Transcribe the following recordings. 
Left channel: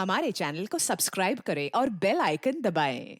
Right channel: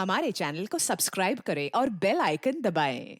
हमारे चैनल को सब्सक्राइब करें और बेल आइकन दबाएं।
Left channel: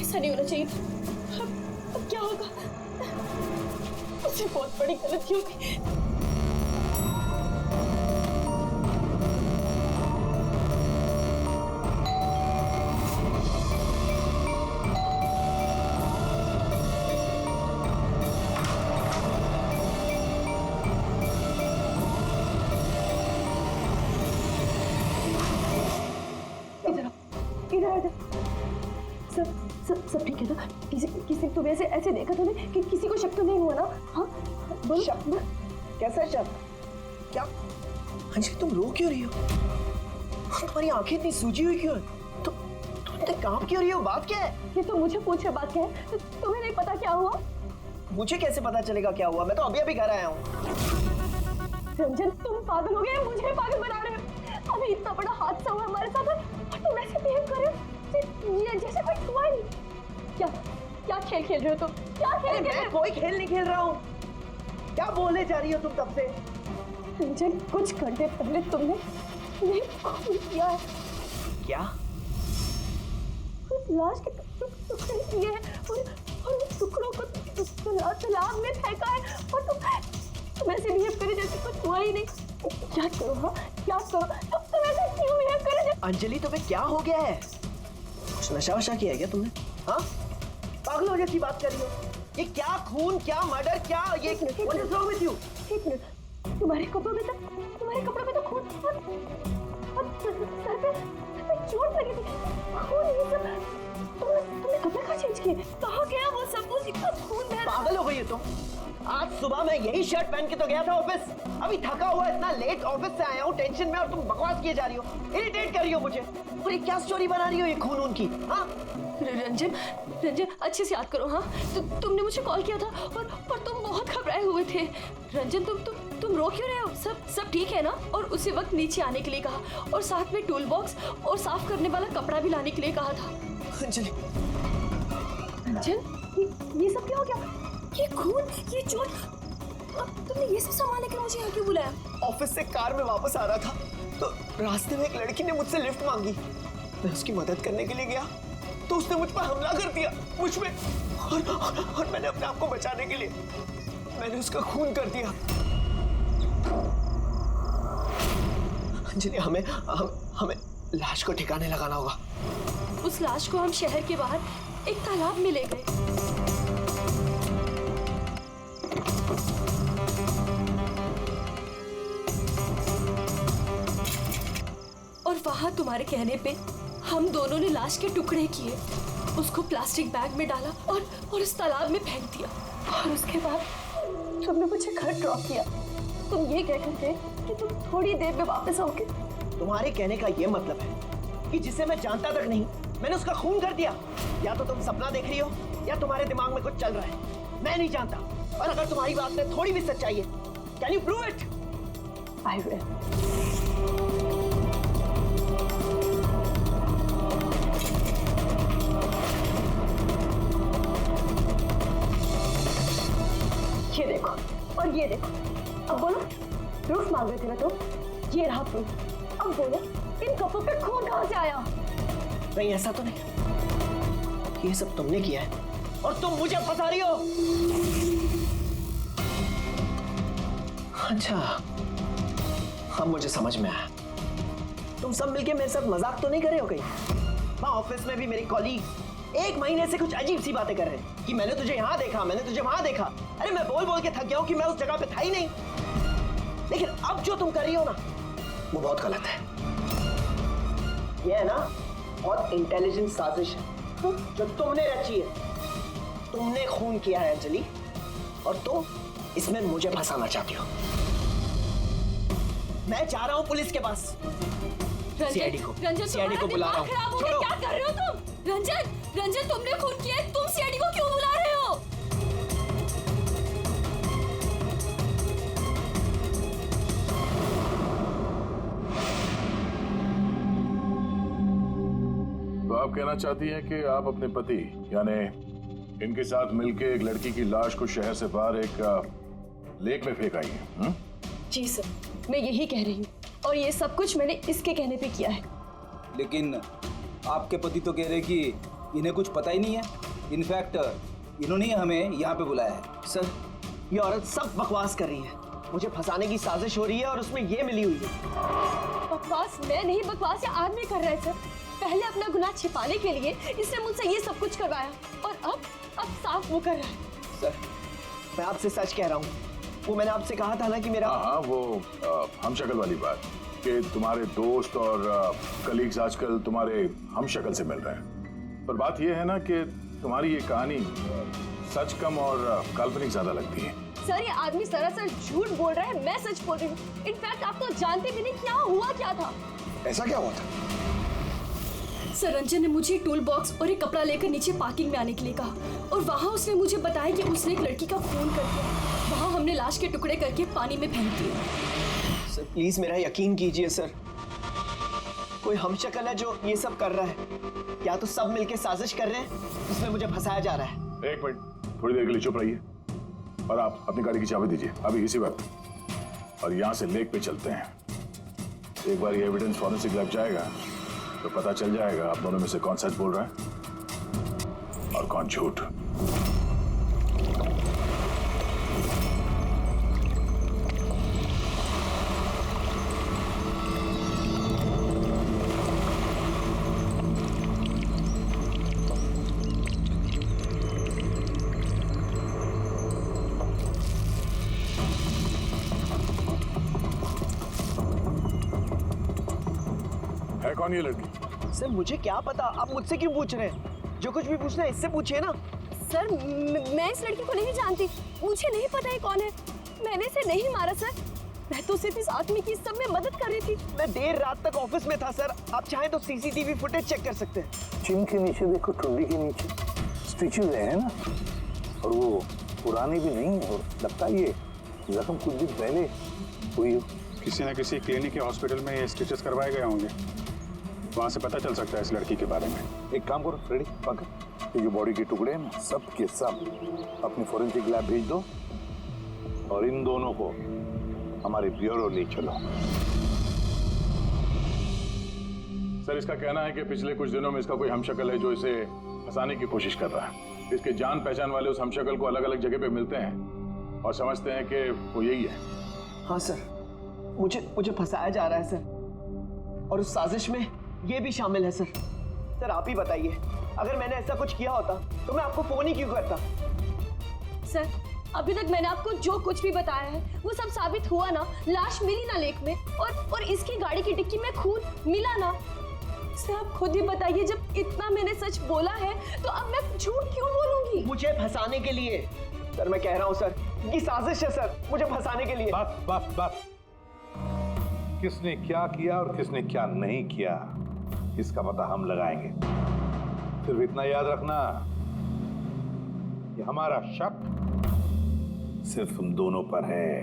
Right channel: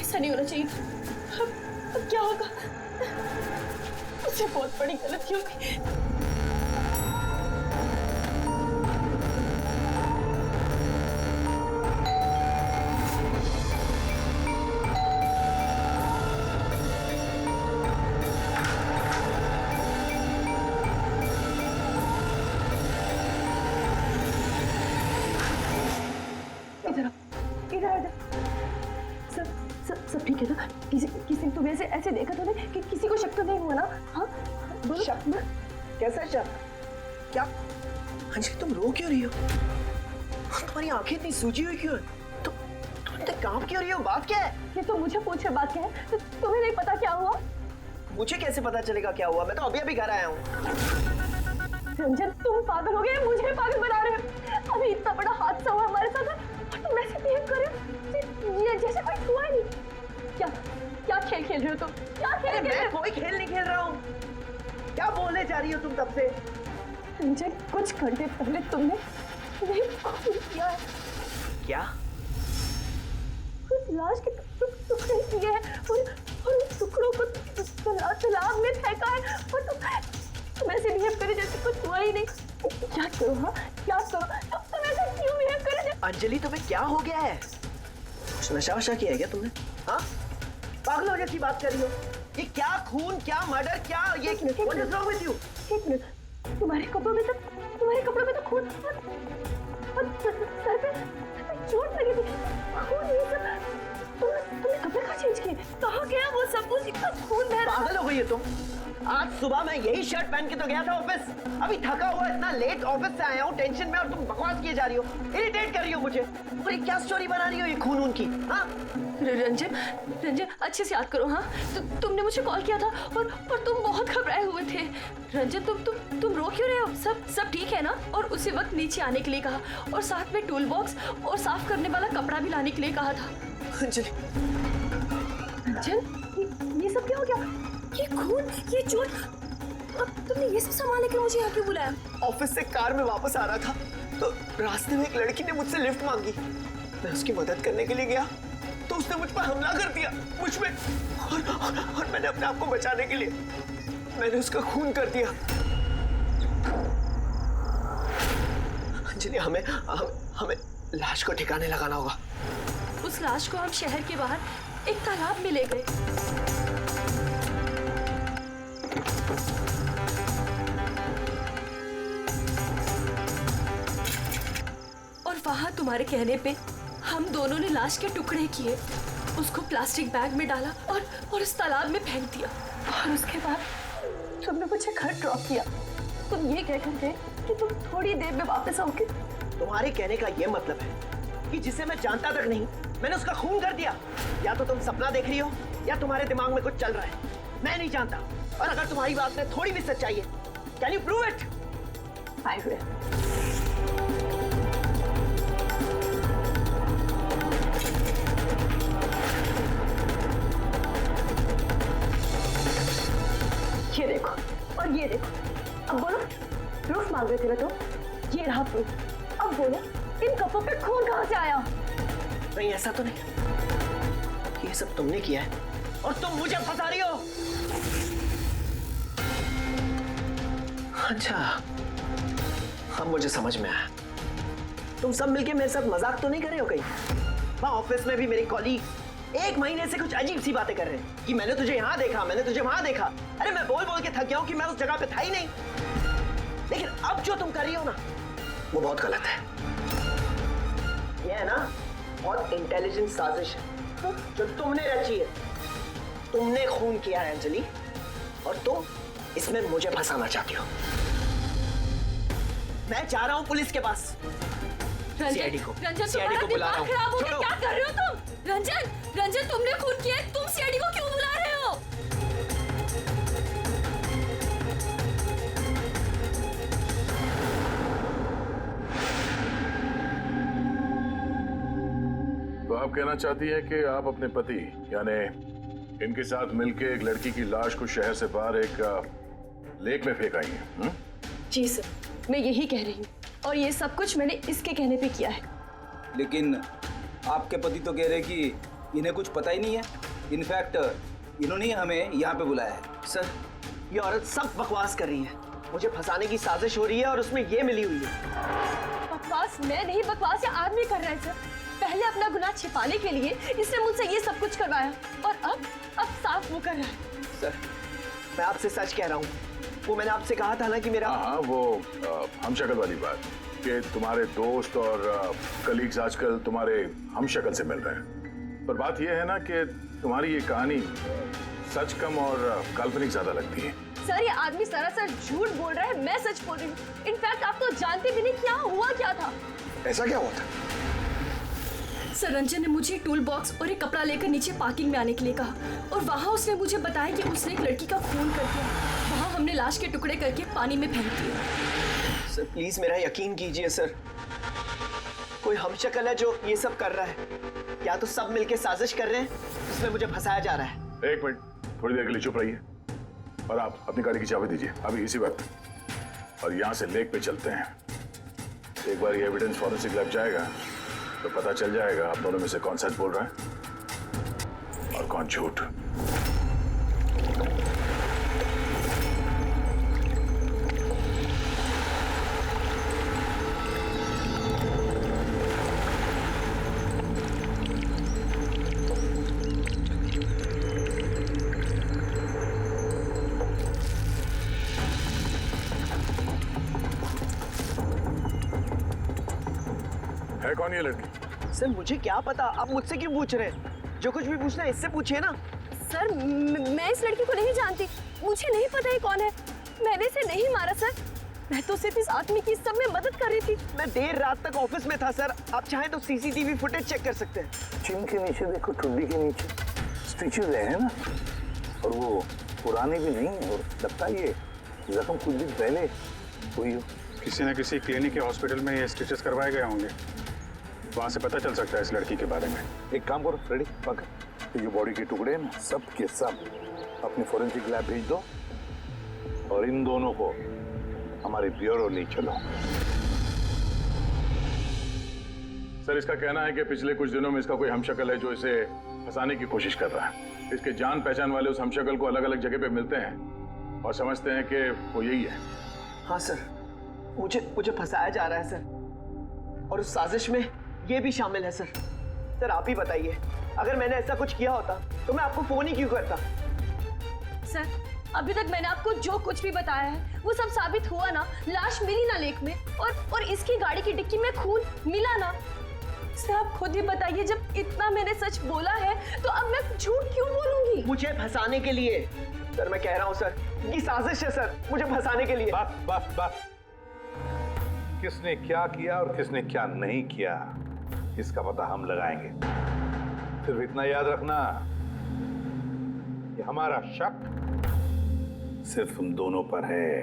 ऐसा नहीं होना चाहिए। अब क्या होगा? मुझसे बहुत बड़ी गलती हो गई। इधर आ जा। सब ठीक है ना? किसी तुम्हें ऐसे देखा तो नहीं कि किसी को शक तो नहीं हुआ ना? हाँ बोलो। शक? कैसा शक? क्या अंजलि, तुम रो क्यों रही हो? तुम्हारी आंखें इतनी सूजी हुई क्यों है? तुम इतने कांप क्यों रही हो? बात क्या है? ये तो मुझे पूछे बात क्या है? तो तुम्हें नहीं पता क्या हुआ? मुझे कैसे पता चलेगा क्या हुआ? मैं तो अभी घर आया हूँ। रंजन, तुम पागल हो गए, मुझे पागल बना रहे हो। अभी इतना बड़ा हादसा हुआ हमारे साथ और तुम ऐसे बिहेव कर रहे हो जैसे कोई हुआ ही नहीं। क्या खेल खेल रहे हो तुम? क्या खेल खेल रहे हो? मैं कोई खेल नहीं खेल रहा हूँ। क्या बोलने जा रही हो तुम तब से? रंजन, कुछ घंटे पहले तुमने खून किया है। क्या? उस लाश के टुकड़े किए हैं और उस टुकड़ों को तालाब में फेंका है और तुम ऐसे बिहेव करे जैसे कुछ हुआ ही नहीं। क्या करो? हाँ क्या करो? तुम ऐसे क्यों बिहेव करे जैसे? अंजलि, तुम्हें क्या हो गया है? कुछ नशा वशा किया है क्या तुमने? हाँ, पागलों जैसी बात कर रही हो। ये क्या खून, क्या मर्डर, क्या ये? What is wrong with you? एक मिनट, तुम्हारे कपड़ों में तो खून और सर पे चोट लगी थी। खून ये सब तुमने कपड़े कहाँ चेंज किए? कहाँ गया वो सब कुछ? इतना खून बह रहा है। पागल हो गई हो तुम? आज सुबह मैं यही शर्ट पहन के तो गया था ऑफिस। अभी थका हुआ इतना लेट ऑफिस से आया हूँ टेंशन में, और तुम बकवास किए जा रही हो, इरिटेट कर रही हो मुझे। और ये क्या स्टोरी बना रही हो ये खून की? हाँ रंजन अच्छे से याद करो। हाँ तुमने मुझे कॉल किया था और तुम बहुत घबराए हुए थे। रंजन तुम रो क्यों रहे हो? सब ठीक है ना? और उसी वक्त नीचे आने के लिए कहा और साथ में टूल बॉक्स और साफ करने वाला कपड़ा भी लाने के लिए कहा था। अंजलि, रंजन, ये सब क्या हो गया? ये खून, ये चोट, अब तुमने ये सब संभालने के लिए मुझे यहाँ क्यों बुलाया? ऑफिस से कार में वापस आ रहा था तो रास्ते में एक लड़की ने मुझसे लिफ्ट मांगी। मैं उसकी मदद करने के लिए गया तो उसने मुझ पर हमला कर दिया, मुझ पे। और मैंने अपने आप को बचाने के लिए मैंने उसका खून कर दिया। अंजलि, हमें लाश को ठिकाने लगाना होगा। उस लाश को हम शहर के बाहर एक तालाब में ले गए। और वहां तुम्हारे कहने पे हम दोनों ने लाश के टुकड़े किए, उसको प्लास्टिक बैग में डाला और उस तालाब में फेंक दिया। और उसके बाद तुमने मुझे घर ड्रॉप किया। तुम ये कहकर गए कि तुम थोड़ी देर में वापस आओगे। तुम्हारे कहने का ये मतलब है कि जिसे मैं जानता तक नहीं मैंने उसका खून कर दिया? या तो तुम सपना देख रही हो या तुम्हारे दिमाग में कुछ चल रहा है, मैं नहीं जानता। और अगर तुम्हारी बात में थोड़ी भी सच्चाई है, can you prove it? I will. ये देखो और ये देखो। अब बोलो, प्रूफ मांग रहे थे ना तुम? ये रहा प्रूफ। अब बोलो, इन कपड़ों पे खून कहां से आया? नहीं, ऐसा तो नहीं। ये सब तुमने किया है और तुम मुझे फंसा रही हो। अच्छा, अब मुझे समझ में आया। तुम सब मिलके मेरे साथ मजाक तो नहीं कर रहे हो कहीं? वहां ऑफिस में भी मेरे कॉलीग 1 महीने से कुछ अजीब सी बातें कर रहे हैं कि मैंने तुझे यहाँ देखा, मैंने तुझे वहां देखा। अरे मैं बोल बोल के थक गया हूं कि मैं उस जगह पे था ही नहीं। लेकिन अब जो तुम कर रही हो ना, वो बहुत गलत है। ये है ना बहुत इंटेलिजेंट साजिश है जो तुमने रची है। तुमने खून किया है अंजलि, और तुम इसमें मुझे फंसाना चाहती हो। मैं जा रहा हूं पुलिस के पास। सीआईडी को रंजन, सीआईडी को बुला रहा हूँ। खराब हो गया, छोड़ो। क्या कर रहे हो तुम? रंजन तुमने खून किया है, तुम सीआईडी को क्यों बुला रहे हो? तो आप कहना चाहती हैं कि आप अपने पति यानी इनके साथ मिलके एक लड़की की लाश को शहर से बाहर एक लेक में फेंक आई हैं? जी सर, मैं यही कह रही हूँ और ये सब कुछ मैंने इसके कहने पे किया है। लेकिन आपके पति तो कह रहे कि इन्हें कुछ पता ही नहीं है। इनफैक्ट इन्होंने ही हमें यहाँ पे बुलाया है। सर, ये औरत सब बकवास कर रही है। मुझे फंसाने की साजिश हो रही है और उसमें ये मिली हुई है। बकवास मैं नहीं, बकवास ये आदमी कर रहा है सर। पहले अपना गुनाह छिपाने के लिए इसने मुझसे ये सब कुछ करवाया और अब साफ वो कर रहा है। सर, मैं आपसे सच कह रहा हूँ। वो मैंने आपसे कहा था ना कि मेरा हाँ, वो हम शक्ल वाली बात कि तुम्हारे दोस्त और कलीग्स आजकल तुम्हारे हम शक्ल से मिल रहे हैं। पर बात यह है ना कि तुम्हारी ये कहानी सच कम और काल्पनिक ज्यादा लगती है। सर, ये आदमी सरासर झूठ बोल रहा है, मैं सच बोल रही हूँ। इनफैक्ट आप तो जानते भी नहीं क्या हुआ क्या था। ऐसा क्या हुआ था? सर, रंजन ने मुझे टूल बॉक्स और एक कपड़ा लेकर नीचे पार्किंग में आने के लिए कहा और वहाँ उसने मुझे बताया कि उसने एक लड़की का खून कर दिया। वहाँ हमने लाश के टुकड़े करके पानी में फेंक दिए। सर, प्लीज मेरा यकीन कीजिए सर। कोई हमशक्ल है जो ये सब कर रहा है, या तो सब मिलके साजिश कर रहे हैं जिसमें मुझे फंसाया जा रहा है। एक मिनट, थोड़ी देर के लिए चुप रहिए और आप अपनी गाड़ी की चाबी दीजिए अभी इसी वक्त, और यहाँ से लेक पे चलते हैं। एक बार ये एविडेंस फॉरेंसिक लैब जाएगा तो पता चल जाएगा आप दोनों में से कौन सच बोल रहा है और कौन झूठ। है कौन ये लड़की? सर, मुझे क्या पता, आप मुझसे क्यों पूछ रहे हैं? जो कुछ भी पूछना है इससे पूछिए ना। सर, मैं इस लड़की को नहीं जानती, मुझे नहीं पता ये कौन है। मैंने इसे नहीं मारा सर, मैं तो सिर्फ इस आदमी की सब में मदद कर रही थी। मैं देर रात तक ऑफिस में था सर। आप चाहें तो सीसीटीवी फुटेज चेक कर सकते हैं। चिन के नीचे देखो, टुंडी के नीचे स्टिचेस है ना, और वो पुराने भी नहीं है और लगता है ये जख्म कुछ दिन पहले हुई हो। किसी न किसी क्लिनिक या हॉस्पिटल में ये स्टिचेस करवाए गए होंगे, वहां से पता चल सकता है इस लड़की के बारे में। एक काम करो फ्रेडी, पकड़ ये जो बॉडी के टुकड़े हैं ना, सब के सब अपनी फोरेंसिक लैब भेज दो और इन दोनों को हमारे ब्यूरो ले चलो। सर, इसका कहना है कि पिछले कुछ दिनों में इसका कोई हमशक्ल है जो इसे फंसाने की कोशिश कर रहा है। इसके जान पहचान वाले उस हमशक्ल को अलग अलग जगह पे मिलते हैं और समझते हैं कि वो यही है। हाँ सर, मुझे फंसाया जा रहा है सर, और उस साजिश में ये भी शामिल है सर। सर, आप ही बताइए, अगर मैंने ऐसा कुछ किया होता तो मैं आपको फोन ही क्यों करता? सर, अभी तक मैंने आपको जो कुछ भी बताया है वो सब साबित हुआ ना। लाश मिली ना लेक में, और इसकी गाड़ी की डिक्की में खून मिला ना। सर, आप खुद ही बताइए, जब इतना मैंने सच बोला है तो अब मैं झूठ क्यों बोलूंगी? मुझे फंसाने के लिए। सर, मैं कह रहा हूँ सर, ये साजिश है सर, मुझे फंसाने के लिए। बस किसने क्या किया और किसने क्या नहीं किया इसका पता हम लगाएंगे। सिर्फ इतना याद रखना कि हमारा शक सिर्फ हम दोनों पर है।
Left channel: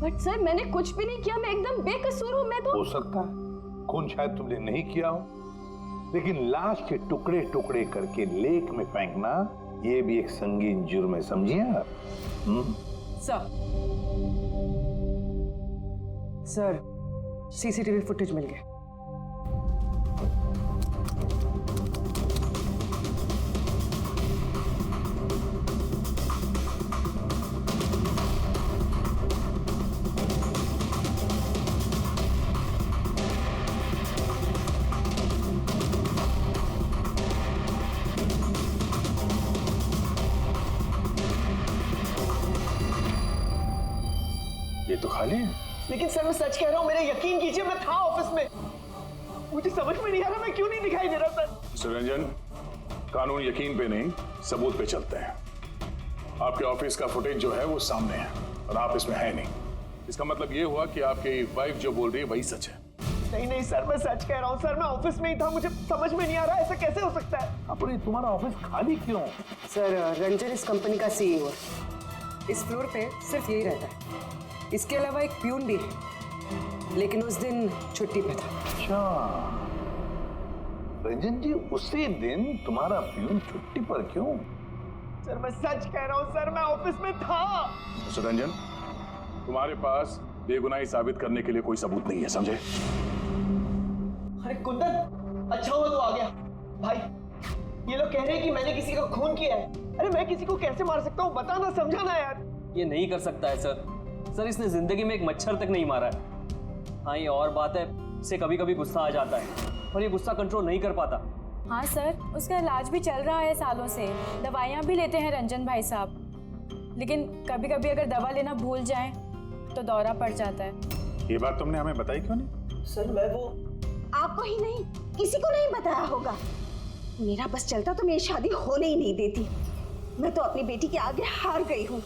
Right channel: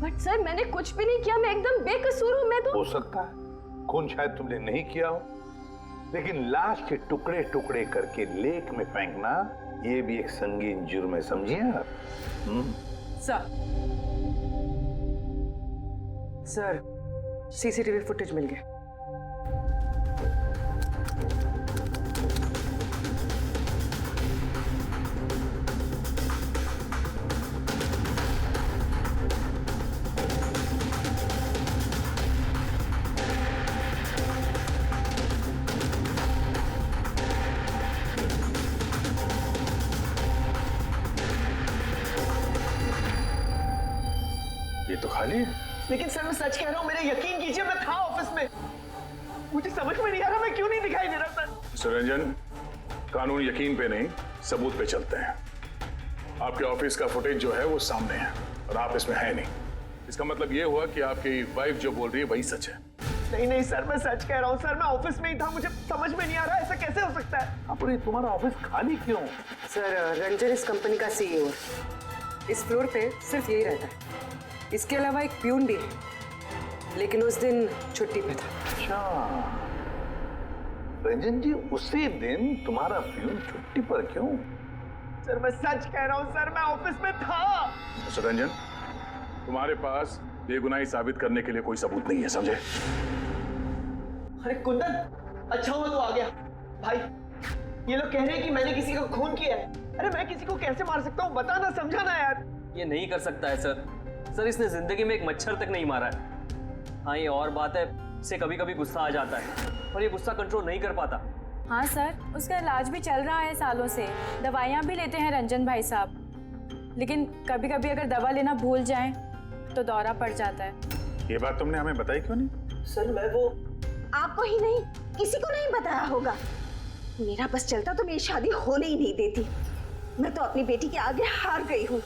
बट सर, मैंने कुछ भी नहीं किया, मैं एकदम बेकसूर हूँ। मैं तो हो सकता है खून शायद तुमने नहीं किया हो, लेकिन लाश के टुकड़े टुकड़े करके लेक में फेंकना ये भी एक संगीन जुर्म है, समझिए आप? सर, सीसीटीवी फुटेज मिल गया। ये तो खाली है। लेकिन सर, मैं सच कह रहा हूँ, मेरा यकीन कीजिए, मैं था ऑफिस में। मुझे समझ में नहीं आ रहा मैं क्यों नहीं दिखाई दे रहा सर। मिस्टर रंजन, कानून यकीन पे नहीं सबूत पे चलते हैं। आपके ऑफिस का फुटेज जो है वो सामने है और आप इसमें है नहीं। इसका मतलब ये हुआ कि आपकी वाइफ जो बोल रही है वही सच है। नहीं नहीं सर, मैं सच कह रहा हूँ सर, मैं ऑफिस में ही था, मुझे समझ में नहीं आ रहा ऐसा कैसे हो सकता है। अब ये तुम्हारा ऑफिस खाली क्यों? सर रंजन इस कंपनी का सीईओ है। इस फ्लोर पे सिर्फ यही रहता है। इसके अलावा एक प्यून भी है, लेकिन उस दिन छुट्टी पे था। अच्छा रंजन जी, उसी दिन तुम्हारा प्यून छुट्टी पर क्यों? सर मैं सच कह रहा हूँ सर, मैं ऑफिस में था। मिस्टर रंजन, तुम्हारे पास बेगुनाही साबित करने के लिए कोई सबूत नहीं है, समझे? अरे कुंदन, अच्छा हुआ तू आ गया। भाई ये लोग कह रहे हैं कि मैंने किसी को खून किया है। अरे मैं किसी को कैसे मार सकता हूँ, बताना, समझाना यार। ये नहीं कर सकता है सर। सर इसने जिंदगी में एक मच्छर तक नहीं मारा है। हाँ ये और बात है, इसे कभी कभी गुस्सा आ जाता है और ये गुस्सा कंट्रोल नहीं कर पाता। हाँ सर, उसका इलाज भी चल रहा है सालों से, दवाइयाँ भी लेते हैं रंजन भाई साहब, लेकिन कभी कभी अगर दवा लेना भूल जाएं तो दौरा पड़ जाता है। ये बात तुमने हमें बताई क्यों नहीं? सर मैं वो आपको ही नहीं, किसी को नहीं बताया होगा। मेरा बस चलता तो मेरी शादी होने ही नहीं देती। मैं तो अपनी बेटी के आगे हार गई हूँ।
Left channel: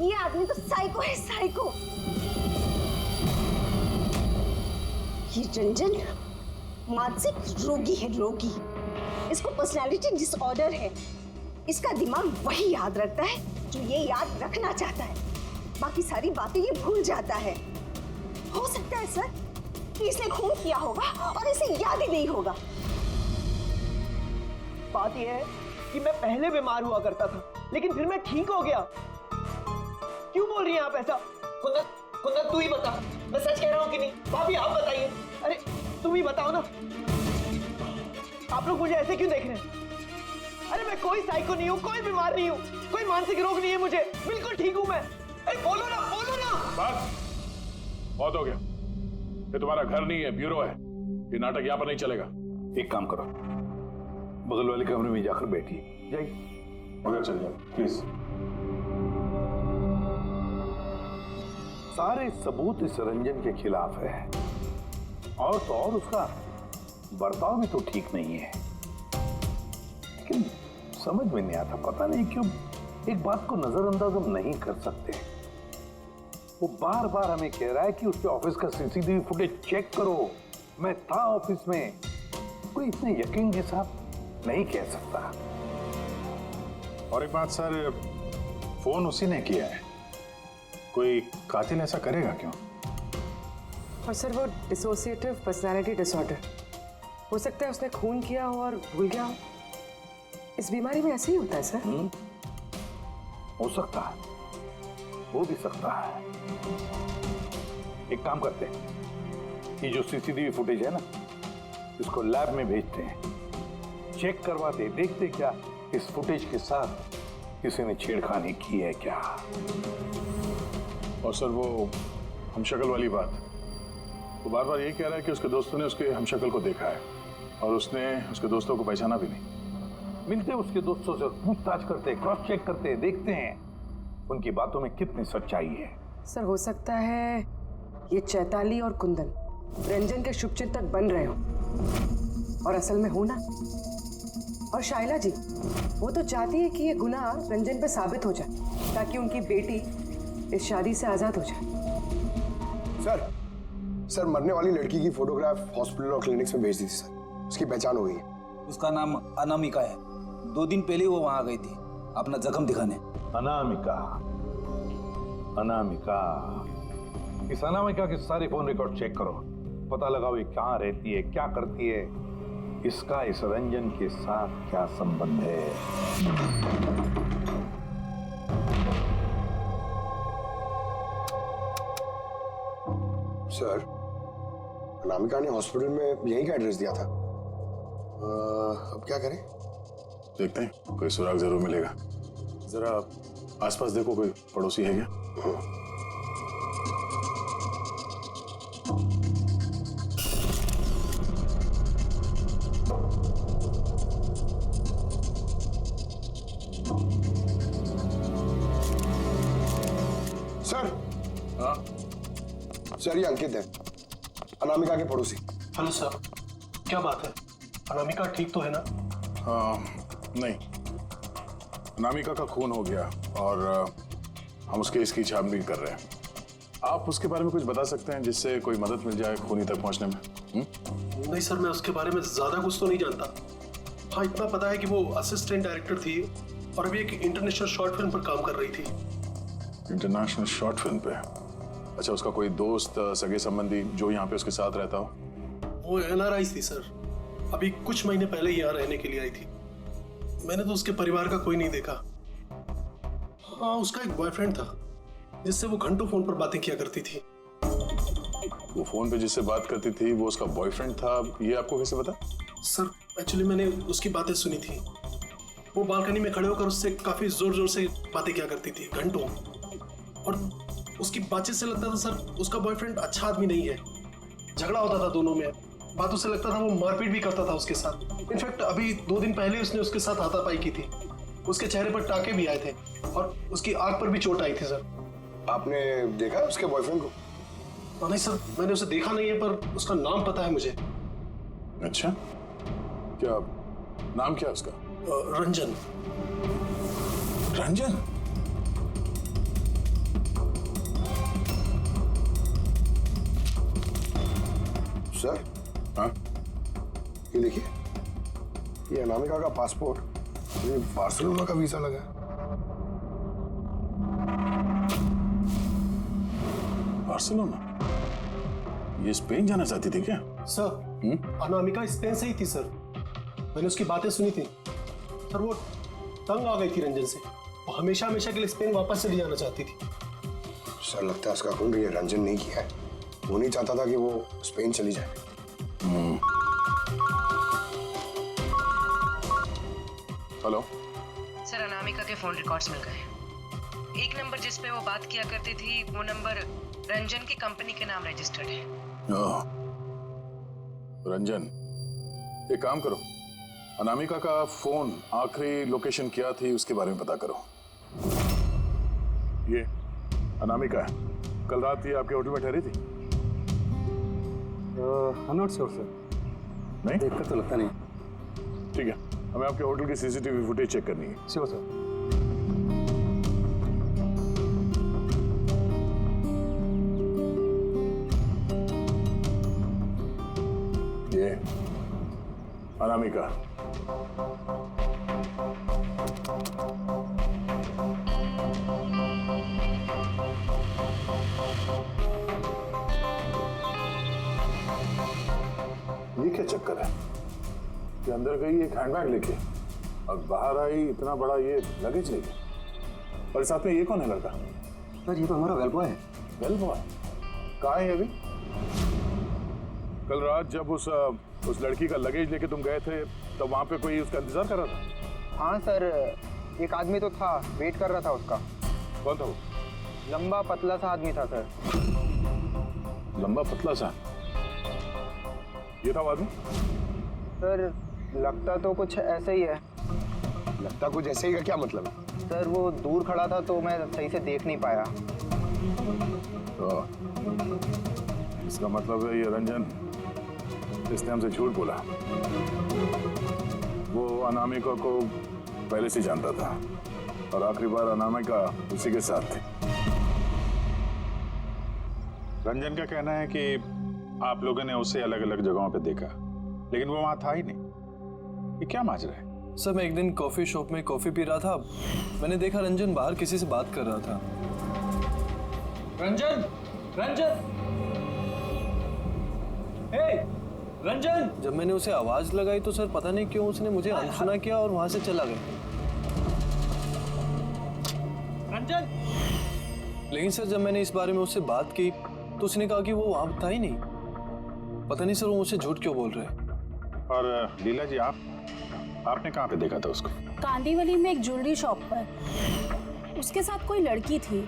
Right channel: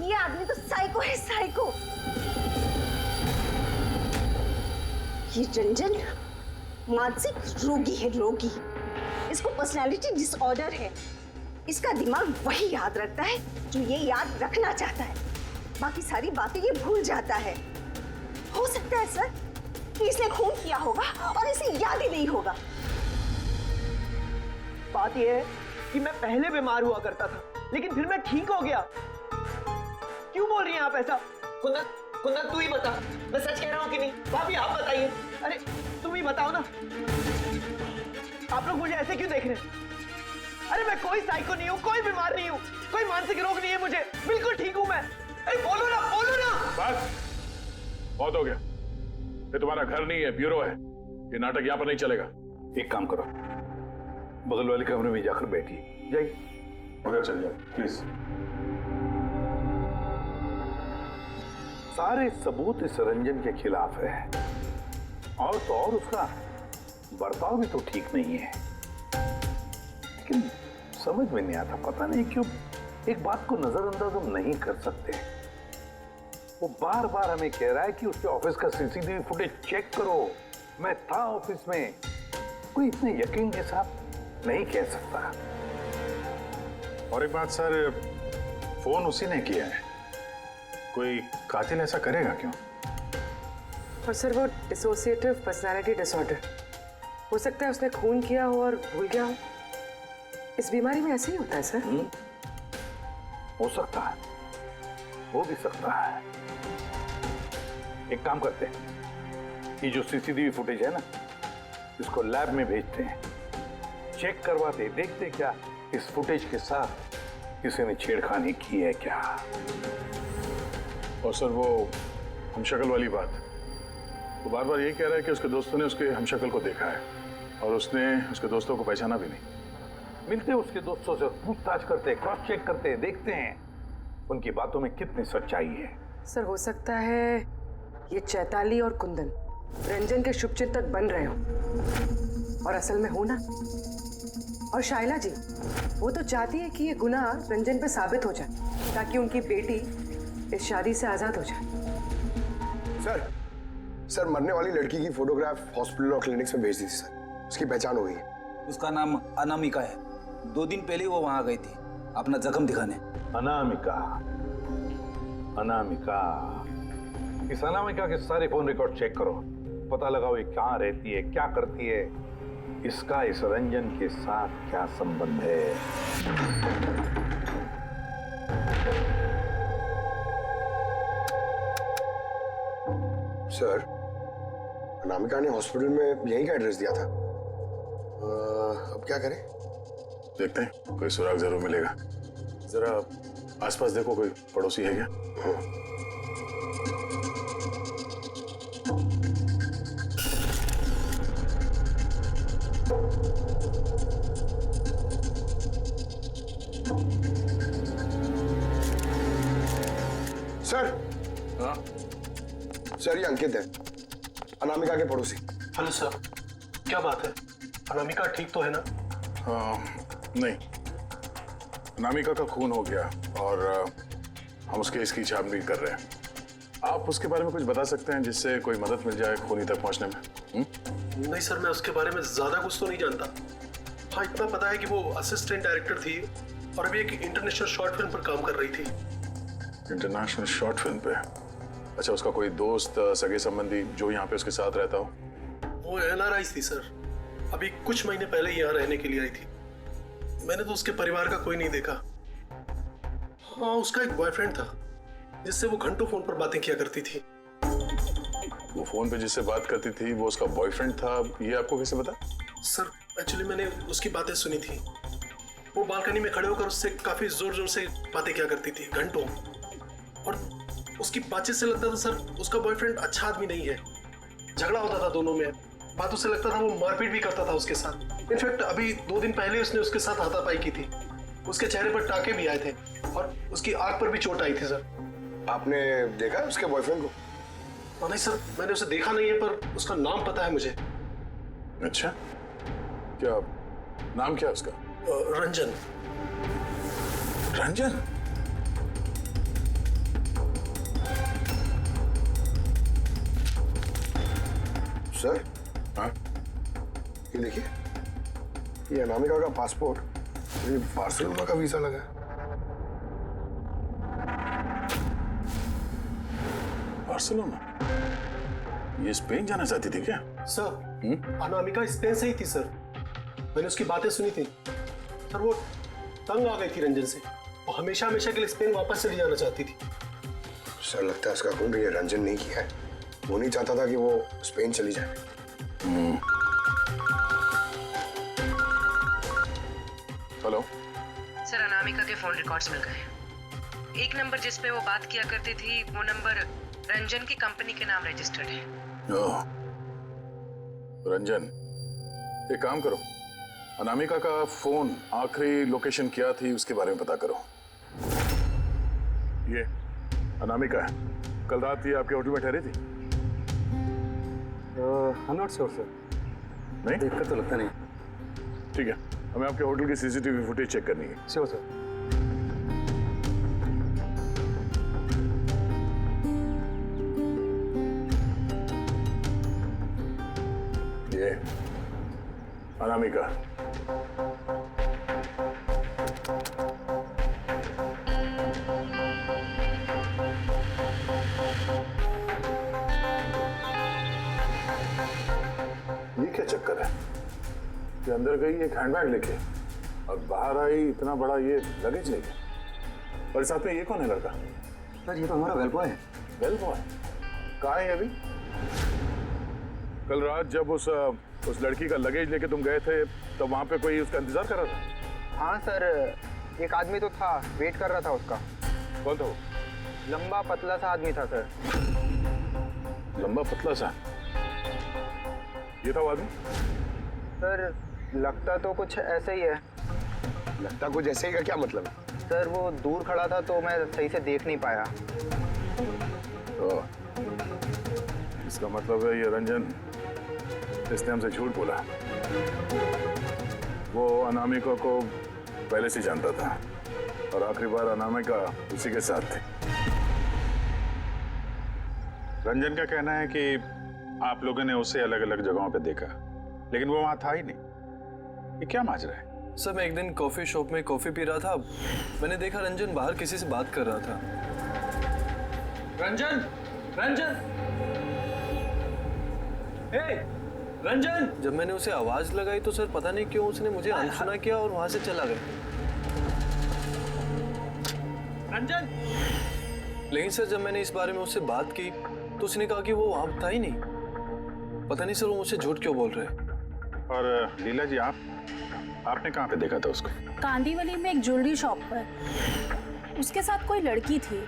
ये आदमी तो साइको है, साइको। ये रंजन मानसिक रोगी है, रोगी। इसको पर्सनालिटी डिसऑर्डर है। इसका दिमाग वही याद रखता है जो ये याद रखना चाहता है, बाकी सारी बातें ये भूल जाता है। हो सकता है सर कि इसने खून किया होगा और इसे याद ही नहीं होगा। बात यह है कि मैं पहले बीमार हुआ करता था, लेकिन फिर मैं ठीक हो गया। क्यों बोल रही हैं आप ऐसा? कुंदन, कुंदन तू ही बता, मैं सच कह रहा हूँ कि नहीं? भाभी आप बताइए। अरे तुम ही बताओ ना, आप लोग मुझे ऐसे क्यों देख रहे हैं? अरे मैं कोई साइको नहीं हूँ, कोई बीमार नहीं हूँ, कोई मानसिक रोग नहीं है मुझे, बिल्कुल ठीक हूँ मैं। अरे बोलो ना, बोलो ना। बस बहुत हो गया। ये तुम्हारा घर नहीं है, ब्यूरो है। ये नाटक यहाँ पर नहीं चलेगा। एक काम करो, बगल वाले कमरे में जाकर बैठिए, जाइए। मगर चल जाओ प्लीज। सारे सबूत इस रंजन के खिलाफ है, और तो और उसका बर्ताव भी तो ठीक नहीं है। लेकिन समझ में नहीं आता, पता नहीं क्यों एक बात को नजरअंदाज हम नहीं कर सकते। वो बार बार हमें कह रहा है कि उसके ऑफिस का सीसीटीवी फुटेज चेक करो, मैं था ऑफिस में। कोई इतने यकीन के साथ नहीं कह सकता। और एक बात सर, फोन उसी ने किया है। कोई कातिल ऐसा करेगा क्यों? और सर वो डिसोसिएटिव पर्सनालिटी डिसऑर्डर, हो सकता है उसने खून किया हो और भूल गया हो। इस बीमारी में ऐसे ही होता है सर। हो सकता है, हो भी सकता है। एक काम करते हैं, ये जो सीसीटीवी फुटेज है ना, इसको लैब में भेजते हैं, चेक करवाते, देखते क्या इस फुटेज के साथ किसी ने छेड़खानी की है क्या। और सर वो हमशक्ल वाली बात, वो बार बार यही कह रहा है कि उसके दोस्तों ने उसके हमशक्ल को देखा है और उसने उसके दोस्तों को पहचाना भी नहीं। मिलते उसके दोस्तों से, पूछताछ करते, क्रॉस चेक करते, देखते हैं उनकी बातों में कितनी सच्चाई है। सर हो सकता है ये चैताली और कुंदन रंजन के शुभचिंतक बन रहे हो, और असल में हो ना। और शाइला जी, वो तो चाहती है कि ये गुनाह रंजन पे साबित हो जाए, ताकि उनकी बेटी इस शादी से आजाद हो जाए। सर मरने वाली लड़की की फोटोग्राफ हॉस्पिटल और क्लिनिक्स में भेज दी थी सर, उसकी पहचान हो गई है। उसका नाम अनामिका है। 2 दिन पहले वो वहां गई थी अपना जख्म दिखाने। अनामिका, अनामिका, इस अनामिका के सारे फोन रिकॉर्ड चेक करो, पता लगाओ ये कहाँ रहती है, क्या करती है, इसका इस रंजन के साथ क्या संबंध है। सर अनामिका ने हॉस्पिटल में यहीं का एड्रेस दिया था। अब क्या करें? देखते हैं, कोई सुराग जरूर मिलेगा। जरा आसपास देखो, कोई पड़ोसी है क्या? सर। हाँ सर ये अंकित है, अनामिका के पड़ोसी। हेलो सर, क्या बात है? अनामिका ठीक तो है ना? नहीं, अनामिका का खून हो गया और हम उसके इसकी छानबीन कर रहे हैं। आप उसके बारे में कुछ बता सकते हैं जिससे कोई मदद मिल जाए खूनी तक पहुंचने में? नहीं सर, मैं उसके बारे में ज्यादा कुछ तो नहीं जानता। हाँ, इतना पता है कि वो असिस्टेंट डायरेक्टर थी और अभी एक इंटरनेशनल शॉर्ट फिल्म पर काम कर रही थी। इंटरनेशनल शॉर्ट फिल्म पे? अच्छा, उसका कोई दोस्त सगे संबंधी जो यहाँ पे उसके साथ रहता हो? वो NRI थी सर, अभी कुछ महीने पहले ही यहाँ रहने के लिए आई थी। मैंने तो उसके परिवार का कोई नहीं देखा। हाँ, उसका एक बॉयफ्रेंड था जिससे वो घंटों फोन पर बातें किया करती थी। वो फोन पे जिससे बात करती थी वो उसका बॉयफ्रेंड था, ये आपको कैसे पता? सर एक्चुअली मैंने उसकी बातें सुनी थी। वो बालकनी में खड़े होकर उससे काफी जोर जोर से बातें किया करती थी घंटों, और उसकी बातचीत से लगता था सर उसका बॉयफ्रेंड अच्छा आदमी नहीं है। झगड़ा होता था दोनों में, बातों से लगता था वो मारपीट भी करता था उसके साथ। इनफैक्ट अभी 2 दिन पहले उसने उसके साथ हाथापाई की थी। उसके चेहरे पर टाके भी आए थे और उसकी आंख पर भी चोट आई थी सर। आपने देखा है उसके बॉयफ्रेंड को? नहीं सर, मैंने उसे देखा नहीं है, पर उसका नाम पता है मुझे। अच्छा, क्या नाम क्या है उसका? रंजन। रंजन? सर, हाँ? ये देखिए, ये अनामिका का पासपोर्ट, ये बार्सिलोना का वीजा लगा है। बार्सिलोना? ये स्पेन जाना चाहती थी क्या? सर, अनामिका स्पेन से ही थी सर। मैंने उसकी बातें सुनी थी सर। वो तंग आ गई थी रंजन से। वो हमेशा हमेशा के लिए स्पेन वापस चली जाना चाहती थी। सर, लगता है उसका खून ये रंजन नहीं किया है। वो नहीं चाहता था कि वो स्पेन चली जाए। हेलो सर, अनामिका के फोन रिकॉर्ड्स मिल गए। एक नंबर जिस पे वो बात किया करती थी वो नंबर रंजन की कंपनी के नाम रजिस्टर्ड है। ओह, रंजन, एक काम करो, अनामिका का फोन आखिरी लोकेशन क्या थी उसके बारे में पता करो। ये अनामिका है, कल रात ये आपके होटल में ठहरी थी? I am not sure sir. नहीं, देखकर तो लगता नहीं। ठीक है, हमें आपके होटल की CCTV फुटेज चेक करनी है। Sure sir. ये अनामिका। ये क्या चक्कर है कि अंदर गई एक हैंडबैग लेके और बाहर आई इतना बड़ा ये लगेज लेके, और साथ में ये कौन है लड़का? सर, ये तो हमारा वेल बॉय है। वेल बॉय कहाँ है अभी? कल रात जब उस लड़की का लगेज लेके तुम गए थे तो वहां पे कोई उसका इंतजार कर रहा था? हाँ सर, एक आदमी तो था, वेट कर रहा था उसका। कौन था वो? लंबा पतला सा आदमी था सर। लंबा पतला सा? ये था वो आदमी? सर, लगता तो कुछ ऐसा ही है। लगता कुछ ऐसे ही का क्या मतलब है? सर, वो दूर खड़ा था तो मैं सही से देख नहीं पाया। तो इसका मतलब है ये रंजन, इसने हमसे झूठ बोला। वो अनामिका को पहले से जानता था और आखिरी बार अनामिका उसी के साथ थी। रंजन का कहना है कि आप लोगों ने उसे अलग अलग जगहों पे देखा, लेकिन वो वहां था ही नहीं। ये क्या माजरा है? सर, मैं एक दिन कॉफी शॉप में कॉफी पी रहा था, मैंने देखा रंजन बाहर किसी से बात कर रहा था। रंजन, रंजन, हे रंजन! जब मैंने उसे आवाज लगाई तो सर पता नहीं क्यों उसने मुझे अनसुना किया और वहां से चला गया। रंजन! लेकिन सर जब मैंने इस बारे में उससे बात की तो उसने कहा कि वो वहां था ही नहीं। पता नहीं सर वो मुझसे झूठ क्यों बोल रहे हैं। और लीला जी, आपने कहाँ पे देखा था उसको? कांदीवली में एक ज्वेलरी शॉप पर उसके साथ कोई लड़की थी।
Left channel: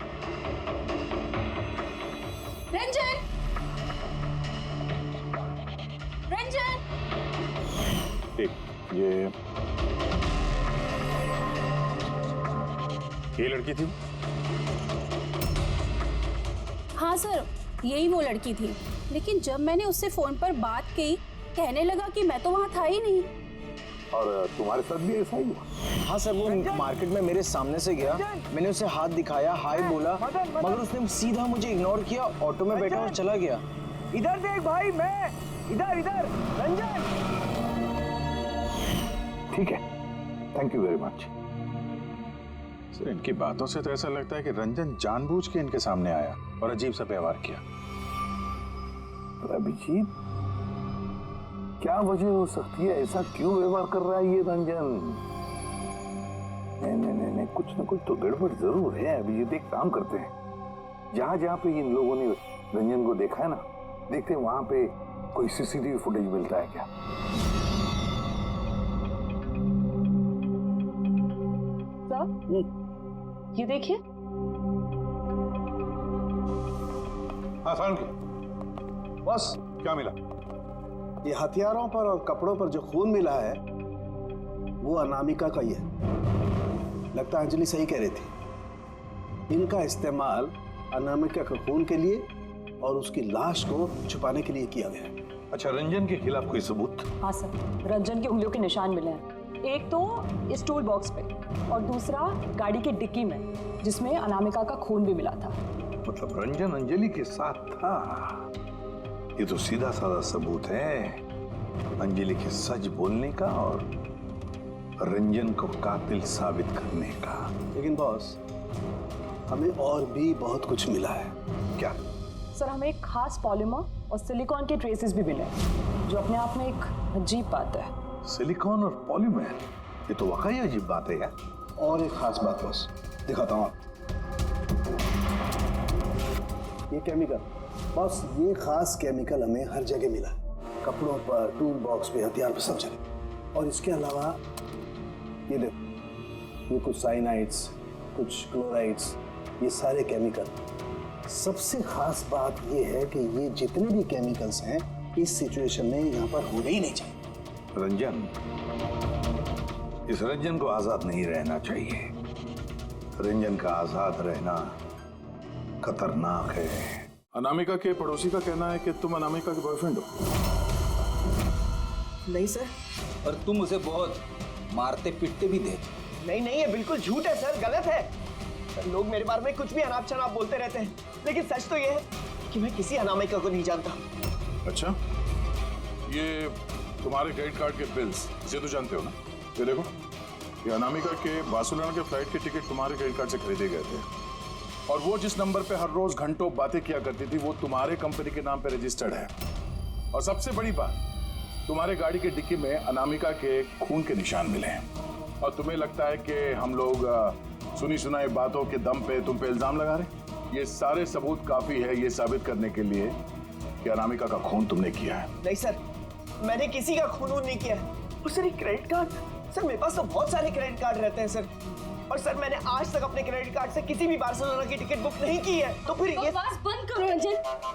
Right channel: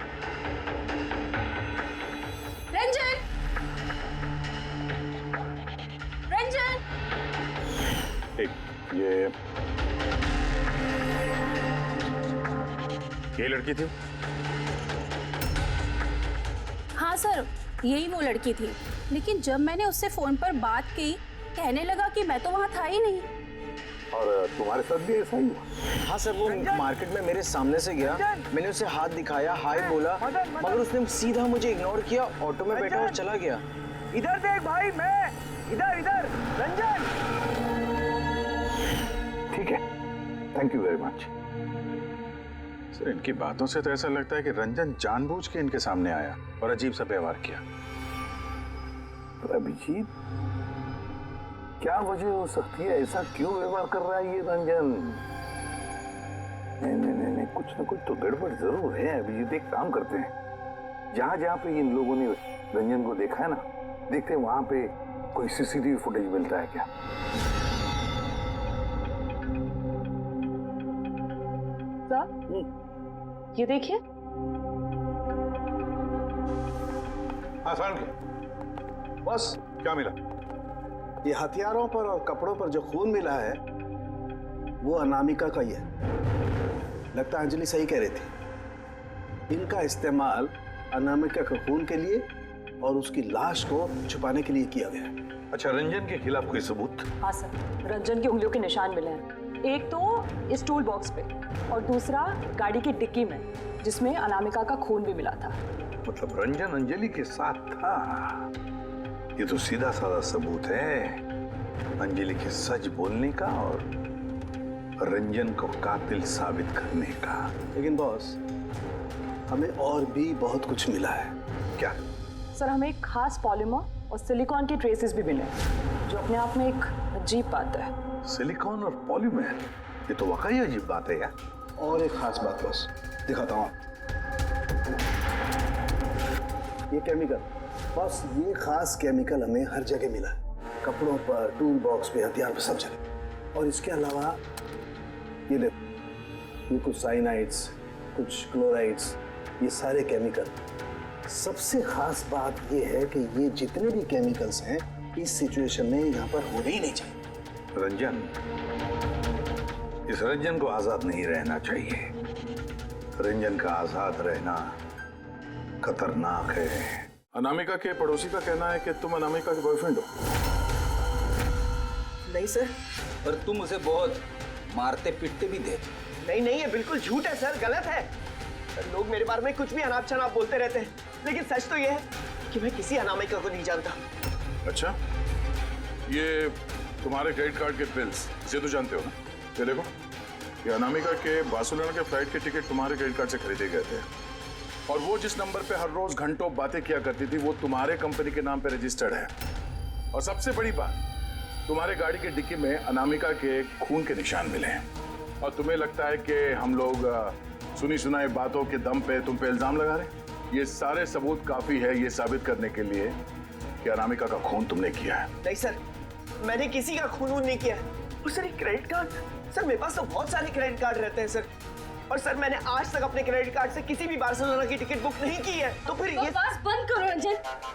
रंजन! रंजन! एक ये लड़की थी? हाँ सर, यही वो लड़की थी, लेकिन जब मैंने उससे फोन पर बात की कहने लगा कि मैं तो वहां था ही नहीं। और तुम्हारे साथ भी ऐसा ही हुआ? हाँ सर, वो मार्केट में मेरे सामने से गया, मैंने उसे हाथ दिखाया, हाय बोला, मगर उसने सीधा मुझे इग्नोर किया, ऑटो में बैठा और चला गया। इधर देख भाई, मैं इधर इधर रंजन। ठीक है, thank you very much. Sir, इनकी बातों से तो ऐसा लगता है कि रंजन जानबूझ के इनके सामने आया और अजीब सा व्यवहार किया। तो अभिजीत, क्या वजह हो सकती है? ऐसा क्यों व्यवहार कर रहा है ये रंजन? नहीं, कुछ न कुछ तो गड़बड़ जरूर है। अभिजीत, एक काम करते हैं, जहां जहां पे इन लोगों ने रंजन को देखा है ना, देखते हैं वहां पे कोई सीसीटीवी फुटेज मिलता है क्या। ये देखिए। हाँ सारुण, बस क्या मिला? ये हथियारों पर और कपड़ों पर जो खून मिला है वो अनामिका का ही है। लगता है अंजलि सही कह रही थी, इनका इस्तेमाल अनामिका के खून के लिए और उसकी लाश को छुपाने के लिए किया गया है। अच्छा, रंजन के खिलाफ कोई सबूत? हाँ सर, रंजन की उंगलियों के निशान मिले हैं। एक तो इस टूल बॉक्स पे और दूसरा गाड़ी की डिक्की में, जिसमें अनामिका का खून भी मिला था। मतलब रंजन अंजलि के साथ था। ये तो सीधा साधा सबूत है अंजलि के सच बोलने का और रंजन को कातिल साबित करने का। लेकिन बॉस, हमें और भी बहुत कुछ मिला है। क्या? सर, हमें एक खास पॉलीमर और सिलिकॉन के ट्रेसेस भी मिले, जो अपने आप में एक अजीब बात है। सिलिकॉन और पॉलीमर, ये तो वाकई अजीब बात है यार। और एक खास बात बॉस, दिखाता हूँ। ये केमिकल बॉस, ये खास केमिकल हमें हर जगह मिला है, कपड़ों पर, टूल बॉक्स पे, हथियार पे, सब जगह। और इसके अलावा ये देखो, ये कुछ साइनाइड्स, कुछ क्लोराइड्स, ये सारे केमिकल। सबसे खास बात ये है कि ये जितने भी केमिकल्स हैं इस सिचुएशन में यहाँ पर होने ही नहीं चाहिए। रंजन, इस रंजन को आजाद नहीं रहना चाहिए। रंजन का आजाद रहना खतरनाक है। अनामिका के पड़ोसी का कहना है कि तुम अनामिका के बॉयफ्रेंड हो। नहीं सर। और तुम उसे बहुत मारते पीटते भी थे। नहीं, ये बिल्कुल झूठ है सर, गलत है सर। लोग मेरे बारे में कुछ भी अनाप शनाप बोलते रहते हैं, लेकिन सच तो ये है कि मैं किसी अनामिका को नहीं जानता। अच्छा, ये तुम्हारे क्रेडिट कार्ड के बिल्स, इसे तो जानते हो ना? ये देखो, ये अनामिका के बार्सिलोना के फ्लाइट के टिकट तुम्हारे क्रेडिट कार्ड से खरीदे गए थे, और वो जिस नंबर पे हर रोज घंटों बातें किया करती थी वो तुम्हारे कंपनी के नाम पे रजिस्टर्ड है। और सबसे बड़ी बात, तुम्हारे गाड़ी की डिक्की में अनामिका के खून के निशान मिले हैं। और तुम्हें लगता है कि हम लोग सुनी सुनाई बातों के दम पे तुम पे इल्जाम लगा रहे? ये सारे सबूत काफी है ये साबित करने के लिए कि अनामिका का खून तुमने किया है। नहीं सर, मैंने किसी का खून नहीं किया है। और सर, ये क्रेडिट कार्ड, सर मेरे पास तो बहुत सारे क्रेडिट कार्ड रहते हैं सर, और सर मैंने आज तक अपने क्रेडिट कार्ड से किसी भी बार्सिलोना की टिकट बुक नहीं की है। तो फिर ये बकवास बंद करो रंजन।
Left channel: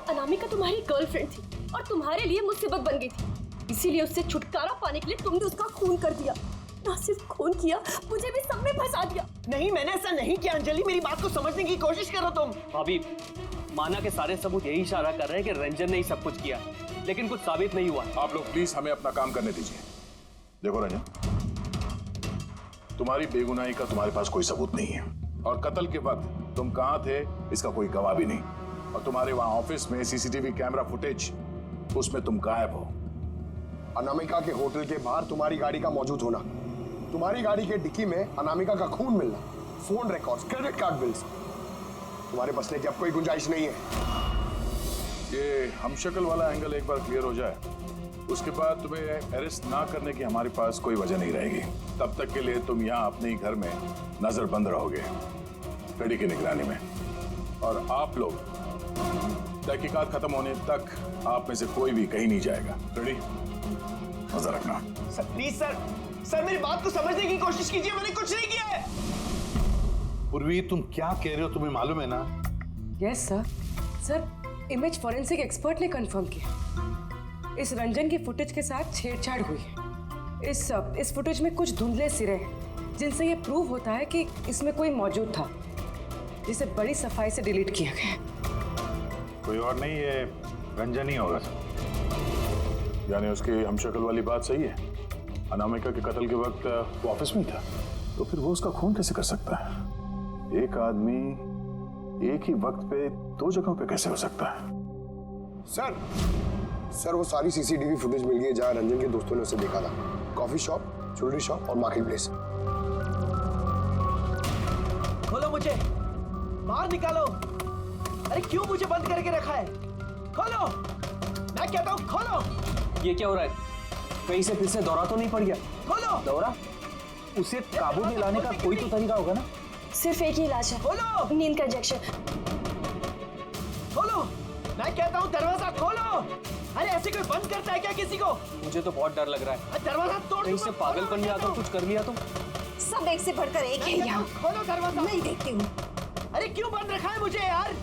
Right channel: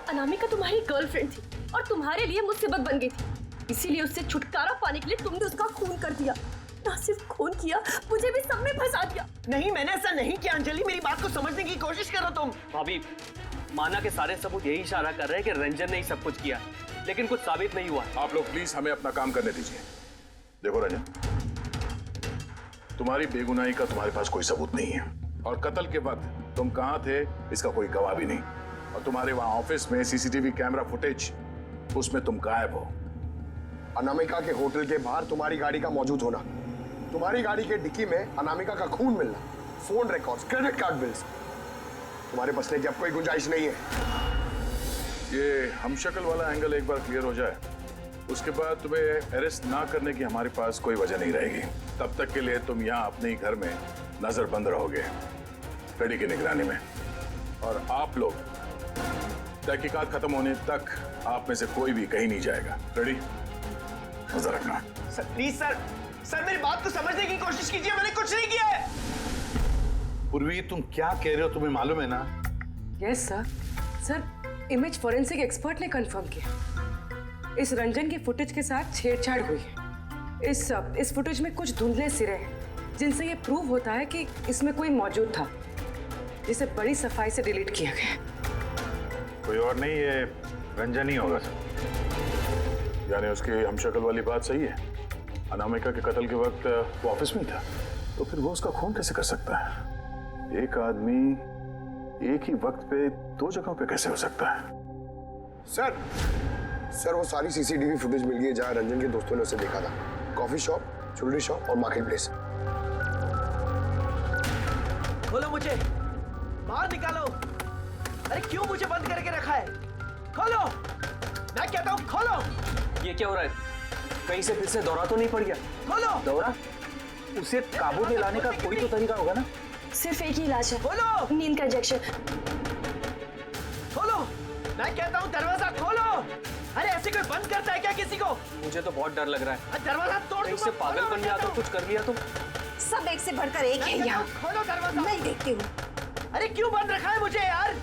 अनामिका तुम्हारी गर्लफ्रेंड थी और तुम्हारे लिए मुसीबत बन गई थी, इसीलिए उससे छुटकारा पाने के लिए तुमने उसका खून कर दिया। ना सिर्फ खून किया, मुझे भी सब में फंसा दिया। नहीं, मैंने ऐसा नहीं किया अंजलि, मेरी बात को समझने की कोशिश करो तुम। भाभी, माना के सारे सबूत यही इशारा कर रहे हैं कि रंजन ने ही सब कुछ किया, लेकिन कुछ साबित नहीं हुआ। आप लोग प्लीज हमें अपना काम करने दीजिए। देखो रंजन, तुम्हारी बेगुनाही का तुम्हारे पास कोई सबूत नहीं है, और कत्ल के वक्त तुम कहां थे इसका कोई गवाह भी नहीं, और तुम्हारे वहां ऑफिस में सीसीटीवी कैमरा फुटेज, उसमें तुम गायब हो। अनामिका के होटल के बाहर तुम्हारी गाड़ी का मौजूद होना, तुम्हारी गाड़ी के डिक्की में अनामिका का खून मिलना, phone records, credit card bills, तुम्हारे बचने की अब कोई गुंजाइश नहीं है। ये हमशक्ल वाला एंगल एक बार क्लियर हो जाए, उसके बाद तुम्हें अरेस्ट ना करने की हमारे पास कोई वजह नहीं रहेगी। तब तक के लिए तुम यहाँ अपने ही घर में नजरबंद रहोगे, कड़ी की निगरानी में, और आप लोग तहकीकात खत्म होने तक आप में से कोई भी कहीं नहीं जाएगा। रेडी? नजर रखना। सर प्लीज सर मेरी बात को समझने की कोशिश कीजिए, मैंने कुछ नहीं किया है। पूर्वी, तुम क्या कह रहे हो, तुम्हें मालूम है ना? Yes sir. Sir, image forensic expert ने कंफर्म किया, इस रंजन की फुटेज के साथ छेड़छाड़ हुई है। इस फुटेज में कुछ धुंधले सिरे हैं, जिनसे ये प्रूव होता है कि इसमें कोई मौजूद था, जिसे बड़ी सफाई से डिलीट किया गया। कोई और नहीं, ये रंजन ही होगा सर। यानी उसकी हमशक्ल वाली बात सही है, अनामिका के कत्ल के वक्त वो ऑफिस में ही था, तो फिर वो उसका खून कैसे कर सकता है? एक आदमी एक ही वक्त पे दो जगहों पे कैसे हो सकता है? सर वो सारी सीसीटीवी फुटेज मिल गई है जहां रंजन के दोस्तों ने उसे देखा था। कॉफी शॉप, ज्वेलरी शॉप और मार्केट प्लेस। खोलो मुझे, बाहर निकालो। अरे क्यों मुझे बंद करके रखा है? खोलो, मैं कहता हूँ खोलो। ये क्या हो रहा है? कहीं से फिर से दौरा तो नहीं पड़ गया? खोलो। दौरा? उसे काबू में लाने का कोई तो तरीका होगा ना? सिर्फ एक ही इलाज है, खोलो। नींद का इंजेक्शन। खोलो, मैं कहता हूँ दरवाजा खोलो। अरे ऐसे कोई बंद करता है क्या किसी को? मुझे तो बहुत डर लग रहा है। दरवाजा तोड़। कहीं से पागलपन में आकर कुछ कर लिया तो? सब एक से बढ़कर एक है यहाँ। खोलो दरवाजा। मैं देखती हूँ। अरे क्यों बंद रखा है मुझे यार?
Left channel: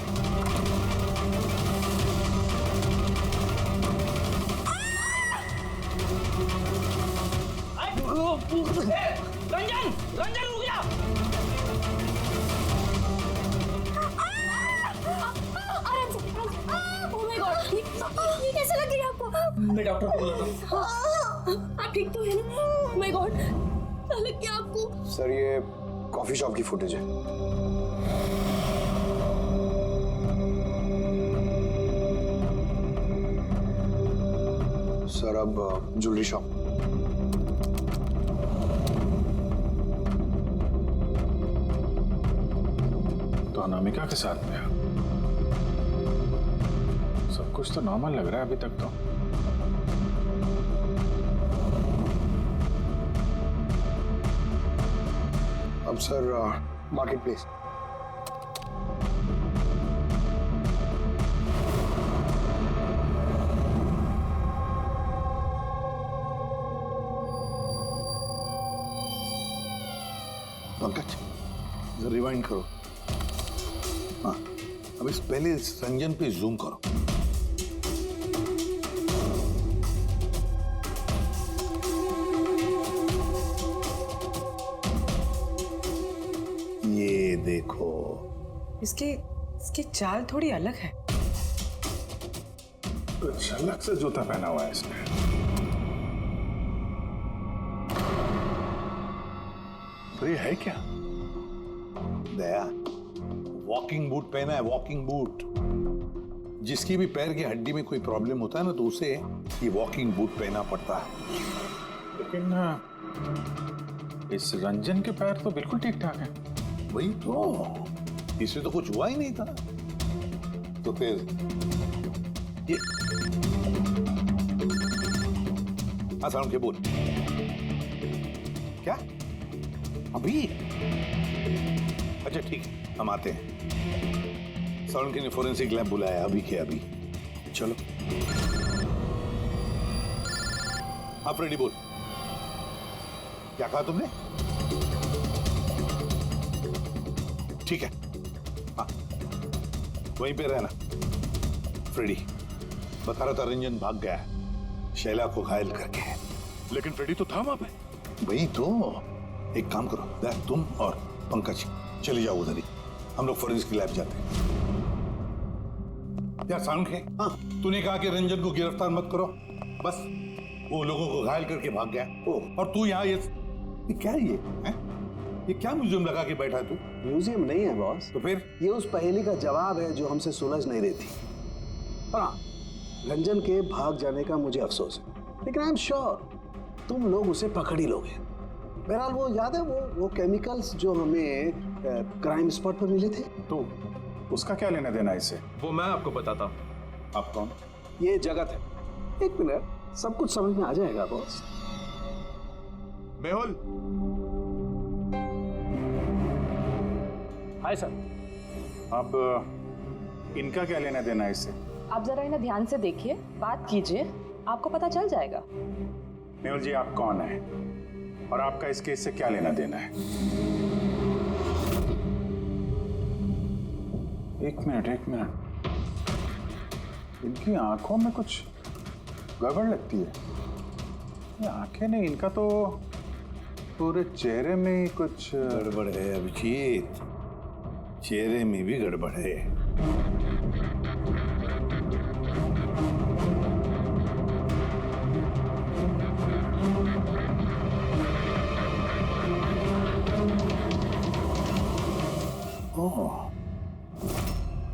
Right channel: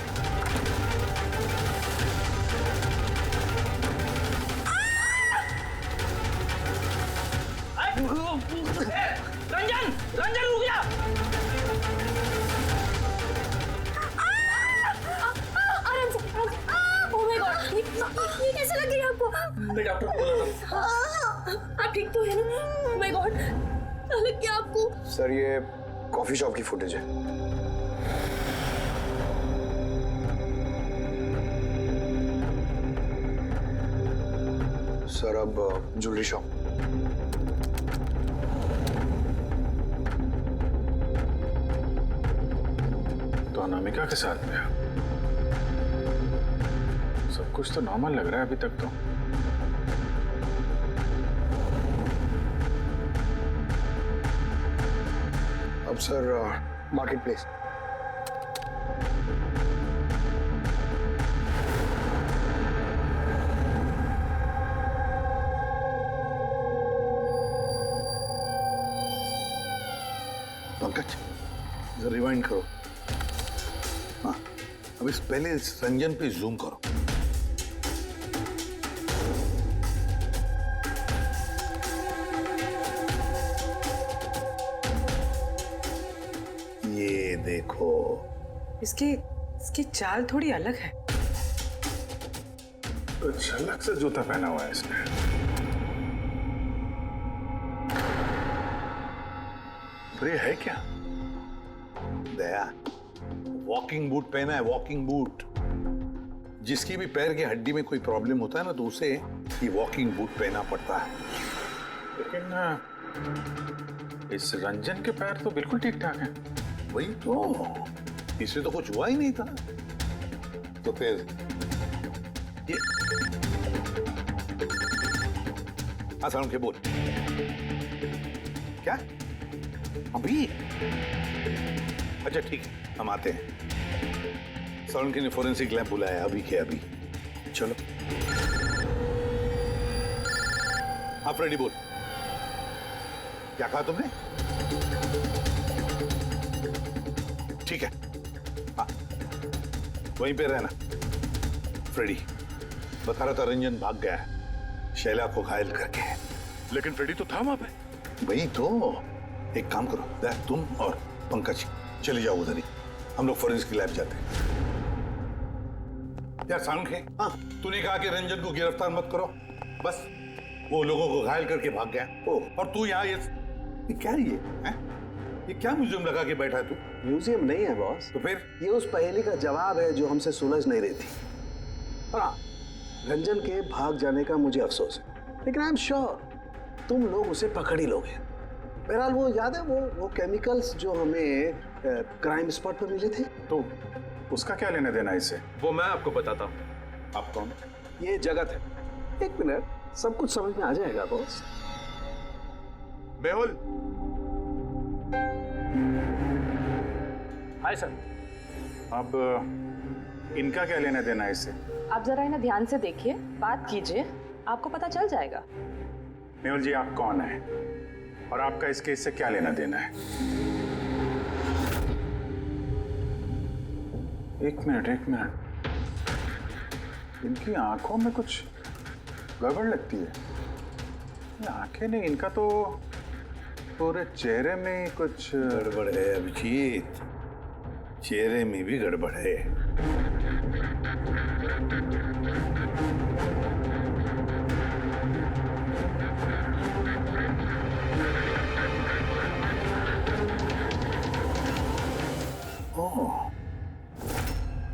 रंजन, रंजन रुक जा। आराम से। ओह माय गॉड, ये कैसे लग रही है आपको? मैं डॉक्टर को बुलाता हूँ। आप ठीक तो है ना? ओह माय गॉड, क्या लग गया आपको? सर ये कॉफी शॉप की फुटेज है। सर अब ज्वेलरी शॉप। तो अनामिका के साथ में सब कुछ तो नॉर्मल लग रहा है अभी तक तो। अब सर मार्केट प्लेस। पंकज जरा रिवाइंड करो। हाँ, अब इस पहले इस रंजन पे जूम करो। ये देखो, इसकी चाल थोड़ी अलग है। तो झलक से जूता पहना हुआ है इसने। तो ये है क्या? दया, वॉकिंग बूट पहना है, वॉकिंग बूट। जिसकी भी पैर की हड्डी में कोई प्रॉब्लम होता है ना, तो उसे ये वॉकिंग बूट पहना पड़ता है। लेकिन इस रंजन के पैर तो बिल्कुल ठीक ठाक हैं। वही तो, इससे तो कुछ हुआ ही नहीं था। तो फिर ये आसान के बोल क्या अभी? अच्छा ठीक है, हम आते हैं। साउंड ने फोरेंसिक लैब बुलाया अभी के अभी। चलो आप रेडी बोल। क्या कहा तुमने? ठीक है, हाँ वहीं पे रहना। फ्रेडी बता रहा था रंजन भाग गया है शैला को घायल करके। लेकिन फ्रेडी तो था वहां पे। वही तो, एक काम करो, तुम और पंकज चले जाओ उधर ही, हम लोग फोरेंसिक लैब जाते हैं। यार साउंड है, हाँ तूने कहा कि रंजन को गिरफ्तार मत करो, बस वो लोगों को घायल करके भाग गया। और तू यहाँ ये क्या है ये क्या म्यूजियम लगा के बैठा है तू? म्यूजियम नहीं है बॉस। तो फिर? ये उस पहेली का जवाब है जो हमसे सुलझ नहीं रही थी। और हाँ, रंजन के भाग जाने का मुझे अफसोस है, लेकिन आई एम श्योर तुम लोग उसे पकड़ ही लोगे। बहरहाल वो याद है वो केमिकल्स जो हमें क्राइम स्पॉट पर मिले थे, तो उसका क्या लेना देना इससे? वो मैं आपको बताता हूँ। आप कौन? ये जगत है। एक मिनट, सब कुछ समझ में आ जाएगा बॉस। मेहुल। Hi sir. अब इनका क्या लेना देना है इससे? आप जरा इन्हें ध्यान से देखिए, बात कीजिए, आपको पता चल जाएगा। मेहुल जी आप कौन है और आपका इस केस से क्या लेना देना है? एक मिनट, इनकी आंखों में कुछ गड़बड़ लगती है। ये आंखें नहीं, इनका तो पूरे चेहरे में ही कुछ गड़बड़ है अभिजीत, चेहरे में भी गड़बड़ है।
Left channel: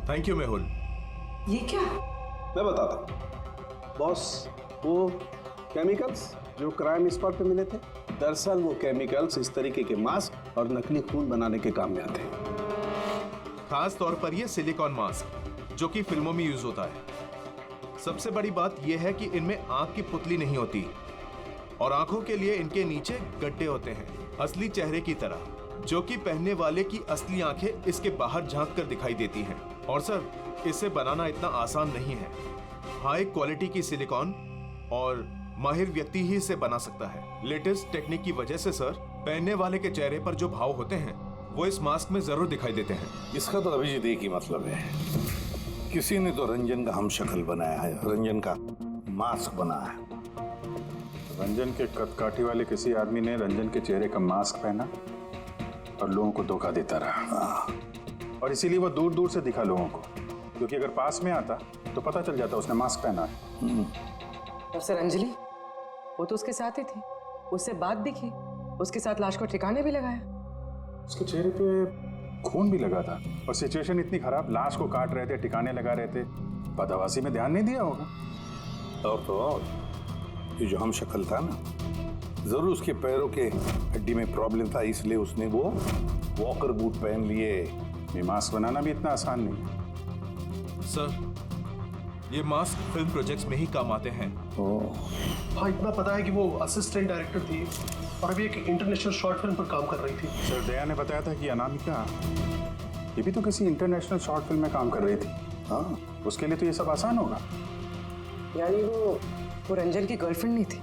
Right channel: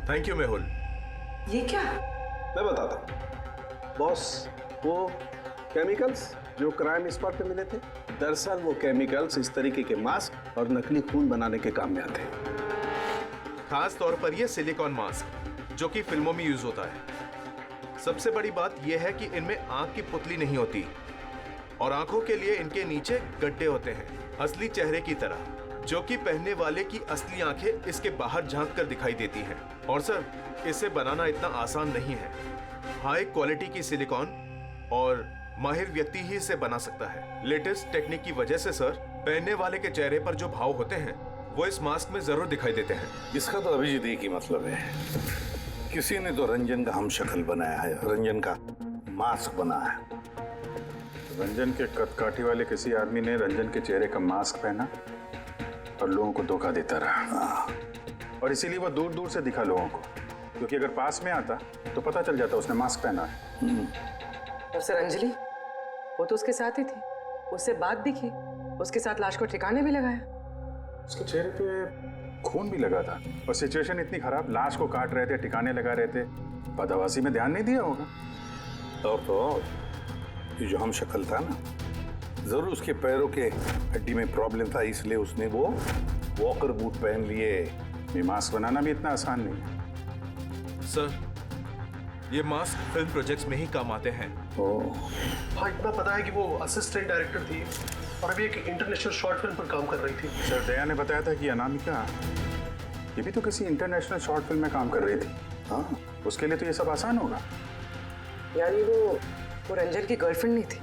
Thank you Mehul. ये क्या? मैं बताता हूँ बॉस, वो केमिकल्स जो क्राइम स्पॉट पे मिले थे, दरअसल वो केमिकल्स इस तरीके के मास्क और नकली खून बनाने के काम में आते हैं। खास तौर पर ये सिलिकॉन मास्क जो कि फिल्मों में यूज होता है। सबसे बड़ी बात यह है कि इनमें आंख की पुतली नहीं होती और आंखों के लिए इनके नीचे गड्ढे होते हैं, असली चेहरे की तरह, जो कि पहनने वाले की असली आंखें इसके बाहर झांक कर दिखाई देती हैं। और सर, इसे बनाना इतना आसान नहीं है। हाई क्वालिटी की सिलिकॉन और माहिर व्यक्ति ही इसे बना सकता है। लेटेस्ट टेक्निक की वजह से सर, पहनने वाले के चेहरे पर जो भाव होते हैं वो इस मास्क में जरूर दिखाई देते हैं। इसका तो अभिजीत एक ही मतलब है, किसी ने तो रंजन का हम शक्ल बनाया है, रंजन का मास्क बनाया है। रंजन के कदकाठी वाले किसी आदमी ने रंजन के चेहरे का मास्क पहना और लोगों को धोखा देता रहा, और इसीलिए वो दूर दूर से दिखा लोगों को, क्योंकि अगर पास में आता तो पता चल जाता उसने मास्क पहना है। और सर अंजलि, वो तो उसके साथ ही थी, उससे बात भी की, उसके साथ लाश को ठिकाने भी लगाया। उसके चेहरे पे खून भी लगा था और सिचुएशन इतनी खराब, लाश को काट रहे थे, ठिकाने लगा रहे थे, बदहवासी में ध्यान नहीं दिया होगा। और तो और ये जो हम शक्ल था ना, जरूर उसके पैरों के हड्डी में प्रॉब्लम था, इसलिए उसने वो वॉकर बूट पहन लिए। ये मास्क बनाना भी इतना आसान नहीं है सर। ये मास्क फिल्म प्रोजेक्ट्स में ही काम आते हैं। हाँ, इतना पता है कि वो असिस्टेंट डायरेक्टर थी और अभी एक इंटरनेशनल शॉर्ट फिल्म पर काम कर रही थी। सर, दया ने बताया था कि अनामिका ये भी तो किसी इंटरनेशनल शॉर्ट फिल्म में काम कर रही थी। हाँ, उसके लिए तो ये सब आसान होगा। यानी वो रंजन की गर्लफ्रेंड नहीं थी,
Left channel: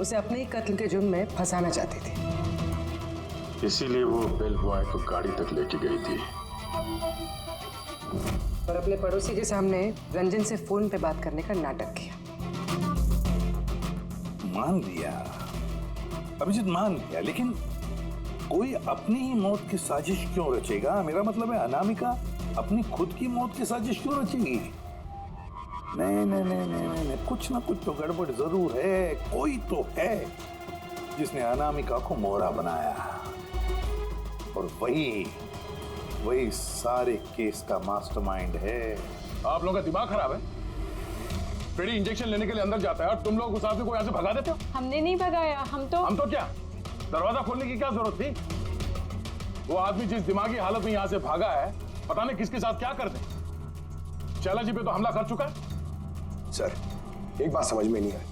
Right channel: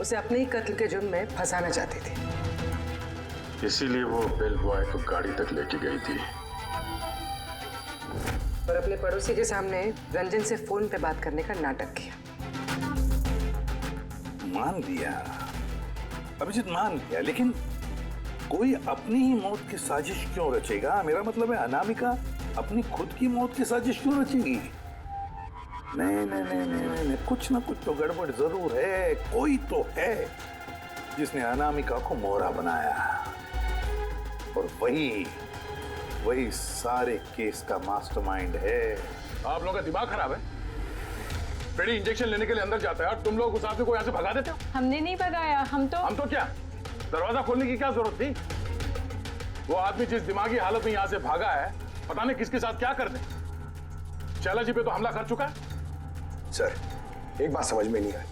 उसे अपने ही कत्ल के जुर्म में फंसाना चाहती थी। इसीलिए वो बेल बॉय को गाड़ी तक लेके गई थी और अपने पड़ोसी के सामने रंजन से फोन पे बात करने का नाटक किया। मान लिया अभिजीत, मान लिया, लेकिन कोई अपनी ही मौत की साजिश क्यों रचेगा? मेरा मतलब है अनामिका अपनी खुद की मौत की साजिश क्यों रचेगी? नहीं नहीं नहीं नहीं नहीं, कुछ ना कुछ तो गड़बड़ जरूर है। कोई तो है जिसने अनामिका को मोहरा बनाया, और वही सारे केस का मास्टरमाइंड है। आप लोगों का दिमाग खराब है। पेडी इंजेक्शन लेने के लिए अंदर जाता है और तुम लोग उस आदमी को यहाँ से भगा देते हो। हमने नहीं भगाया, हम तो क्या दरवाजा खोलने की क्या जरूरत थी? वो आदमी जिस दिमागी हालत में यहाँ से भागा है, पता नहीं किसके साथ क्या कर दे। शैला जी पे तो हमला कर चुका है। सर, एक बात समझ में नहीं आई,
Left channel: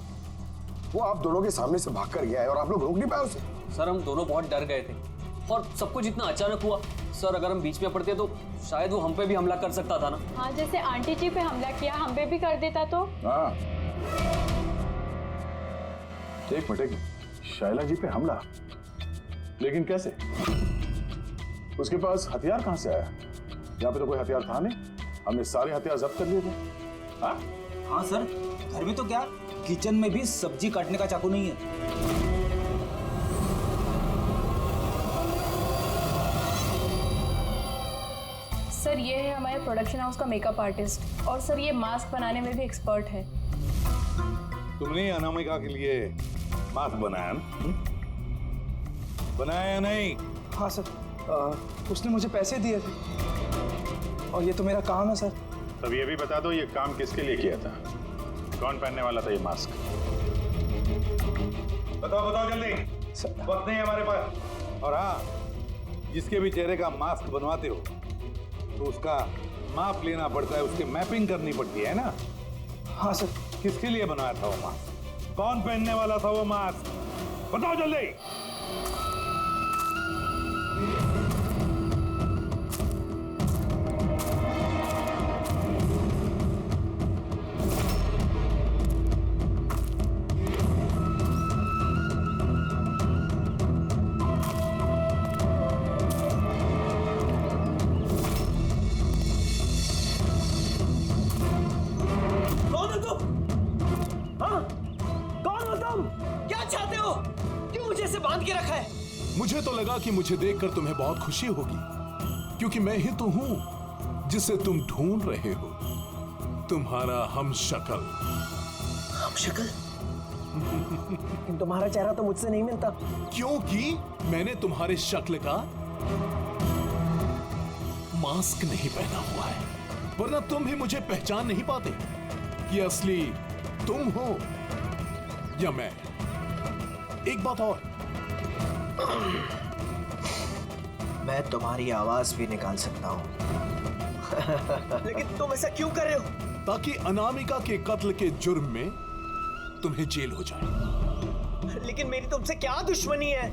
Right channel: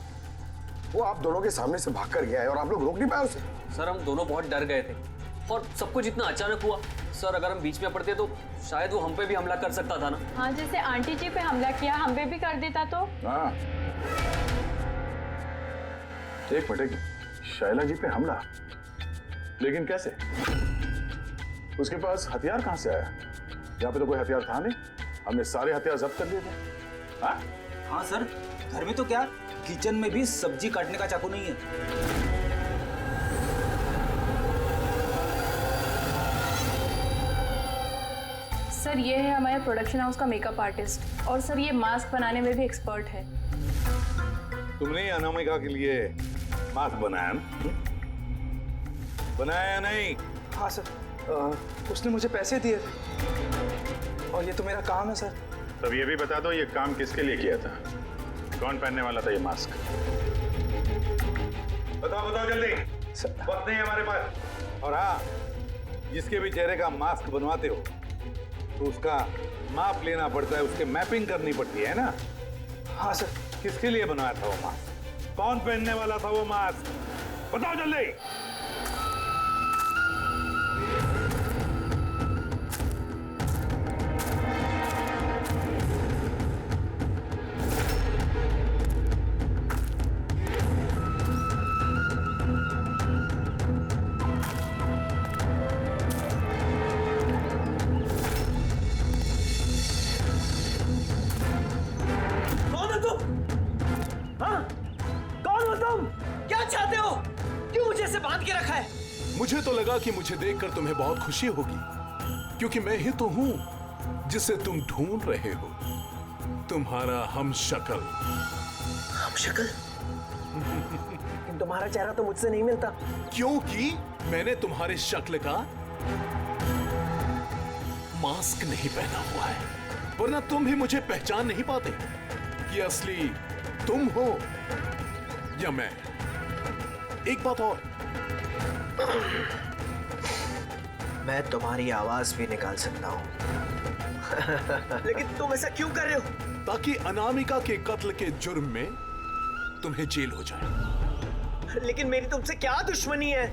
वो आप दोनों के सामने से भाग कर गया है और आप लोग रोक नहीं पाए उसे। सर, हम दोनों बहुत डर गए थे और सब कुछ इतना अचानक हुआ। सर, अगर हम बीच में पड़ते तो शायद वो हम पे भी हमला कर सकता था ना। हाँ, जैसे आंटी जी पे हमला किया, हम पे भी कर देता तो। हाँ, एक मिनट, शैला जी पे हमला, लेकिन कैसे? उसके पास हथियार कहां से आया? यहाँ पे तो कोई हथियार था नहीं, हमने सारे हथियार जब्त कर लिए थे। हाँ? हाँ सर, घर में तो क्या, किचन में भी सब्जी काटने का चाकू नहीं है। सर, ये है हमारे प्रोडक्शन हाउस का मेकअप आर्टिस्ट, और सर ये मास्क बनाने में भी एक्सपर्ट है। तुमने अनामिका के लिए मास्क बनाया ना? बनाया नहीं? हाँ सर, उसने मुझे पैसे दिए थे और ये तो मेरा काम है सर। तब ये भी बता दो, ये काम किसके लिए किया था? कौन पहनने वाला था ये मास्क? बताओ बताओ जल्दी, वक्त नहीं है हमारे पास। और हाँ, जिसके भी चेहरे का मास्क बनवाते हो तो उसका माप लेना पड़ता है, उसके मैपिंग करनी पड़ती है ना? हाँ सर। किसके लिए बनाया था वो मास्क? कौन पहनने वाला था वो मास्क? बताओ जल्दी। मुझे तो लगा कि मुझे देखकर तुम्हें बहुत खुशी होगी, क्योंकि मैं ही तो हूं जिसे तुम ढूंढ रहे हो, तुम्हारा हमशक्ल। हमशक्ल? लेकिन तुम्हारा चेहरा तो मुझसे नहीं मिलता। क्योंकि मैंने तुम्हारे शक्ल का मास्क नहीं पहना हुआ है, वरना तुम भी मुझे पहचान नहीं पाते कि असली तुम हो या मैं। एक बात और, मैं तुम्हारी आवाज भी निकाल सकता हूं। लेकिन तुम ऐसा क्यों कर रहे हो? ताकि अनामिका के कत्ल के जुर्म में तुम्हें जेल हो जाए। लेकिन मेरी तुमसे क्या दुश्मनी है?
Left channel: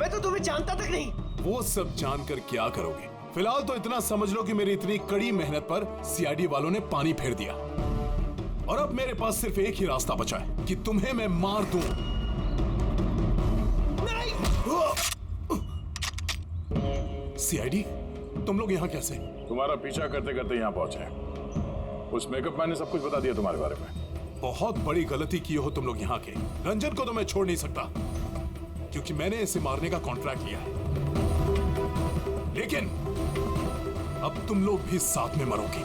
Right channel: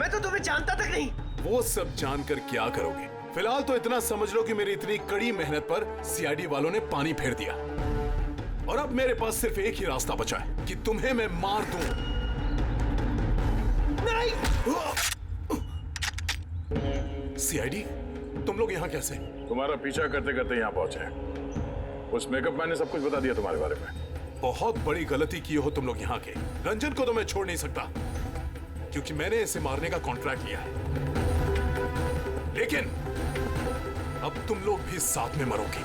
मैं तो तुम्हें जानता तक नहीं। वो सब जानकर क्या करोगे? फिलहाल तो इतना समझ लो कि मेरी इतनी कड़ी मेहनत पर सीआईडी वालों ने पानी फेर दिया, और अब मेरे पास सिर्फ एक ही रास्ता बचा है कि तुम्हें मैं मार दूं। सीआईडी, तुम लोग यहाँ कैसे? तुम्हारा पीछा करते करते यहाँ पहुंचे। उस मेकअप मैन ने सब कुछ बता दिया तुम्हारे बारे में। बहुत बड़ी गलती की हो तुम लोग यहाँ के। रंजन को तो मैं छोड़ नहीं सकता, क्योंकि मैंने इसे मारने का कॉन्ट्रैक्ट लिया है। लेकिन अब तुम लोग भी साथ में मरोगे।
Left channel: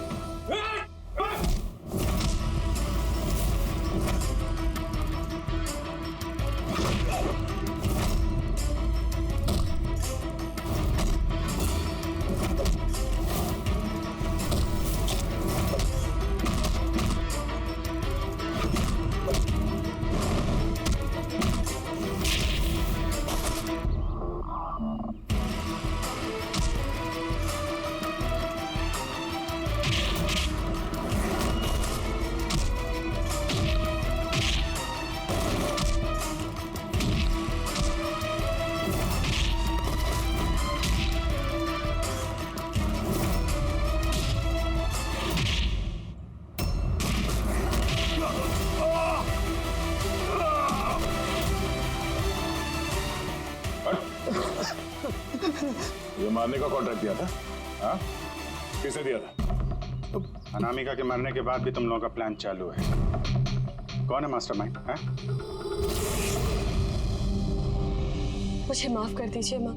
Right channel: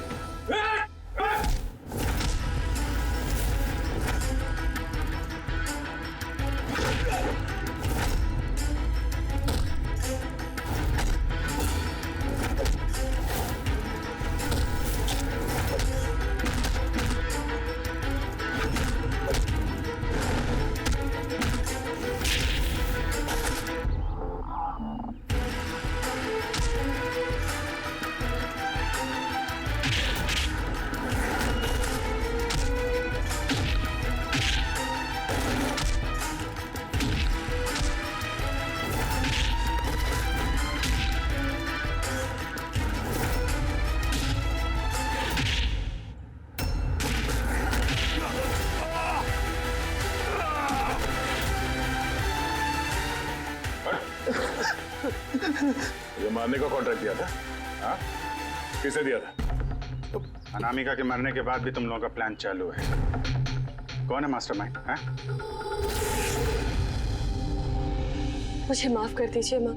ये मारने का कॉन्ट्रैक्ट दिया था? हाँ? किसे दिया था? अनामिका के मरने के बाद भी तुम लोगों का प्लान चालू है। कौन है मास्टरमाइंड? मुझे माफ कर दीजिए माँ।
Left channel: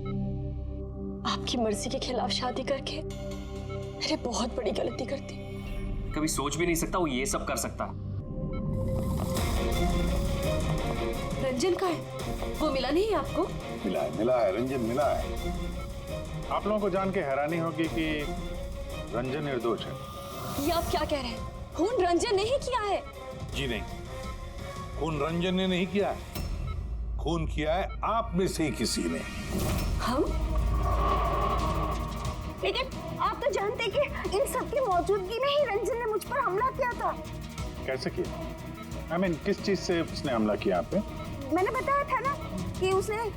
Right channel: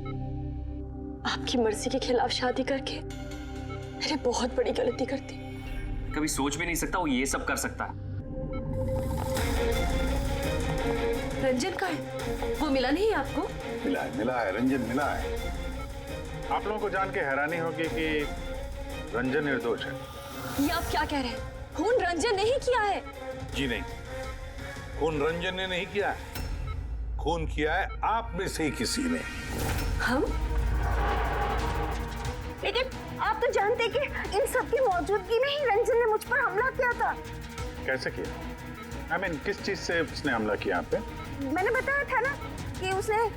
आपकी मर्जी के खिलाफ शादी करके मैंने बहुत बड़ी गलती कर दी। कभी सोच भी नहीं सकता वो ये सब कर सकता है। रंजन का है? वो मिला नहीं आपको? मिला है, रंजन मिला है। आप लोगों को जान के हैरानी होगी कि रंजन निर्दोष है। ये आप क्या कह रहे हैं? खून रंजन ने ही किया है। जी नहीं, खून रंजन ने नहीं किया है, खून किया है आप में से ही किसी ने। हम? लेकिन आप तो जानते कि इन सब की मौजूदगी में ही रंजन ने मुझ पर हमला किया था। कैसे किया? I mean, किस चीज से उसने हमला किया आप पे? मैंने बताया था ना कि उसने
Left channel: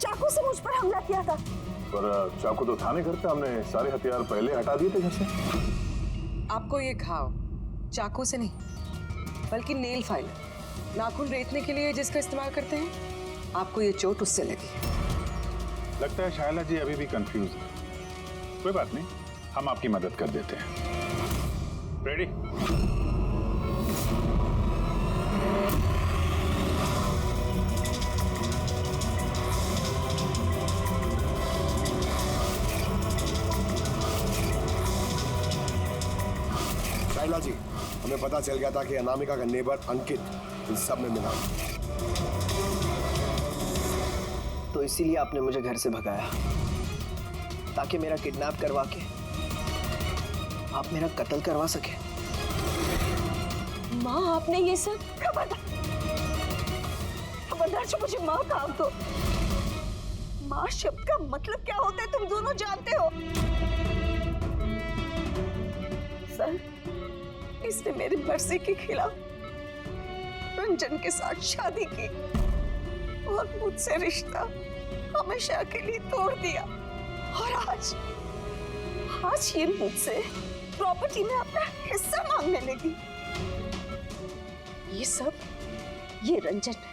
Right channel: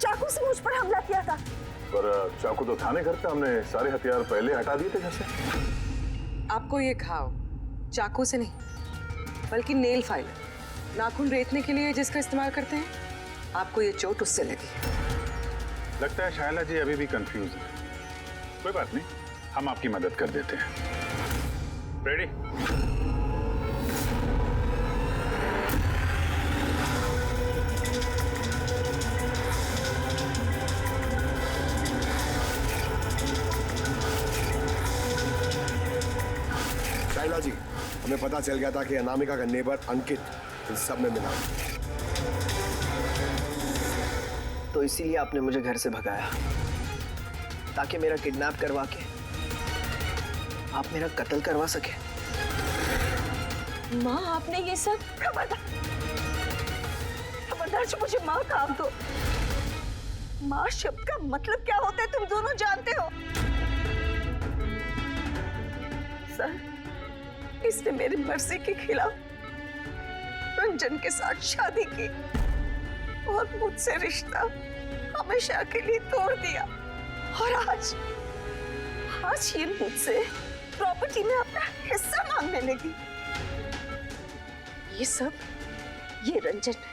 चाकू से मुझ पर हमला किया था। पर चाकू तो था नहीं घर पे, हमने सारे हथियार पहले हटा दिए थे घर से। आपको ये घाव चाकू से नहीं बल्कि नेल फाइलर, नाखून रेतने के लिए जिसका इस्तेमाल करते हैं, आपको ये चोट उससे लगी। लगता है शायला जी अभी भी कंफ्यूज है। कोई बात नहीं, हम आपकी मदद कर देते हैं। रेडी? शाइला जी, हमें पता चल गया था कि अनामिका का नेबर अंकित इन सब में मिला, तो इसीलिए आपने मुझे घर से भगाया, ताकि मेरा किडनैप करवा के आप मेरा कत्ल करवा सके। माँ, आपने ये सब? खबरदार जो मुझे माँ काम दो। माँ शब्द का मतलब क्या होता है तुम दोनों जानते हो। सर, इसने मेरी मर्जी के खिलाफ रंजन के साथ शादी की और मुझसे रिश्ता हमेशा के लिए तोड़ दिया, और आज ये मुझसे प्रॉपर्टी में अपना हिस्सा मांगने लगी। ये रंजन है,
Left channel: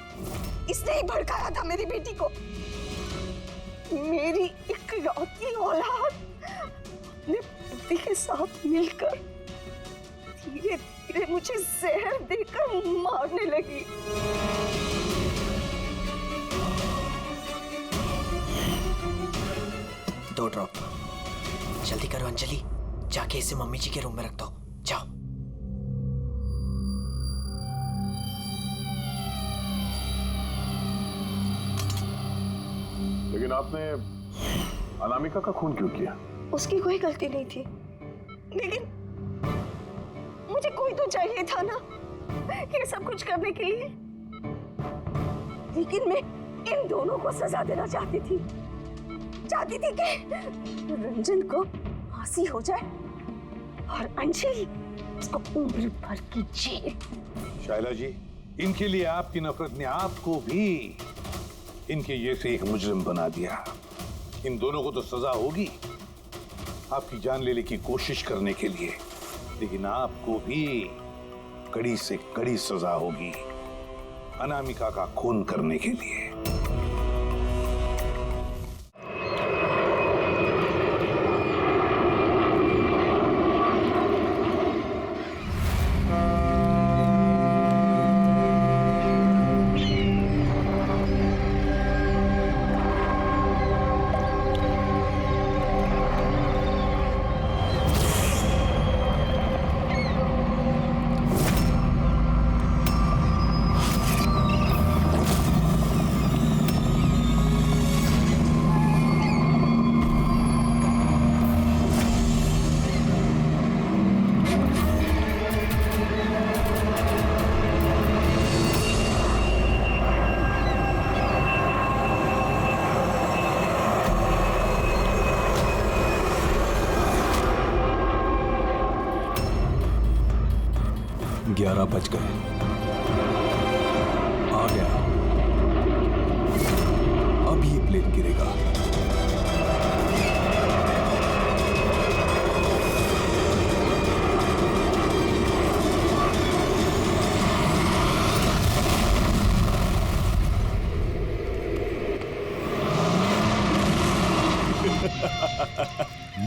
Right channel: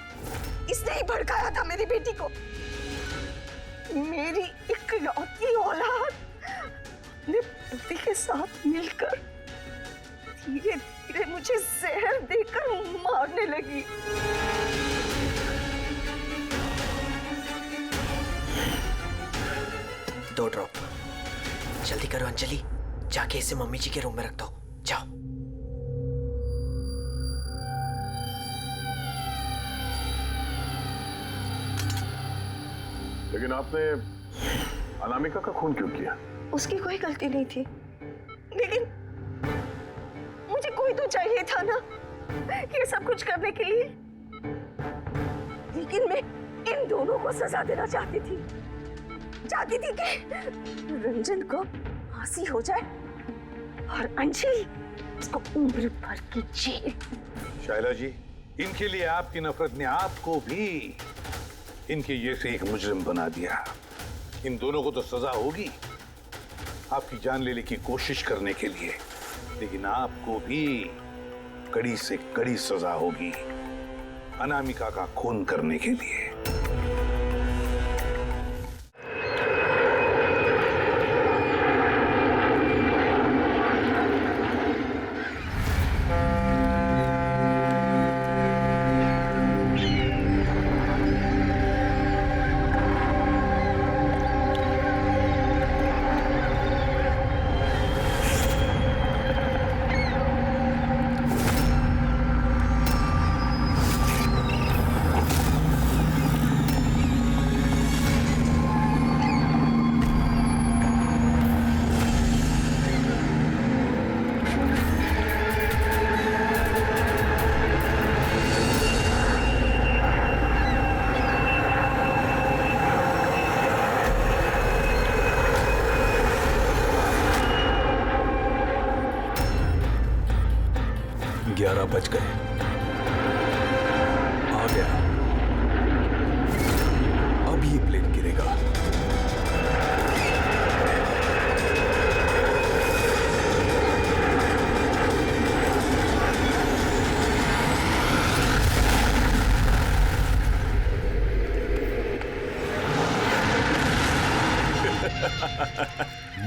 इसने ही भड़काया था मेरी बेटी को। मेरी इकलौती औलाद अपने पति के साथ मिलकर धीरे धीरे मुझे जहर देकर मारने लगी। दो ड्रॉप जल्दी करो अंजलि, जाके इसे मम्मी जी के रूम में रख दो। जाओ। लेकिन आपने अनामिका का खून क्यों किया? उसकी कोई गलती नहीं थी, लेकिन मुझे कोई तो चाहिए था ना ये सब कुछ करने के लिए। लेकिन मैं इन दोनों को सजा देना चाहती थी कि रंजन को फांसी हो जाए और अंजलि उसको उम्र भर की जेल। शायला जी, इनके लिए आपकी नफरत ने आपको भी इनके जैसे एक मुजरिम बना दिया। इन दोनों को तो सजा होगी आपकी जान लेने की कोशिश करने के लिए, लेकिन आपको भी कड़ी से कड़ी सजा होगी अनामिका का खून करने के लिए। ग्यारह बज गए। आ गया। अब ये प्लेन गिरेगा।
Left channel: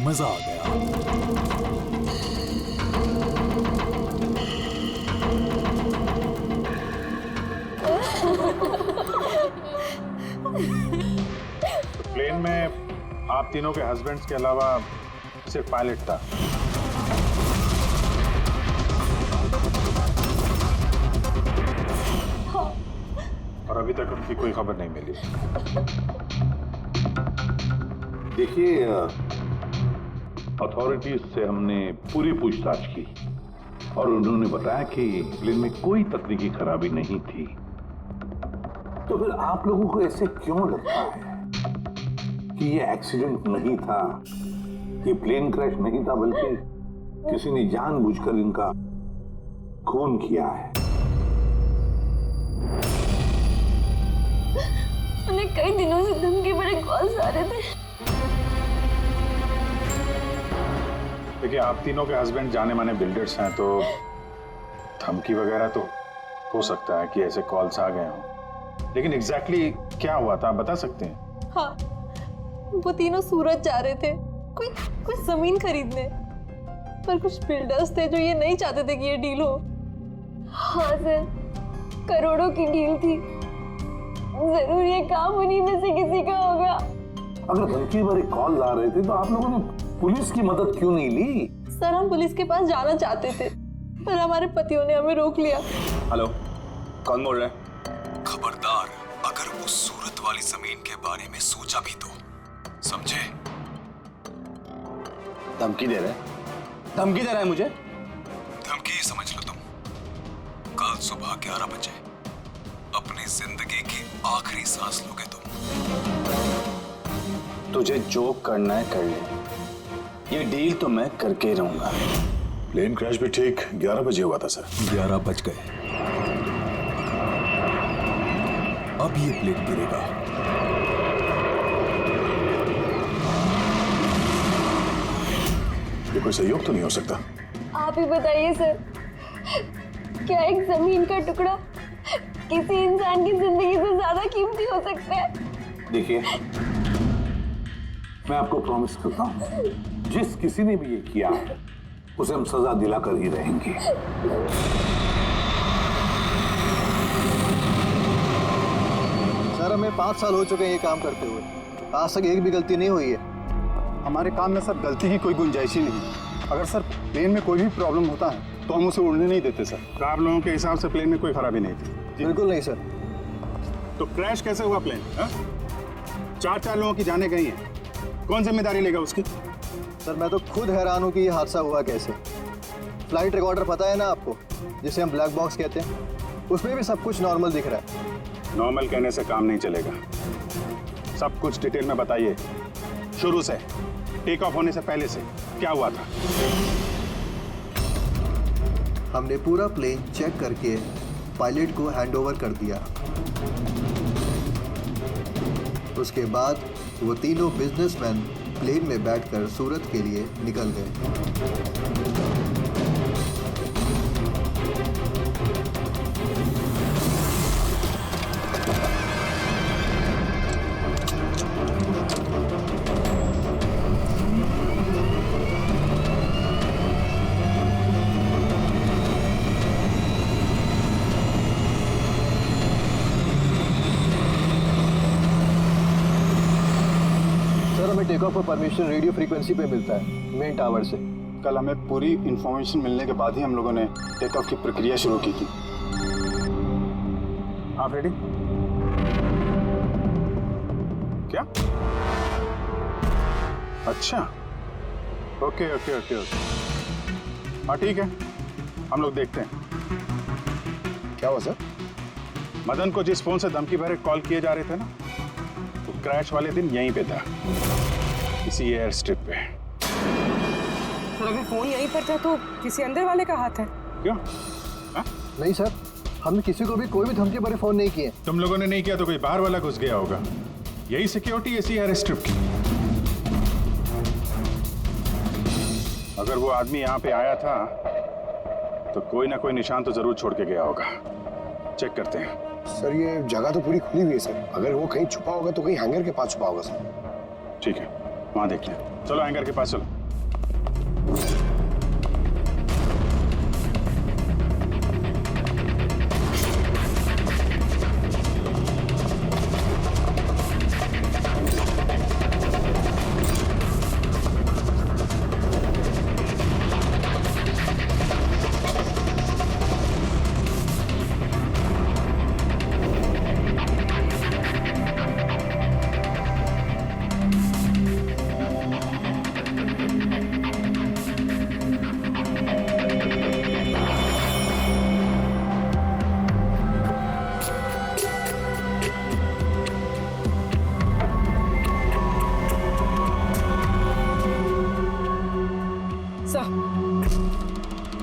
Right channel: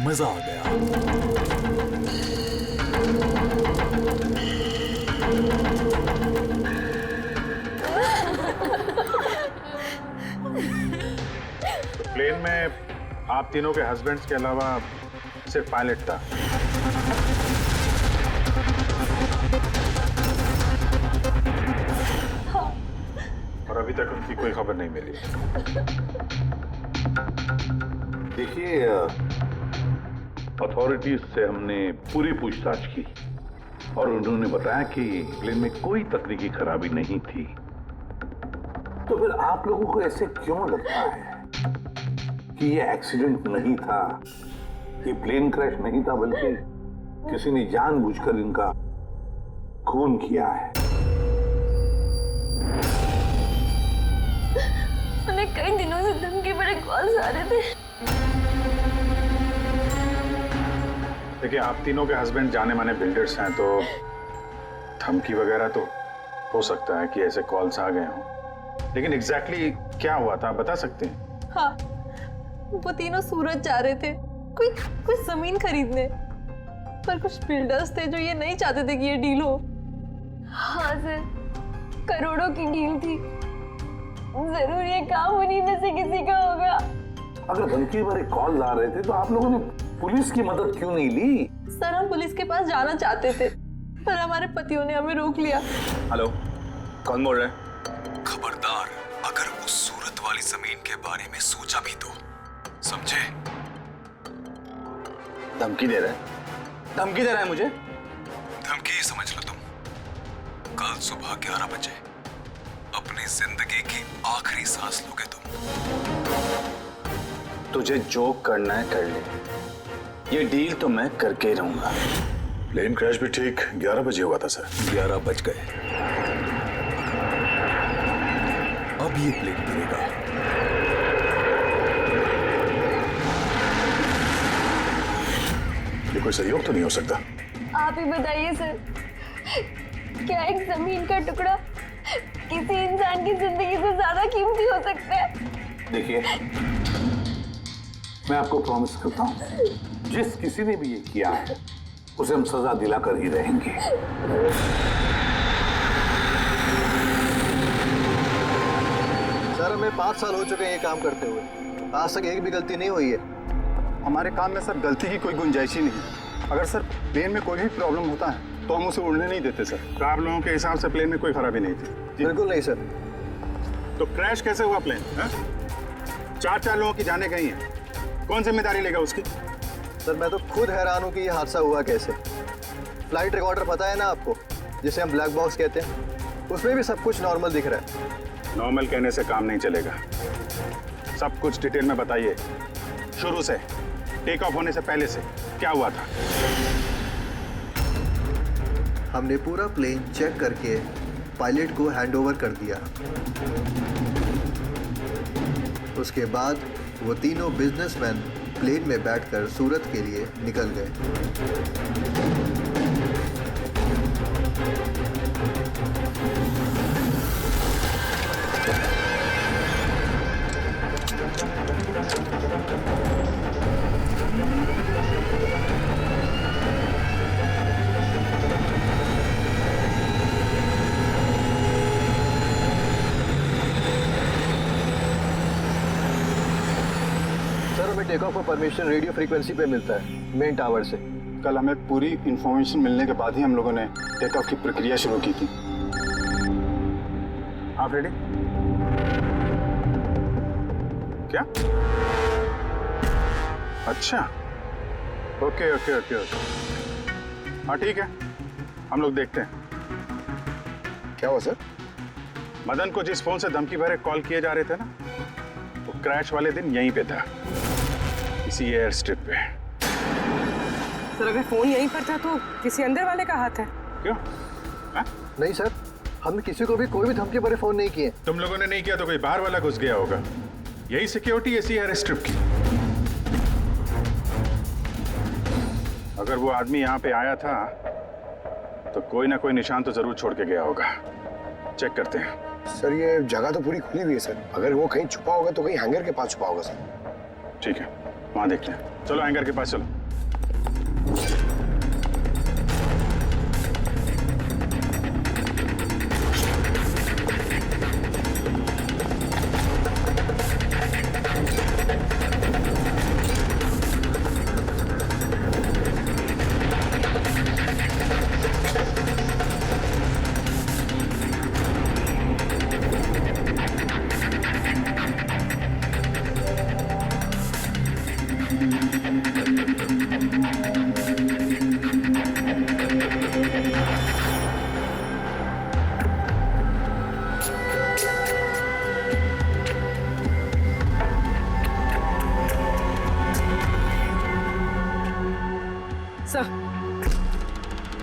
मजा आ गया। प्लेन में आप तीनों के हस्बैंड्स के अलावा सिर्फ पायलट था। हाँ। और अभी तक उनकी कोई खबर नहीं मिली। देखिए, अथॉरिटीज से हमने पूरी पूछताछ की और उन्होंने बताया कि प्लेन में कोई तकनीकी खराबी नहीं थी। तो फिर आप लोगों को ऐसे क्यों लगता है कि ये एक्सीडेंट नहीं था, ये प्लेन क्रैश नहीं था, बल्कि किसी ने जानबूझकर इनका खून किया है? उन्हें कई दिनों से धमकी भरे कॉल्स आ रहे थे। देखिए, आप तीनों के हस्बैंड जाने माने बिल्डर्स हैं, तो धमकी वगैरह तो हो सकता है कि ऐसे कॉल्स आ गए हों, लेकिन एग्जैक्टली क्या हुआ था आप बता सकते हैं? हाँ, वो तीनों सूरत जा रहे थे कोई जमीन खरीदने, पर कुछ बिल्डर्स थे जो ये नहीं चाहते थे कि ये डील हो। हाँ सर, करोड़ों की डील थी, जरूर ये काम उन्हीं में से किसी का होगा। अगर धमकी भरे कॉल आ रहे थे तो आप लोगों ने पुलिस की मदद क्यों नहीं ली? सर, हम पुलिस के पास जाना चाहते थे, पर हमारे पतियों ने हमें रोक लिया। हेलो, कौन बोल रहा है? खबरदार, अगर उस सूरत वाली जमीन के बारे में सोचा भी तो, समझे? धमकी दे रहा है? धमकी दे रहा है मुझे? धमकी समझ लो तुम। कल सुबह 11 बजे अपनी जिंदगी की आखिरी सांस लोगे तुम। तुझे जो करना है कर ले, ये डील तो मैं करके ही रहूंगा। प्लेन क्रैश भी ठीक 11 बजे हुआ था सर। 11 बज गए। अब ये प्लेन गिरेगा। ये कोई सहयोग तो नहीं हो सकता? आप ही बताइए सर, क्या एक जमीन का टुकड़ा किसी इंसान की जिंदगी से ज्यादा कीमती हो सकता है? देखिए, मैं आपको प्रॉमिस करता हूं, जिस किसी ने भी ये किया है उसे हम सजा दिलाकर ही रहेंगे। सर, हमें 5 साल हो चुके हैं ये काम करते हुए, आज तक एक भी गलती नहीं हुई है। हमारे काम में सर गलती की कोई गुंजाइश ही नहीं। अगर सर प्लेन में कोई भी प्रॉब्लम होता है तो हम उसे उड़ने नहीं देते सर। तो आप लोगों के हिसाब से प्लेन में कोई खराबी नहीं थी? बिल्कुल नहीं सर। तो क्रैश कैसे हुआ प्लेन? 4 लोगों की जानें गई हैं, कौन जिम्मेदारी लेगा उसकी? सर मैं तो खुद हैरान हूँ कि ये हादसा हुआ कैसे। फ्लाइट रिकॉर्डर पता है ना आपको, जिसे हम ब्लैक बॉक्स कहते हैं, उसमें भी सब कुछ नॉर्मल दिख रहा है। नॉर्मल कहने से काम नहीं चलेगा, सब कुछ डिटेल में बताइए, शुरू से, टेक ऑफ होने से पहले से क्या हुआ था। हमने पूरा प्लेन चेक करके पायलट को हैंडओवर कर दिया। उसके बाद वो तीनों बिजनेसमैन प्लेन में बैठकर सूरत के लिए निकल गए। हमें टेक ऑफ का परमिशन रेडियो फ्रीक्वेंसी पे मिलता है मेन टावर से। कल हमें पूरी इंफॉर्मेशन मिलने के बाद ही हम लोगों ने टेक ऑफ की प्रक्रिया शुरू की थी। आप रेडी? क्या? अच्छा, ओके ओके ओके ओके, हाँ ठीक है, हम लोग देखते हैं। क्या हुआ सर? मदन को जिस फोन से धमकी भरे कॉल किए जा रहे थे ना, वो क्रैश वाले दिन यहीं पे था, इसी एयर स्ट्रिप पे। सर अगर फोन यहीं पर था तो किसी अंदर वाले का हाथ है। क्यों? नहीं सर, हमने किसी को भी कोई भी धमकी भरे फोन नहीं किए। तुम लोगों ने नहीं किया तो कोई बाहर वाला घुस गया होगा। यही सिक्योरिटी इसी एयर स्ट्रिप की। अगर वो आदमी यहाँ पे आया था तो कोई ना कोई निशान तो जरूर छोड़ के गया होगा। चेक करते हैं। सर ये जगह तो पूरी खुली हुई है सर, अगर वो कहीं छुपा होगा तो कहीं हैंगर के पास छुपा होगा सर। ठीक है, वहां देखते हैं। चलो हैंगर के पास चलो।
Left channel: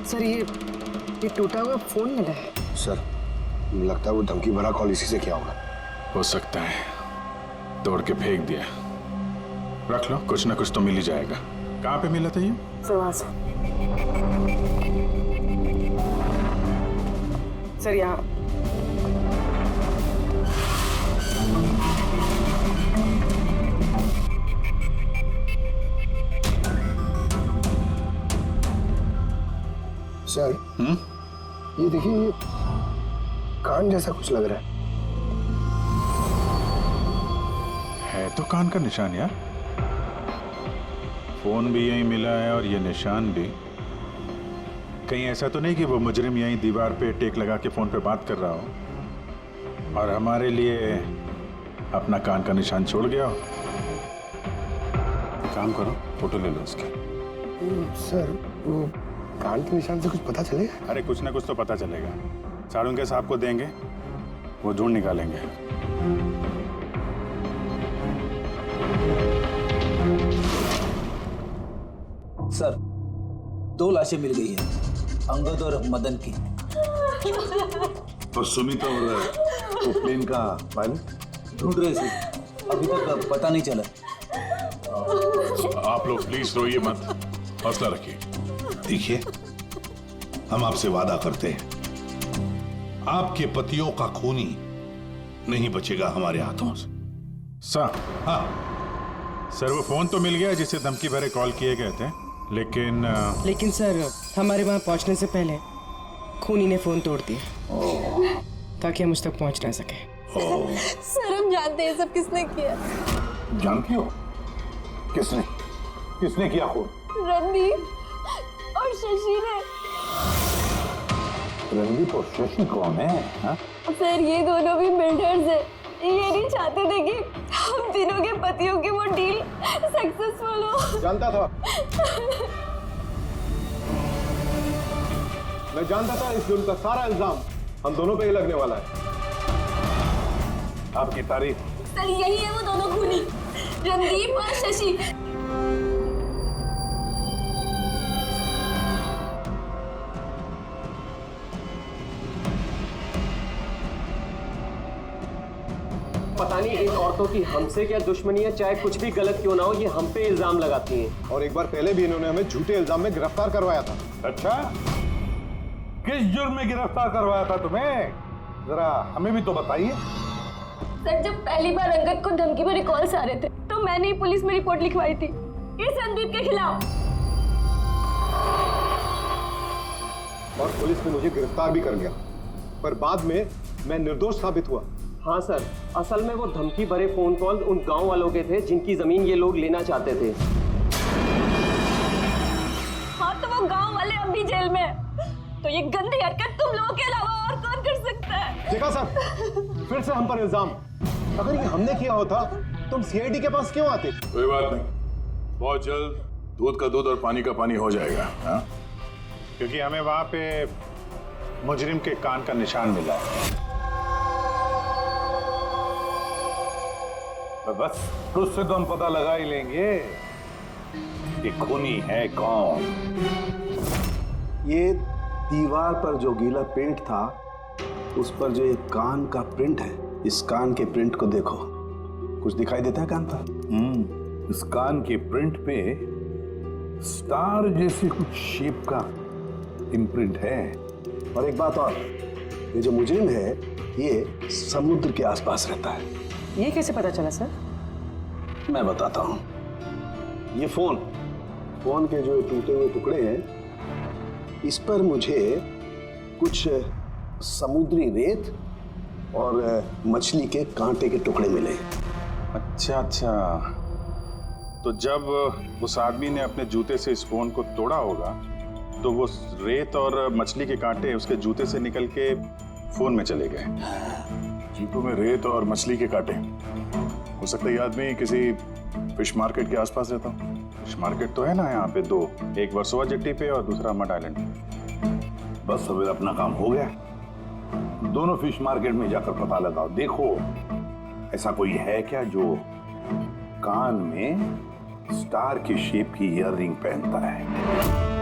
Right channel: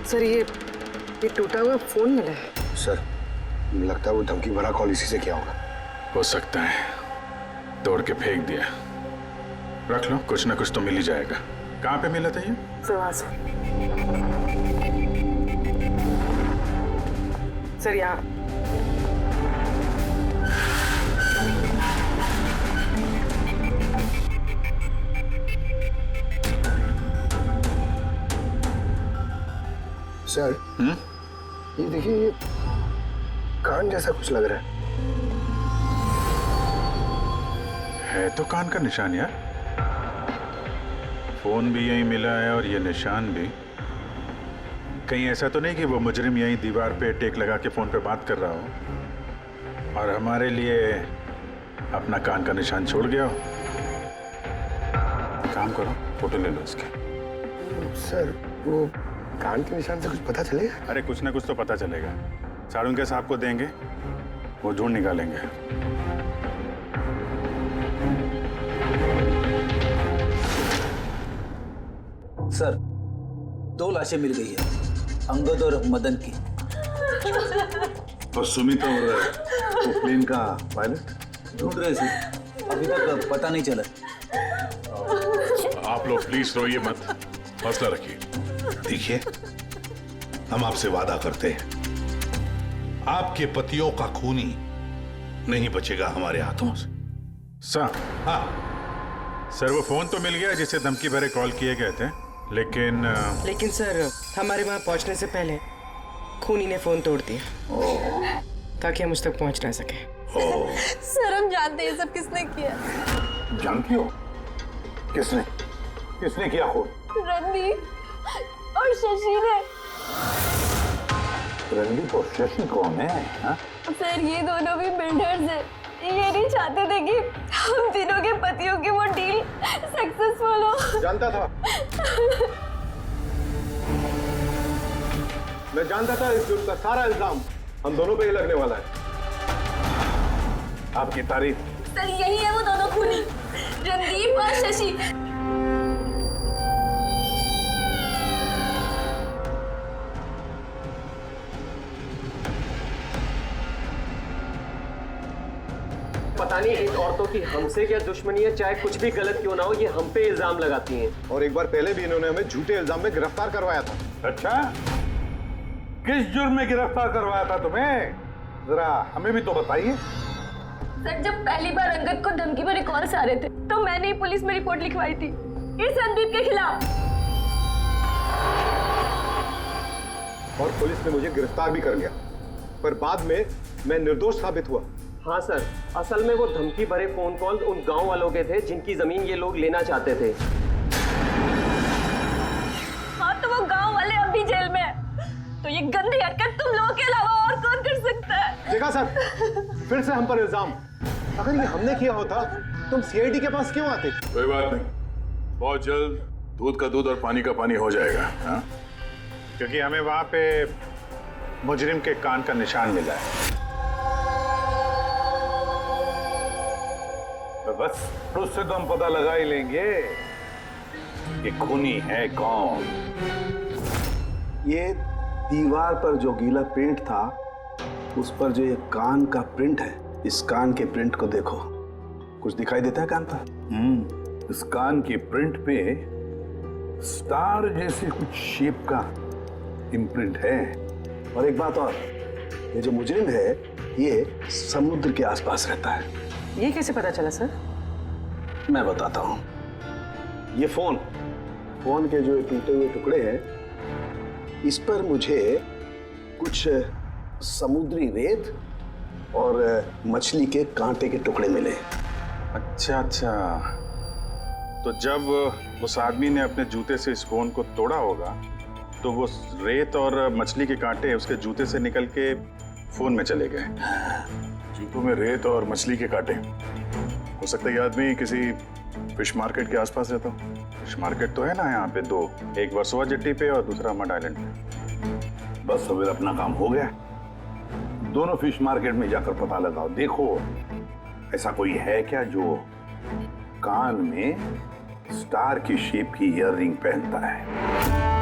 सर ये टूटा हुआ फोन मिला है। सर लगता है वो धमकी भरा कॉल इसी से किया होगा। हो सकता है, तोड़ के फेंक दिया। रख लो, कुछ ना कुछ तो मिल ही जाएगा। कहाँ पे मिला था ये? सर यहाँ। सर ये देखिए, ये कान जैसा कुछ लग रहा है तो कान का निशान यार। फोन भी यहीं मिला है और ये निशान भी। कहीं ऐसा तो नहीं कि वो मुजरिम यहीं दीवार पे टेक लगा के फोन पे बात कर रहा हो और हमारे लिए अपना कान का निशान छोड़ गया हो। काम करो, फोटो ले लो उसकी। सर वो कान के निशान से कुछ पता चलेगा? अरे कुछ ना कुछ तो पता चलेगा। सारुंगे साहब को देंगे, वो ढूंढ निकालेंगे। सर 2 लाशें मिल गई है, अंगद और मदन की। और सुमित और वो प्लेन का पायलट ढूंढ रहे सर, अभी तक पता नहीं चला। आप लोग प्लीज रोइए मत, हौसला रखिए। देखिए, हम आपसे वादा करते हैं, आपके पतियों का खूनी नहीं बचेगा हमारे हाथों से। सर, हाँ सर, वो फोन तो मिल गया जिसे धमकी भरे कॉल किए गए थे, लेकिन सर हमारे वहां पहुंचने से पहले खूनी ने फोन तोड़ दिया ताकि हम उस तक पहुंच ना सके। सर हम जानते हैं सब किसने किया। जानती हो किसने? किसने किया खून? रणदीप और शशि ने। रणदीप और शशि कौन है? हा? सर ये दोनों भी बिल्डर्स हैं, ये नहीं नहीं चाहते थे कि हम तीनों के पतियों की वो डील सक्सेसफुल हो। जानता था, मैं जानता था इस जुर्म का सारा इल्जाम हम दोनों पे ही लगने वाला है। आपकी तारीफ। सर यही है वो दोनों खूनी, रणदीप और शशि। पता नहीं इन औरतों की हमसे क्या दुश्मनी है, चाहे कुछ भी गलत क्यों ना हो, ये हम पे इल्जाम लगाती हैं। और एक बार पहले भी इन्होंने हमें झूठे इल्जाम में गिरफ्तार करवाया था। अच्छा, किस जुर्म में गिरफ्तार करवाया था तुम्हें? जरा हमें भी तो बताइए। सर जब पहली बार अंगद को धमकी भरे कॉल्स आ रहे थे तो मैंने ही पुलिस में रिपोर्ट लिखवाई थी इस रणदीप के खिलाफ। और पुलिस ने मुझे गिरफ्तार भी कर लिया, पर बाद में मैं निर्दोष साबित हुआ। हाँ सर, असल में वो धमकी भरे फोन कॉल उन गांव वालों के थे जिनकी जमीन ये लोग लेना चाहते थे। हाँ तो वो गांव वाले अब भी जेल में हैं। तो ये गंदी हरकत तुम लोगों के अलावा और कौन कर सकता है? देखा सर, फिर से हम पर इल्जाम। अगर ये हमने किया होता तुम सीआईडी के पास क्यों आते? कोई बात नहीं, बहुत जल्द दूध का दूध और पानी का पानी हो जाएगा। हाँ? क्योंकि हमें वहां पे मुजरिम के कान का निशान मिला है। तो बस उससे तो हम पता लगा ही लेंगे कि खूनी है कौन। ये दीवार पर जो गीला पेंट था, उस पर जो ये कान का प्रिंट है, इस कान के प्रिंट को देखो। कुछ दिखाई देता है कान पर? इस कान के प्रिंट पे स्टार जैसे कुछ शेप का इम्प्रिंट है। और एक बात और, ये जो मुजरिम है ये समुद्र के आसपास रहता है। ये कैसे पता चला सर? मैं बताता हूं। ये फोन के जो टूटे हुए टुकड़े हैं, इस पर मुझे कुछ समुद्री रेत और मछली के कांटे के टुकड़े मिले। अच्छा अच्छा, तो जब उस आदमी ने अपने जूते से इस फोन को तोड़ा होगा तो वो रेत और मछली के कांटे उसके जूते से निकल के फोन में चले गए। जूतों में रेत और मछली के कांटे। हो सकता है ये आदमी किसी फिश मार्केट के आसपास रहता हो। फिश मार्केट तो है ना यहाँ पे दो, एक वर्सोवा जेट्टी पे और दूसरा मड आइलैंड पे। बस अब अपना काम हो गया। दोनों फिश मार्केट में जाकर पता लगाओ। देखो ऐसा कोई है क्या जो कान में स्टार की शेप की ईयररिंग पहनता है।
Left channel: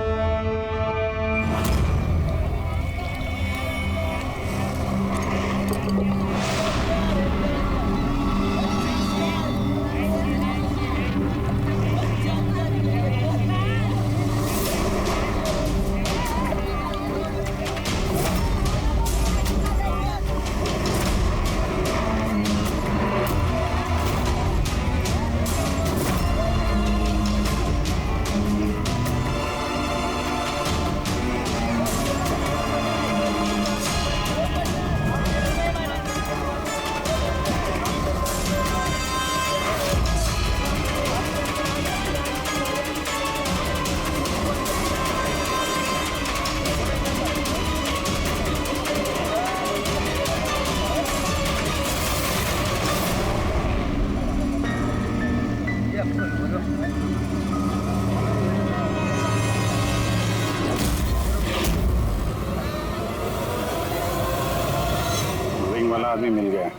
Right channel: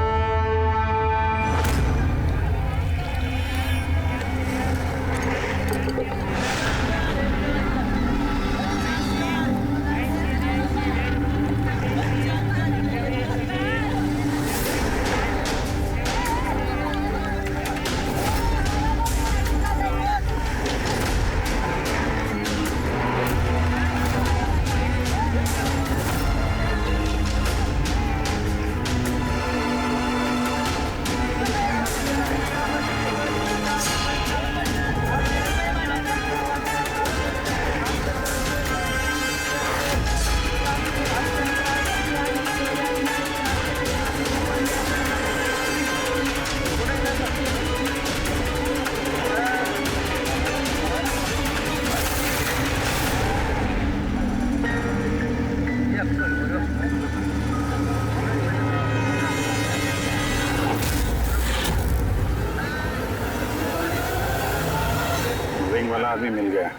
रिंग वाला आदमी मिल गया।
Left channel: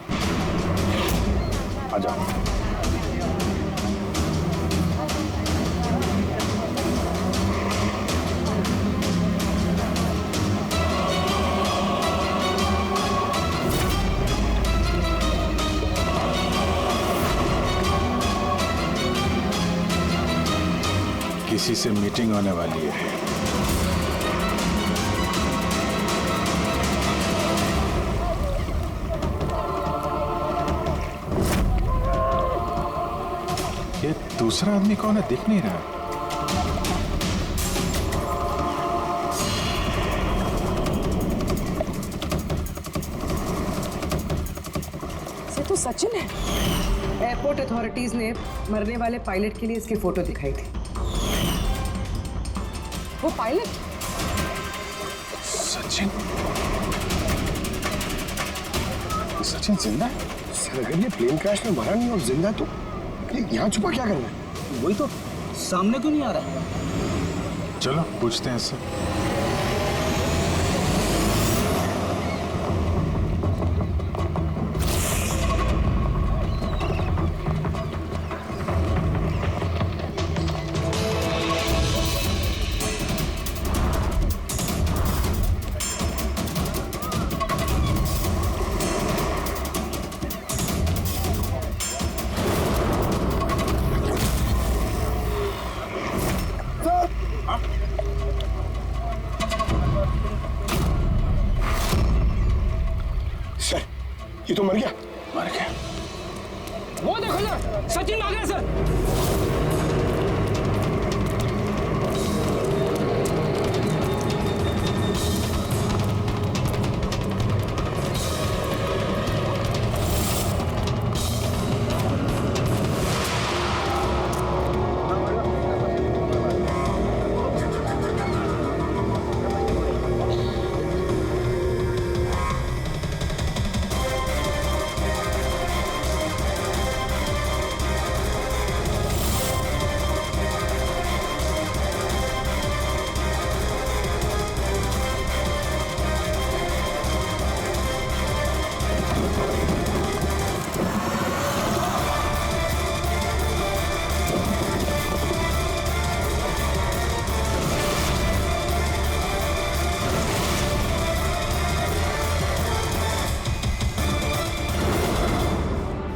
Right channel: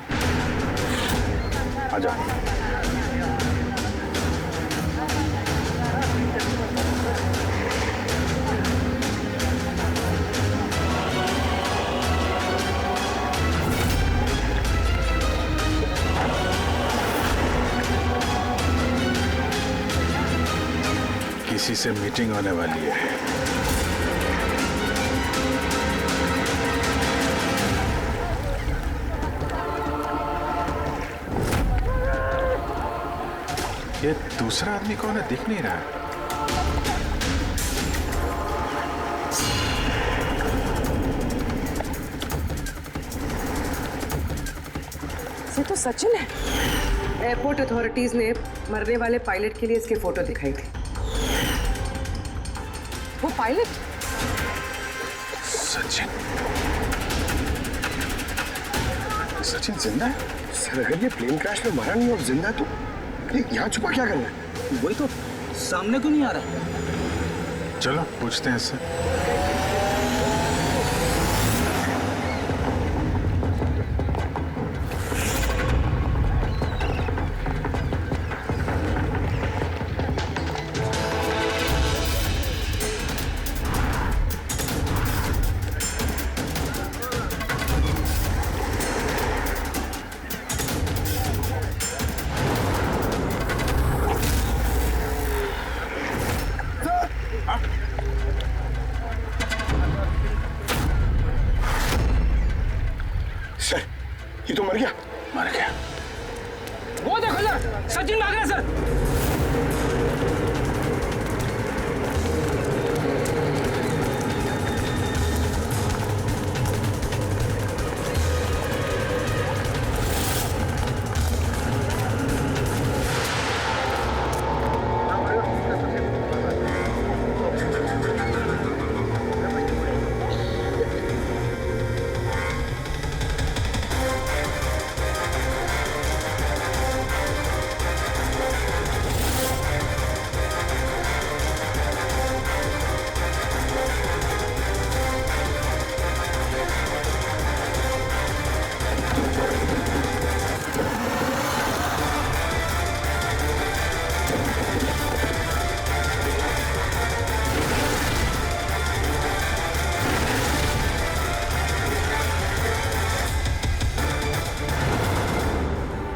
आजा। किसी से मीटिंग होने वाली है। ये दूसरा आदमी कौन है, दिख नहीं रहा। ये तो सचिन है। एयरपोर्ट अथॉरिटीज ने मरने वाले पायलट के लिए इसकी फोटो दिखाई थी। वो पायलट सचिन। सचिन जिंदा है? सर अगर ये प्लेन क्रैश में मरा नहीं और जिंदा है तो ये यहाँ छुपा क्या कर रहा है? वही तो सामने क्यों नहीं आ रहा? चलो पूछते हैं इससे। सर ये तो मर गया। मर गया? वो देखो सर, सचिन भाग रहा है सर।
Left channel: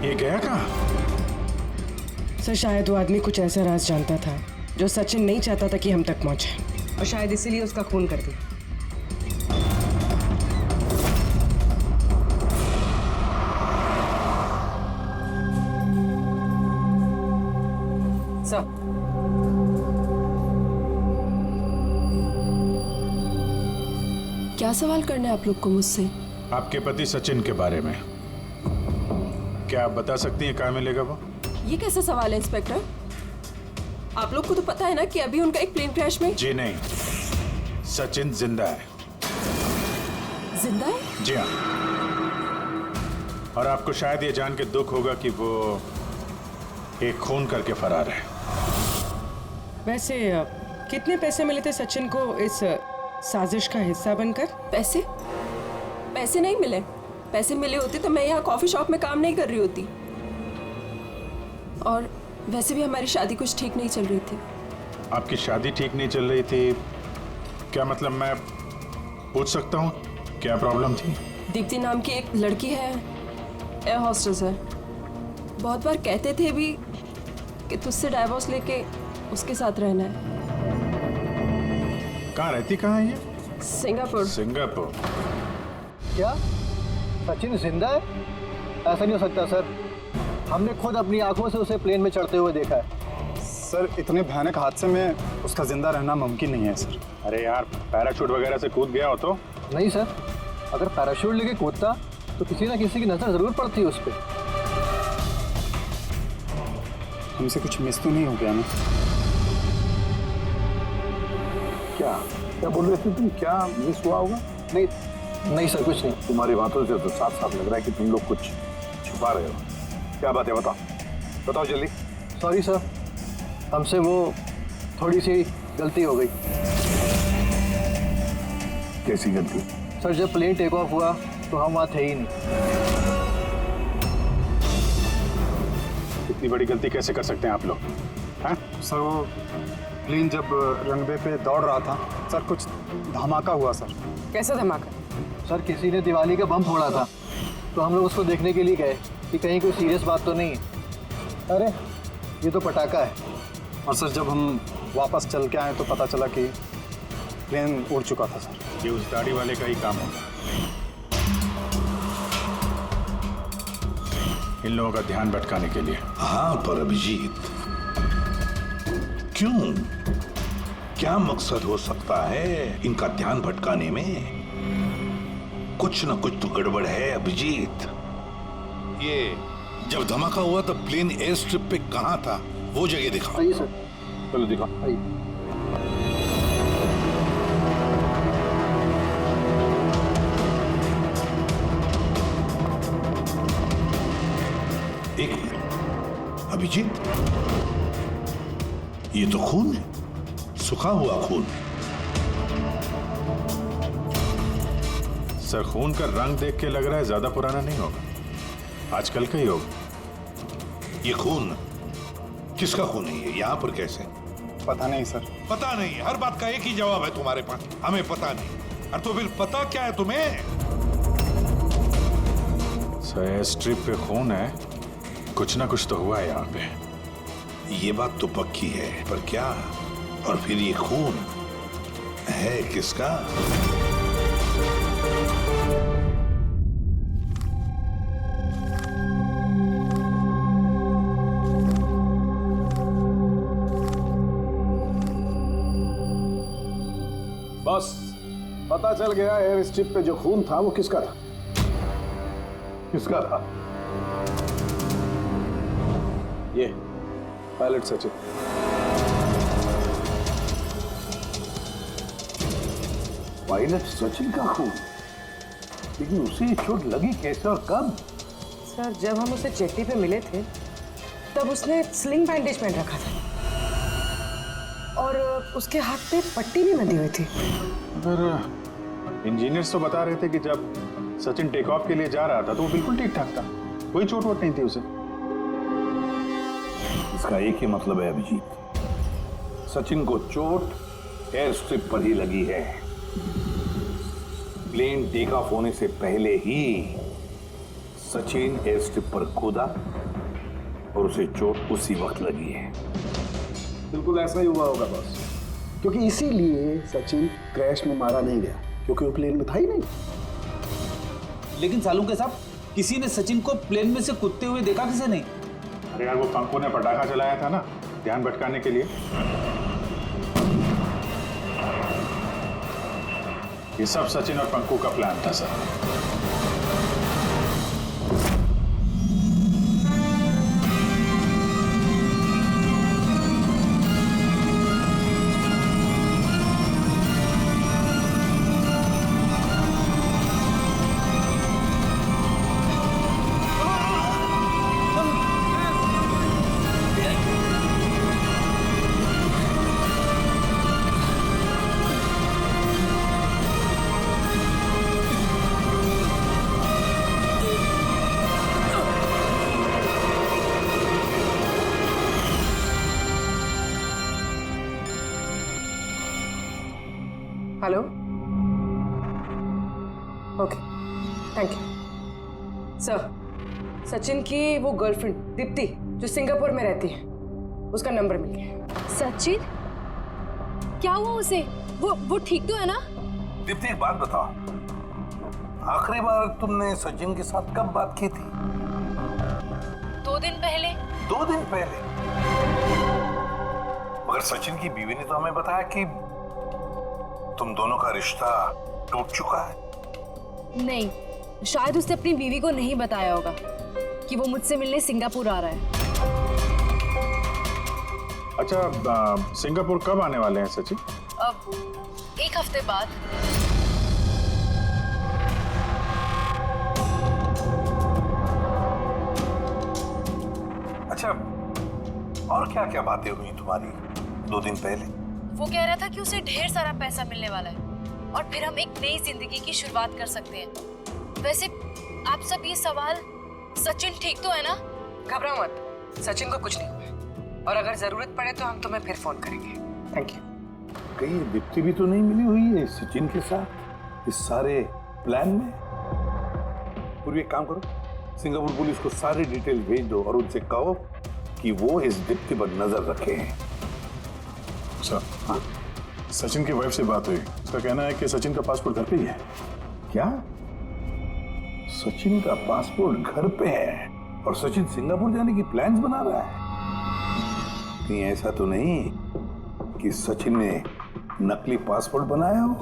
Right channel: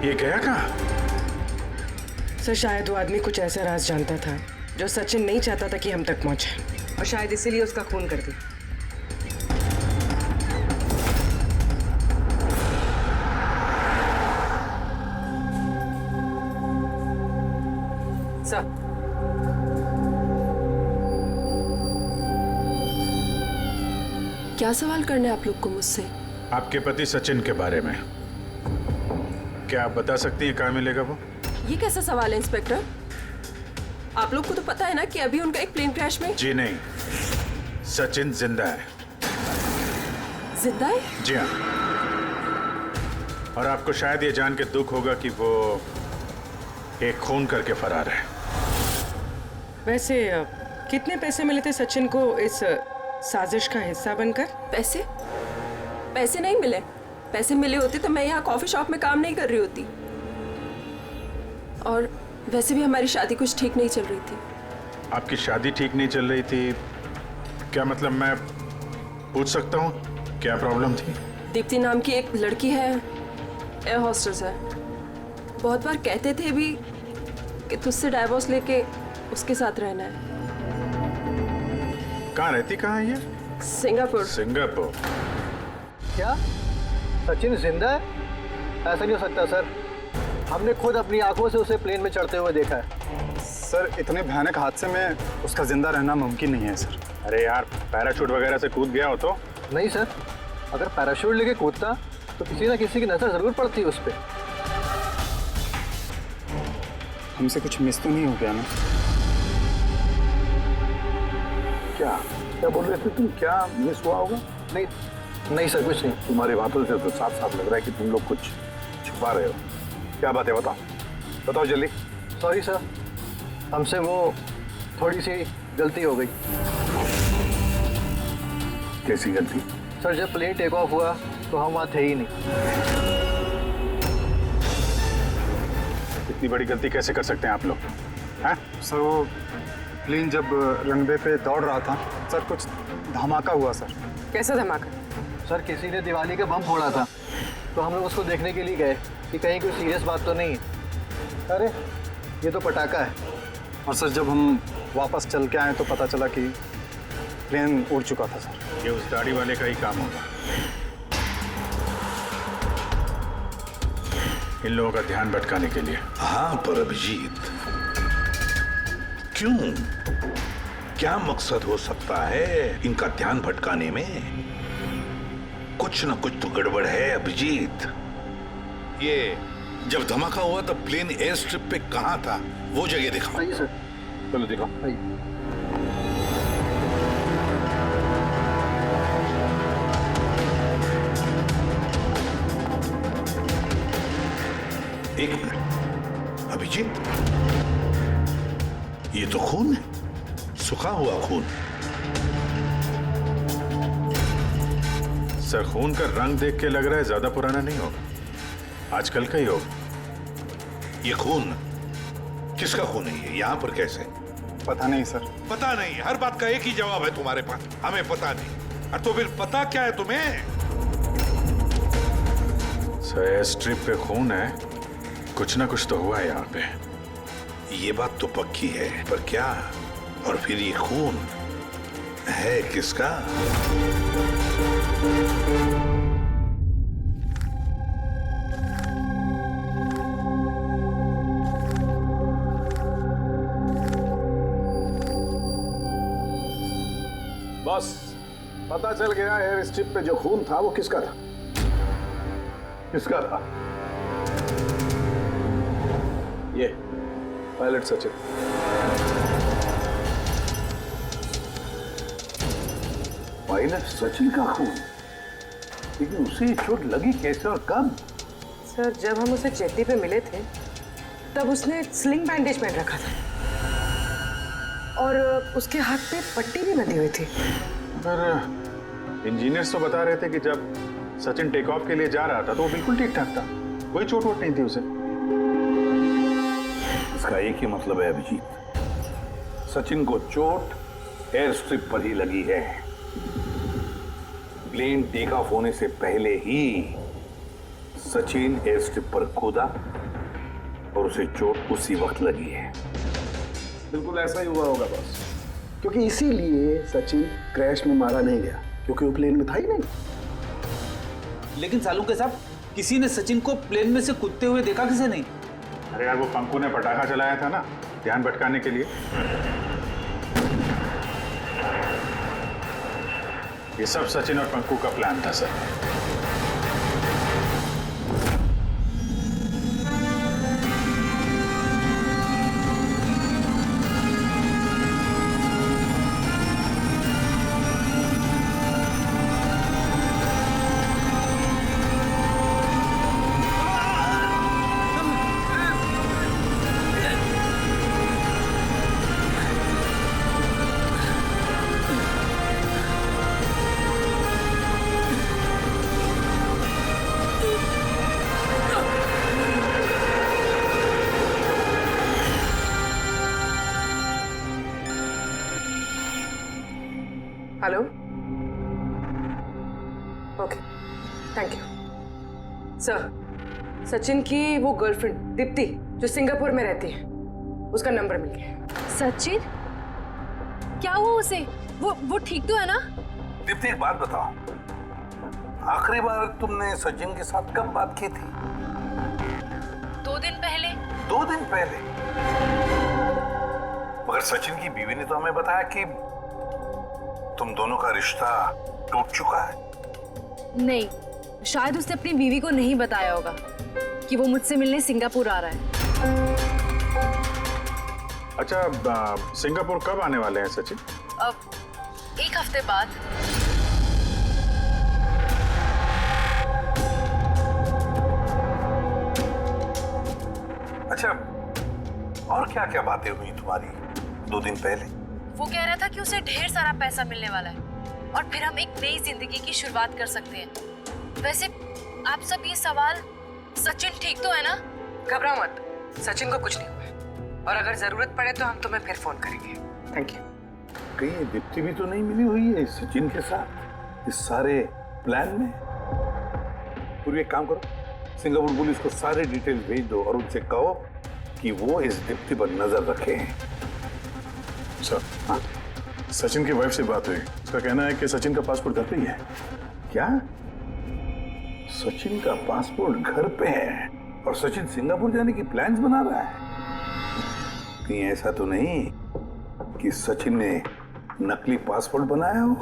ये गया कहाँ? सर शायद वो आदमी कुछ ऐसा राज जानता था जो सचिन नहीं चाहता था कि हम तक पहुंचे, और शायद इसीलिए उसका खून कर दिया। सर क्या सवाल करने आप लोग को मुझसे? आपके पति सचिन के बारे में। क्या आप बता सकती हैं कहाँ मिलेगा वो? ये कैसा सवाल है इंस्पेक्टर? आप लोग को तो पता है ना कि अभी उनका एक प्लेन क्रैश में। जी नहीं, सचिन जिंदा है। जिंदा है? जी हाँ। और आपको शायद ये जान के दुख होगा कि वो एक खून करके फरार है। वैसे कितने पैसे मिले थे सचिन को इस साजिश का हिस्सा बनकर? पैसे? पैसे नहीं मिले। पैसे मिले होते तो मैं यहाँ कॉफी शॉप में काम नहीं कर रही होती। और वैसे भी हमारी शादी कुछ ठीक नहीं चल रही थी। आपकी शादी ठीक नहीं चल रही थी? क्या मतलब, मैं पूछ सकता हूँ क्या प्रॉब्लम थी? दीप्ति नाम की एक लड़की है, एयर होस्टेस है। बहुत बार कहते थे भी कि तुझसे डाइवोर्स लेके उसके साथ रहना है। कहाँ रहती, कहाँ है ये? सिंगापुर। सिंगापुर? क्या सचिन जिंदा है? ऐसा नहीं हो सकता सर, हमने खुद अपनी आंखों से उसे प्लेन में चढ़ते हुए देखा है। सर इतने भयानक हादसे में उसका जिंदा रहना मुमकिन नहीं है सर। अरे यार, पैराशूट वगैरह से कूद गया हो तो? नहीं सर, अगर पैराशूट लेके कूदता तो किसी ना किसी की नजर जरूर पड़ती उस पर। हमसे कुछ मिस तो नहीं हो गया ना? क्या क्या बोल रहे थे तुम? क्या मिस हुआ होगा? नहीं सर, कुछ नहीं। तुम्हारी बातों से तो साफ साफ लग रहा है कि तुम लोग कुछ छुपा रहे हो। क्या बात है, बताओ बताओ जल्दी। सॉरी सर, हमसे वो थोड़ी सी गलती हो गई। कैसी गलती? सर जब प्लेन टेक ऑफ हुआ तो हम वहाँ थे ही नहीं। इतनी बड़ी गलती कैसे कर सकते हैं आप लोग? हैं? सर वो प्लेन जब रनवे पे दौड़ रहा था सर, कुछ धमाका हुआ सर। कैसा धमाका? सर किसी ने दिवाली का बम फोड़ा था, तो हम लोग उसको देखने के लिए गए कि कहीं कोई सीरियस बात तो नहीं है। अरे ये तो पटाखा है। और सर जब हम वापस चल के आए तो पता चला कि प्लेन उड़ चुका था सर। ये उस दाढ़ी वाले का ही काम होगा। इन लोगों का ध्यान भटकाने के लिए। हाँ पर अभिजीत, क्यों? क्या मकसद हो सकता है इनका ध्यान भटकाने में? कुछ ना कुछ तो गड़बड़ है अभिजीत। ये जब धमाका हुआ तब प्लेन एयर स्ट्रिप पे कहाँ था, वो जगह दिखाओ। आइए सर। चलो दिखाओ। आइए। एक मिनट, अभिजीत, ये तो खून है, सूखा हुआ खून। सर, खून का रंग देख के लग रहा है ज्यादा पुराना नहीं होगा, आजकल का ही होगा। ये खून किसका खून है? ये यहाँ पर कैसे? पता नहीं सर। पता नहीं? हर बात का एक ही जवाब है तुम्हारे पास, हमें पता नहीं। और तो फिर पता क्या है तुम्हें? सर, एयर स्ट्रिप पे खून है, कुछ ना कुछ तो हुआ है यहाँ पे। ये बात तो पक्की है, पर क्या? और फिर ये खून है किसका? बस पता चल गया, एयर स्ट्रिप पे जो खून था वो किसका था। किसका था? ये पायलट सचिन। पायलट सचिन का खून? लेकिन उसे चोट लगी कैसे और कब? सर, जब हम उसे जेट्टी पे मिले थे तब उसने स्लिंग बैंडेज पहन रखा था और उसके हाथ पे पट्टी भी बंधी हुई थी। पर इंजीनियर्स तो बता रहे थे कि जब सचिन टेक ऑफ के लिए जा रहा था तो वो बिल्कुल ठीक ठाक था, कोई चोट वोट नहीं थी उसे। इसका एक ही मतलब है अभिजीत, सचिन को चोट एयर स्ट्रिप पर ही लगी है। प्लेन टेक ऑफ होने से पहले ही सचिन एयर स्ट्रिप पर कूदा और उसे चोट उसी वक्त लगी है। बिल्कुल ऐसा ही हुआ होगा बॉस, क्योंकि इसीलिए सचिन क्रैश में मारा नहीं गया, क्योंकि वो प्लेन में था ही नहीं। लेकिन सालू के साहब, किसी ने सचिन को प्लेन में से कूदते हुए देखा किसे नहीं? अरे यार, वो पंकु ने पटाखा चलाया था ना, ध्यान भटकाने के लिए। ये सब सचिन और पंकु का प्लान था sir. Hello, okay, thank you sir. Sachin की वो गर्लफ्रेंड दीप्ति जो सिंगापुर में रहती है, उसका नंबर मिल गया। सचिन, क्या हुआ उसे? वो ठीक तो है ना? दीप्ति, एक बात बताओ, आखिरी बार तुमने सचिन के साथ कब बात की थी? 2 दिन पहले। 2 दिन पहले? मगर सचिन की बीवी ने तो हमें बताया कि तुम दोनों का रिश्ता टूट चुका है। नहीं, शायद उसने अपनी बीवी को नहीं बताया होगा कि वो मुझसे मिलने सिंगापुर आ रहा है। अच्छा, सिंगापुर कब आने वाले हैं सचिन? अब 1 हफ्ते बाद। अच्छा, और क्या क्या बातें हुई तुम्हारी 2 दिन पहले? वो कह रहा था कि उसे ढेर सारा पैसा मिलने वाला है और फिर हम एक नई जिंदगी की शुरुआत कर सकते हैं। वैसे आप सब ये सवाल, सचिन ठीक तो है ना? घबराओ मत, सचिन को कुछ नहीं हुआ है और अगर जरूरत पड़े तो हम तुम्हें फिर फोन करेंगे। Thank you. कहीं दीप्ति भी तो नहीं मिली हुई है सचिन के साथ इस सारे प्लान में? पूरी एक काम करो, सिंगापुर पुलिस को सारे डिटेल भेज दो और उनसे कहो कि वो इस दीप्ति पर नजर रखे। सर, हाँ? सचिन की वाइफ से बात हुई, उसका कहना है कि सचिन का पासपोर्ट घर पे ही है। क्या? सचिन का पासपोर्ट घर पे है और सचिन सिंगापुर जाने की प्लान्स बना रहा है? कहीं ऐसा तो नहीं कि सचिन ने नकली पासपोर्ट बनाया हो?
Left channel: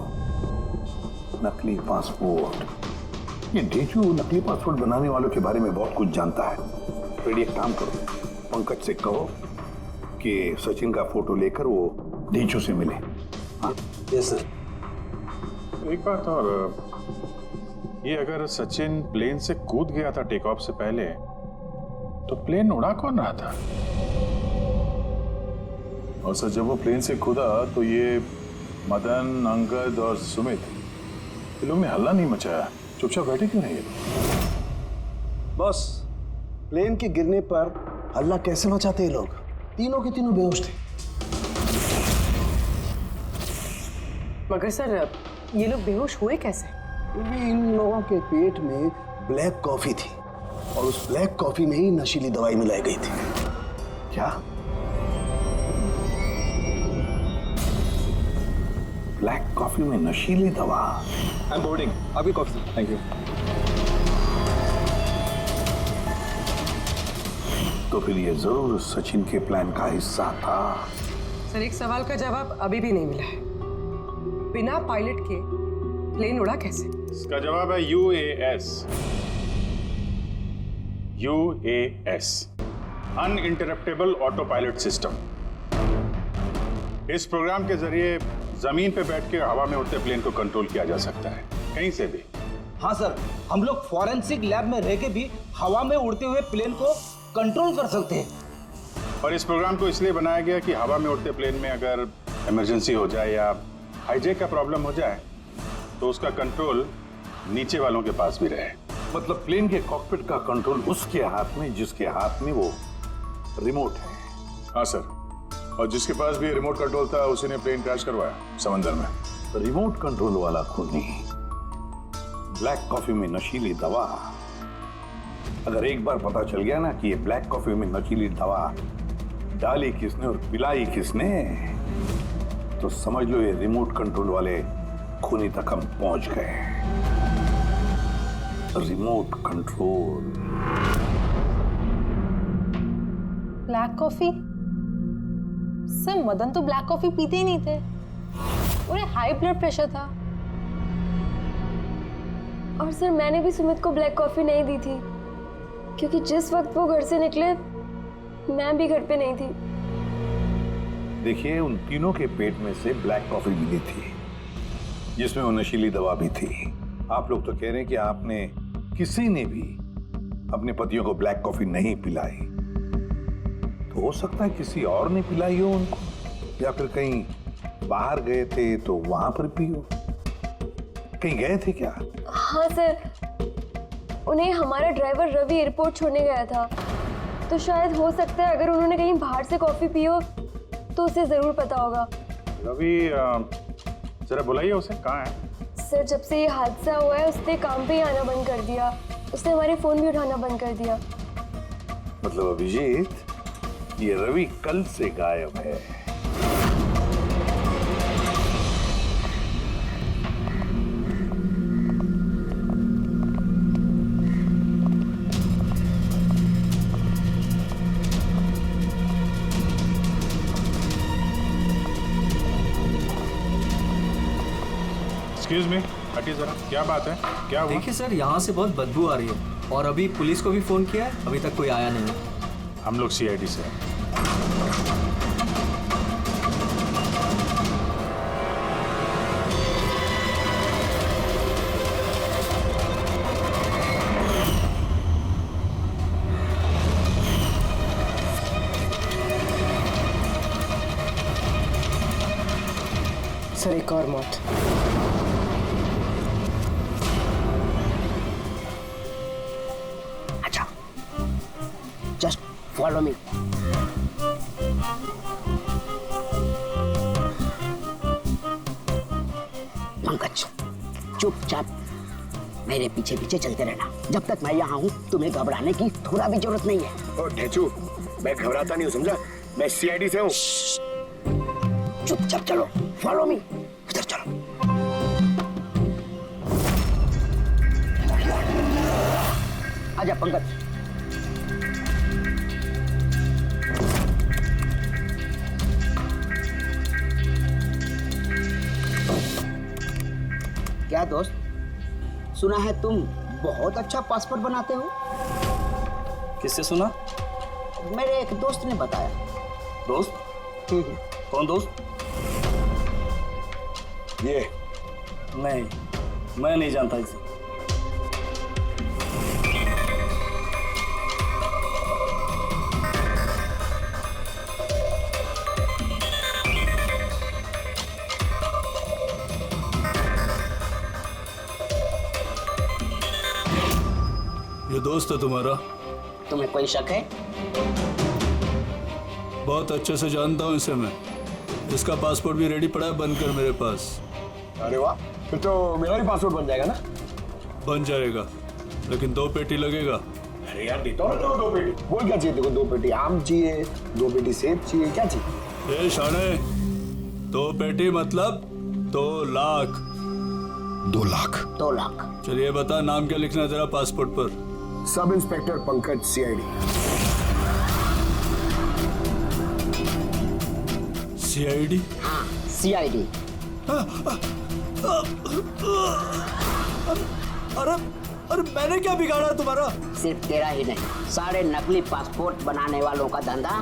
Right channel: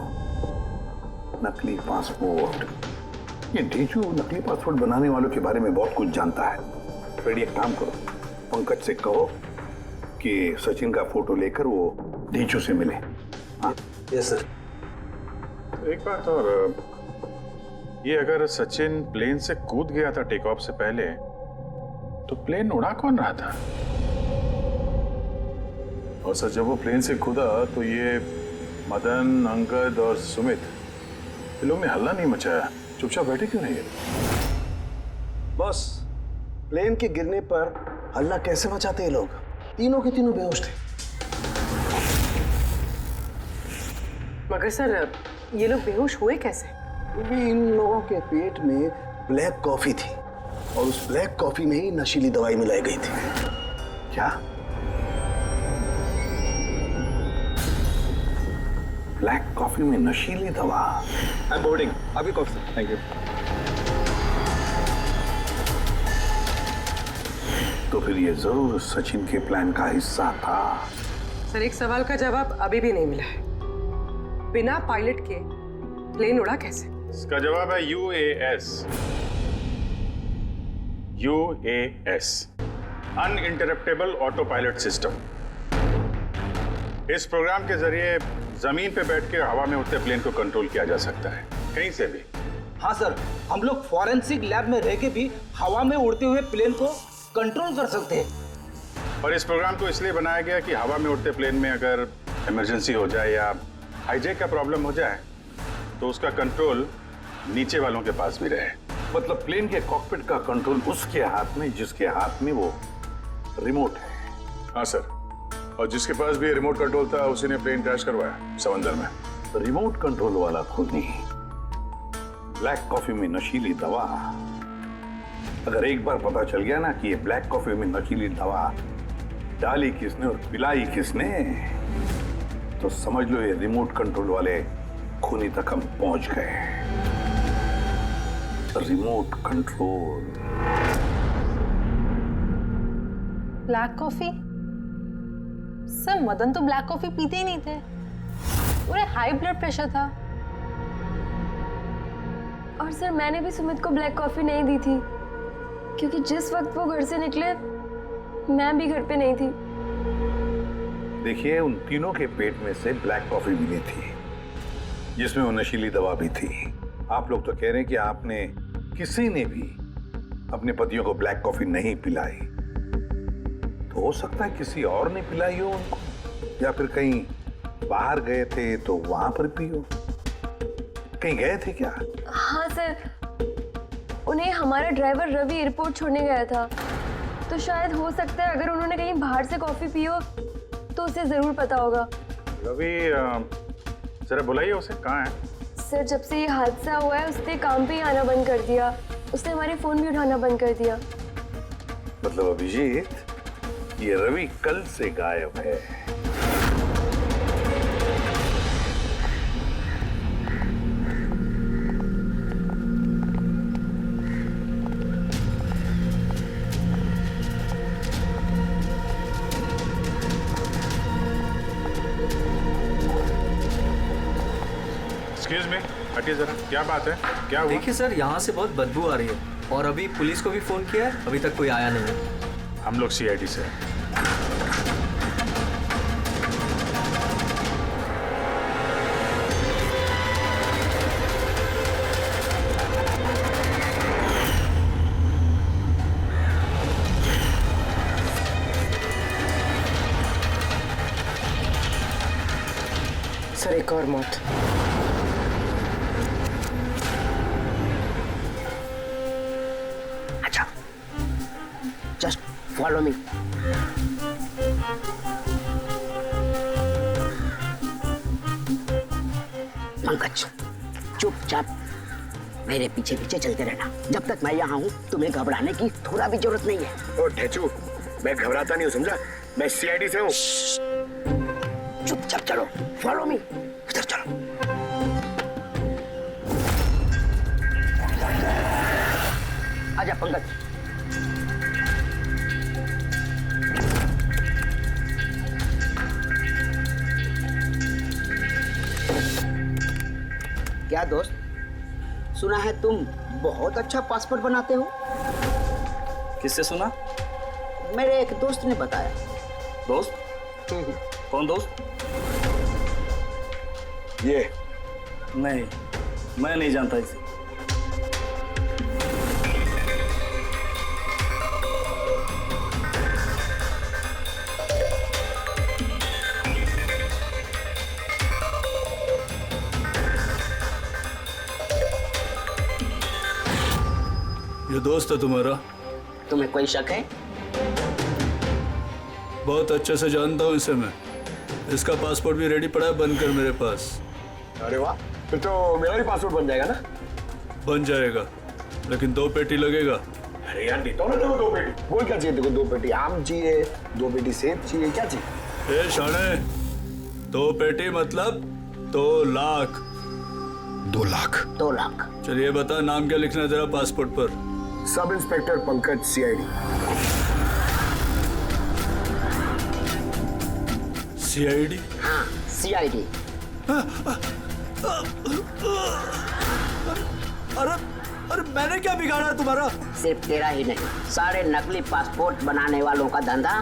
नकली पासपोर्ट, ये ढेचू नकली पासपोर्ट बनाने वालों के बारे में बहुत कुछ जानता है। फिर एक काम करो, पंकज से कहो कि सचिन का फोटो लेकर वो ढेचू से मिले। हाँ? Yes sir. एक बात और, ये अगर सचिन प्लेन से कूद गया था टेक ऑफ से पहले, तो प्लेन उड़ा कौन रहा था? और सर जब वो प्लेन से कूदा तो ये मदन, अंगद और सुमित, ये लोग ने हल्ला नहीं मचाया, चुपचाप बैठे क्यों नहीं? बॉस, प्लेन के गिरने पर हल्ला कैसे मचाते ये लोग? तीनों के तीनों बेहोश थे। मगर सर, ये लोग बेहोश हुए कैसे? भी इन लोगों के पेट में ब्लैक कॉफी थी और उस ब्लैक कॉफी में ही नशीली दवाई मिलाई गई थी। क्या? ब्लैक कॉफी में नशीली दवा? आई एम बोर्डिंग, आपकी कॉफी। Thank you. तो फिर ये जरूर सचिन के प्लान का हिस्सा था। सर, एक सवाल का जवाब अभी भी नहीं मिला है। बिना पायलट के प्लेन उड़ा कैसे? इसका जवाब है UAS। UAS, uninterruptible auto pilot system. इस प्रोग्राम के जरिए जमीन पे बैठ के हवा में उड़ते प्लेन को कंट्रोल किया जा सकता है, कहीं से भी। हाँ सर, हम लोग फॉरेंसिक लैब में रह के भी हवा में उड़ते हुए प्लेन को कंट्रोल कर सकते हैं। और इस प्रोग्राम को इसलिए बनाया गया कि हवा में उड़ते प्लेन में अगर इमरजेंसी हो जाए या हाईजैक का प्रॉब्लम हो जाए तो उसका कंट्रोल नीचे वालों के पास भी रहे। मतलब प्लेन के कॉकपिट का कंट्रोल उसके हाथ में जिसके हाथ में वो रिमोट है। हाँ सर, और जिसके पास भी रिमोट कंट्रोल था उसी ने प्लेन क्रैश करवाया समंदर में। रिमोट कंट्रोल वाला खुद नहीं, ब्लैक कॉफी में नशीली दवा। अगर एक बार पता चल गया ना कि ये ब्लैक कॉफी में नशीली दवा डाली किसने और पिलाई किसने, तो समझ लो ये रिमोट कंट्रोल वाले खूनी तक हम पहुंच गए। Remote control. Black coffee? Sir, Madan तो ब्लैक कॉफी पीते ही नहीं थे, उन्हें हाई ब्लड प्रेशर था। और सर, मैंने भी सुमित को ब्लैक कॉफी नहीं दी थी क्योंकि जिस वक्त वो घर से निकले मैं भी घर पे नहीं थी। देखिए, उन तीनों के पेट में से ब्लैक कॉफी मिली थी जिसमें वो नशीली दवा भी थी। आप लोग तो कह रहे हैं कि आपने किसी ने भी अपने पतियों को ब्लैक कॉफी नहीं पिलाई, तो हो सकता है किसी और ने पिलाई हो उनको, या फिर कहीं बाहर गए थे तो वहां पर पी हो। कहीं गए थे क्या? हाँ सर, उन्हें हमारा ड्राइवर रवि एयरपोर्ट छोड़ने गया था, तो शायद हो सकता है अगर उन्होंने कहीं बाहर से कॉफी पी हो तो उसे जरूर पता होगा। रवि, जरा बुलाइए उसे, कहाँ है? सर, जब से ये हादसा हुआ है उसने काम पे ही आना बंद कर दिया, उसने हमारे फोन भी उठाना बंद कर दिया। मतलब अभिजीत, ये रवि कल से गायब है। एक्सक्यूज मी, हटिए जरा, क्या बात है, क्या हुआ? देखिए सर, यहाँ से बहुत बदबू आ रही है और अभी पुलिस को भी फोन किया है, अभी तक कोई आया नहीं है। हम लोग CID से हैं। सर, एक और मौत। अच्छा, जस्ट फॉलो मी। पंकज, चुपचाप मेरे पीछे पीछे चलते रहना। जब तक मैं यहाँ हूँ तुम्हें घबराने की थोड़ा भी जरूरत नहीं है। ओ ठेचू, मैं घबराता नहीं हूँ, समझा? मैं CID से हूँ। चुपचाप चलो, फॉलो मी। इधर चलो। आजा पंकज। क्या दोस्त, सुना है तुम बहुत अच्छा पासपोर्ट बनाते हो? किससे सुना? मेरे एक दोस्त ने बताया। दोस्त? कौन दोस्त? ये नहीं, मैं नहीं जानता इसे। दोस्त है तुम्हारा। तुम्हें कोई शक है? बहुत अच्छे से जानता हूँ इसे मैं। इसका पासपोर्ट भी रेडी पड़ा है, बनकर मेरे पास। अरे वाह, फिर तो मेरा भी पासपोर्ट बन जाएगा ना? बन जाएगा, लेकिन 2 पेटी लगेगा। अरे यार देता हूँ ना देखो 2 पेटी। बोल क्या चाहिए देखो? 2 पेटी आम चाहिए, 2 पेटी सेब चाहिए, क्या चाहिए? ए शाने, 2 पेटी मतलब 2 लाख। 2 लाख? 2 लाख। चलिए बता, नाम क्या लिखना है तेरा पासपोर्ट पर? Sub inspector Pankaj, CID। CID? हाँ, CID। अरे मैंने क्या बिगाड़ा तुम्हारा? सिर्फ तेरा ही नहीं, सारे नकली पासपोर्ट बनाने वालों का धंधा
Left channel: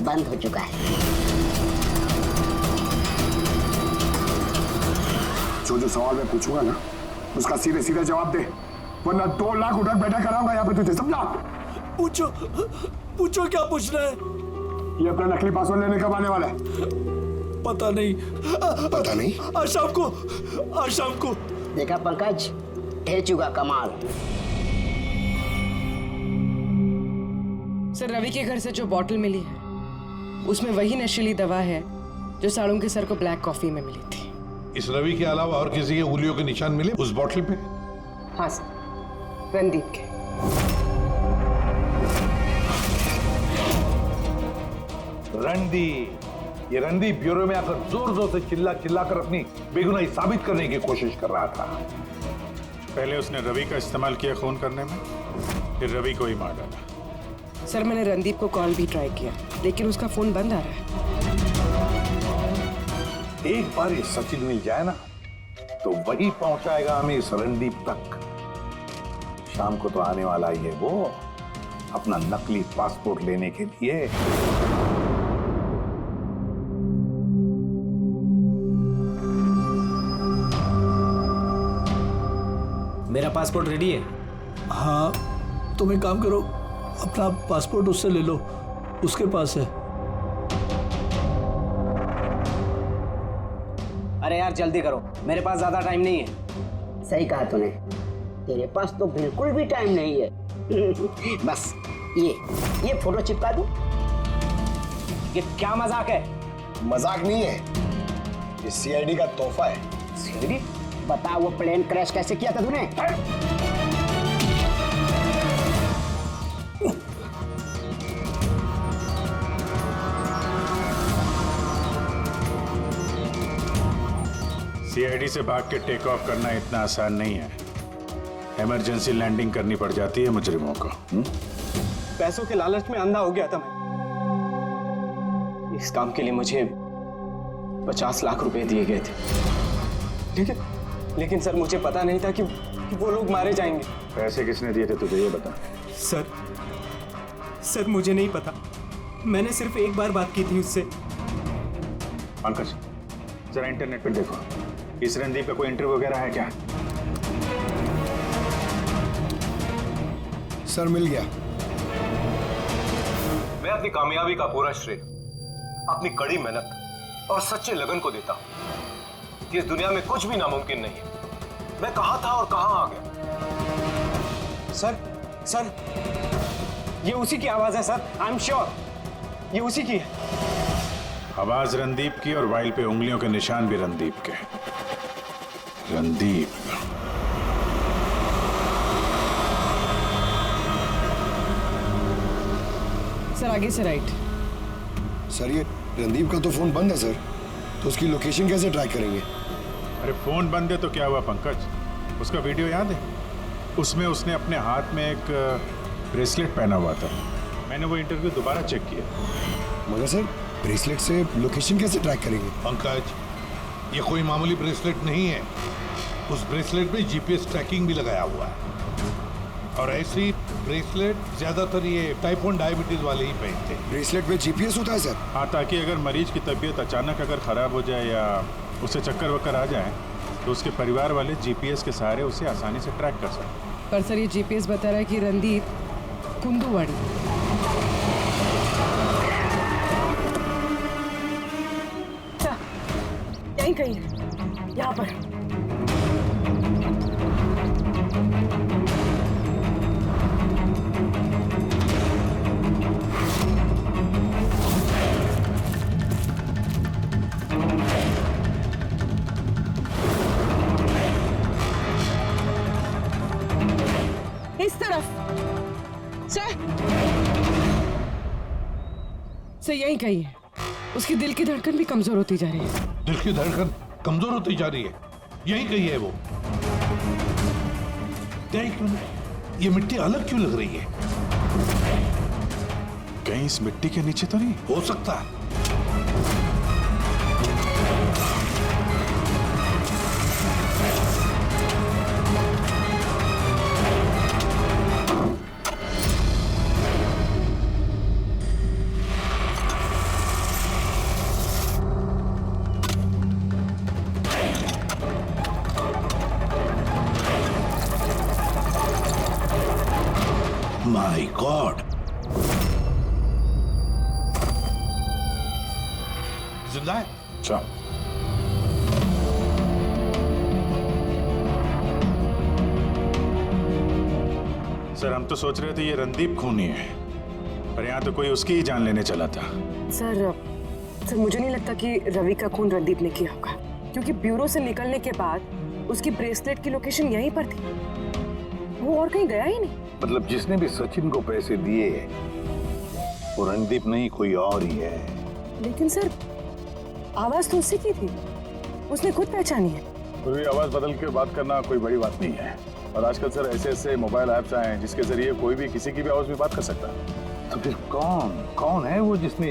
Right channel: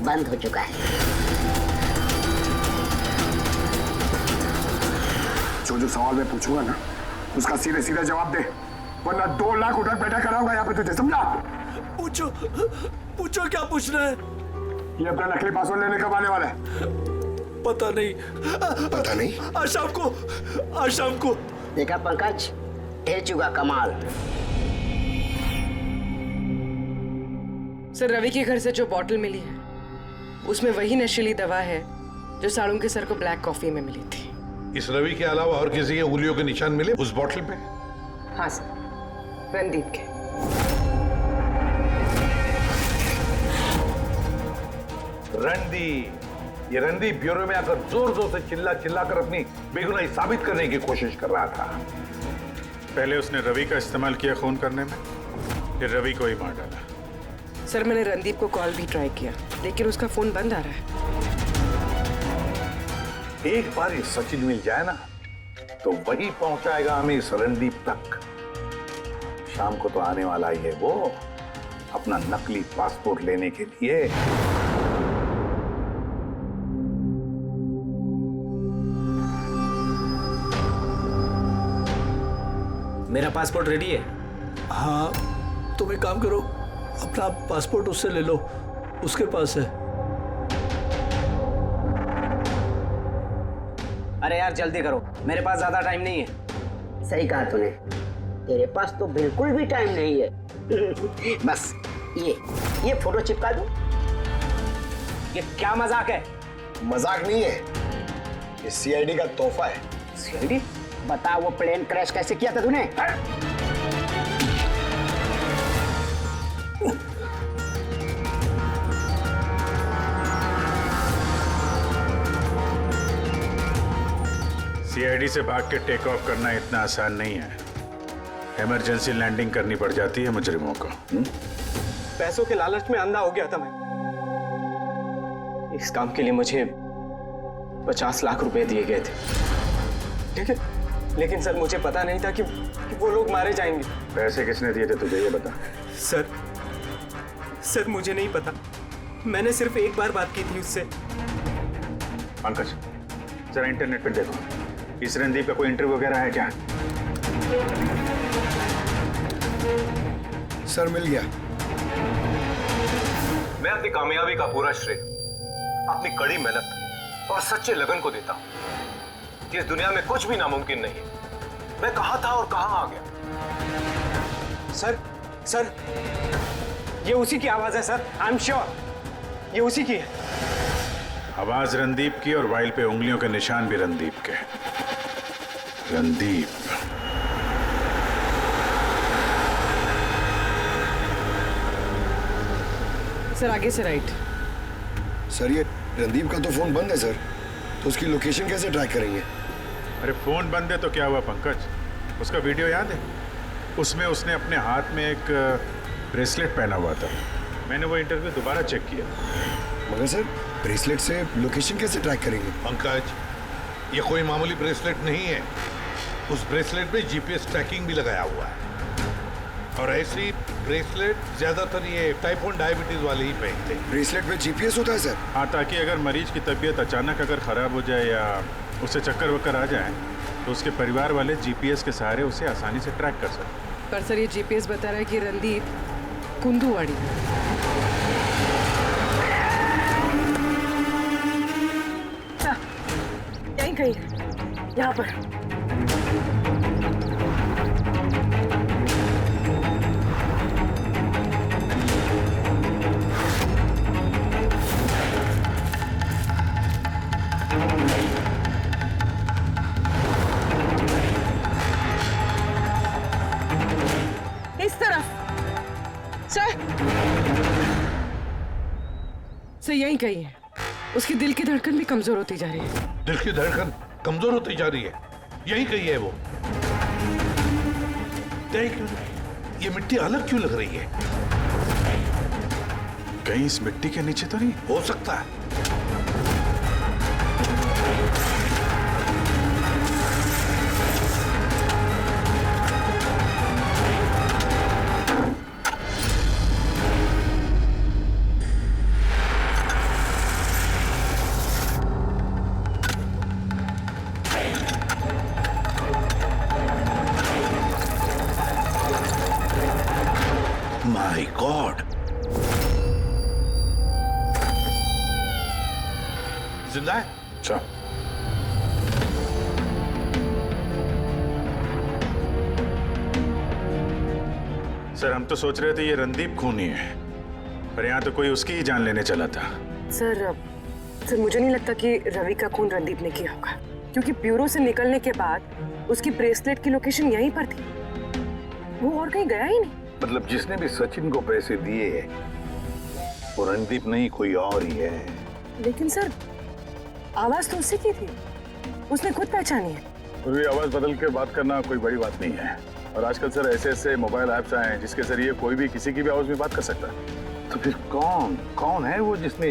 बंद हो चुका है। जो सवाल मैं पूछूंगा ना, उसका सीधे सीधा जवाब दे, वरना 2 लाख उठक बैठक कराऊंगा यहाँ पे तुझे, समझा? पूछो क्या पूछना है? ये अपना नकली पासपोर्ट लेने कब आने वाला है? पता नहीं। पता नहीं? आज शाम को। देखा पंकज, ढेर चुका कमाल। सर, रवि के घर से जो बॉटल मिली है उसमें वही नशीली दवा है जो साड़ू के सर को ब्लैक कॉफी में मिली थी। इस रवि के अलावा और किसी के उंगलियों के निशान मिले उस बॉटल पे? हाँ सर, रणदीप के। रणदीप, ये रणदीप ब्यूरो में आकर जोर जोर से चिल्ला कर अपनी बेगुनाही साबित करने की कोशिश कर रहा था। पहले उसने रवि का इस्तेमाल किया खून करने में, फिर रवि को ही मार डाला। सर, मैंने रणदीप को कॉल भी ट्राई किया, लेकिन उसका फोन बंद आ रहा है। एक बार ये सचिन मिल जाए ना, तो वही पहुंचाएगा हमें इस रणदीप तक। शाम को तो आने वाला ही है वो, अपना नकली पासपोर्ट लेने के लिए। मेरा पासपोर्ट रेडी है। हाँ, तुम एक काम करो, अपना पासपोर्ट उससे ले लो, उसके पास है। अरे यार जल्दी करो, मेरे पास ज्यादा टाइम नहीं है। सही कहा तूने, तेरे पास तो बिल्कुल भी टाइम नहीं है। बस ये फोटो चिपका दूं? ये क्या मजाक है? मजाक नहीं है, ये CID का तोहफा है। CID? बता, वो प्लेन क्रैश कैसे किया था तूने? CID से भाग के टेक ऑफ करना इतना आसान नहीं है। इमरजेंसी लैंडिंग करनी पड़ जाती है मुजरिमों को। पैसों के लालच में अंधा हो गया था मैं। इस काम के लिए मुझे 50 लाख रुपए दिए गए थे, लेकिन सर मुझे पता नहीं था कि वो लोग मारे जाएंगे। पैसे किसने दिए थे तुझे, ये बता। सर मुझे नहीं पता, मैंने सिर्फ एक बार बात की थी उससे। पंकज, जरा इंटरनेट पे देखो, इस रणदीप का कोई इंटरव्यू वगैरह है क्या? सर मिल गया। मैं अपनी कामयाबी का पूरा श्रेय अपनी कड़ी मेहनत और सच्चे लगन को देता हूं कि इस दुनिया में कुछ भी नामुमकिन नहीं है। मैं कहां था और कहां आ गया। सर ये उसी की आवाज है सर, आई एम श्योर ये उसी की है। आवाज रणदीप की और वाइल पे उंगलियों के निशान भी रणदीप के। रणदीप, सर आगे से राइट। सर ये रणदीप का तो फोन बंद है सर, तो उसकी लोकेशन कैसे ट्रैक करेंगे? अरे फोन बंद है तो क्या हुआ पंकज, उसका वीडियो याद है? उसमें उसने अपने हाथ में एक ब्रेसलेट पहना हुआ था। मैंने वो इंटरव्यू दोबारा चेक किया। मगर सर ब्रेसलेट से लोकेशन कैसे ट्रैक करेंगे? पंकज, ये कोई मामूली ब्रेसलेट नहीं है। उस ब्रेसलेट में GPS ट्रैकिंग भी लगाया हुआ है, और ऐसी ब्रेसलेट ज्यादातर ये टाइप 1 डायबिटीज वाले ही पहनते हैं। ब्रेसलेट में GPS होता है सर? हाँ, ताकि अगर मरीज की तबीयत अचानक अगर खराब हो जाए या उसे चक्कर वक्कर आ जाए तो उसके परिवार वाले GPS के सहारे उसे आसानी से ट्रैक कर सकते। पर सर ये GPS बता रहा है कि रणदीप कुंदूवाड़ी। यहीं कहीं, यहाँ पर। सर यही कही है, उसकी दिल की धड़कन भी कमजोर होती जा रही है। दिल की धड़कन कमजोर होती जा रही है, यही कही है वो। देख, ये मिट्टी अलग क्यों लग रही है? कहीं इस मिट्टी के नीचे तो नहीं? हो सकता है। माय गॉड, जिंदा है? अच्छा, सर हम तो सोच रहे थे ये रणदीप खूनी है, पर यहाँ तो कोई उसकी ही जान लेने चला था। सर मुझे नहीं लगता कि रवि का खून रणदीप ने किया होगा, क्योंकि ब्यूरो से निकलने के बाद उसकी ब्रेसलेट की लोकेशन यहीं पर थी, वो और कहीं गया ही नहीं। मतलब जिसने भी सचिन को पैसे दिए वो रणदीप नहीं, कोई और ही है। लेकिन सर आवाज तो उससे की थी, उसने खुद पहचानी है। फिर भी आवाज बदल के बात करना कोई बड़ी बात नहीं है, और आजकल सर ऐसे ऐसे मोबाइल ऐप्स आए हैं जिसके जरिए कोई भी किसी की भी आवाज में बात कर सकता है। तो फिर कौन है वो जिसने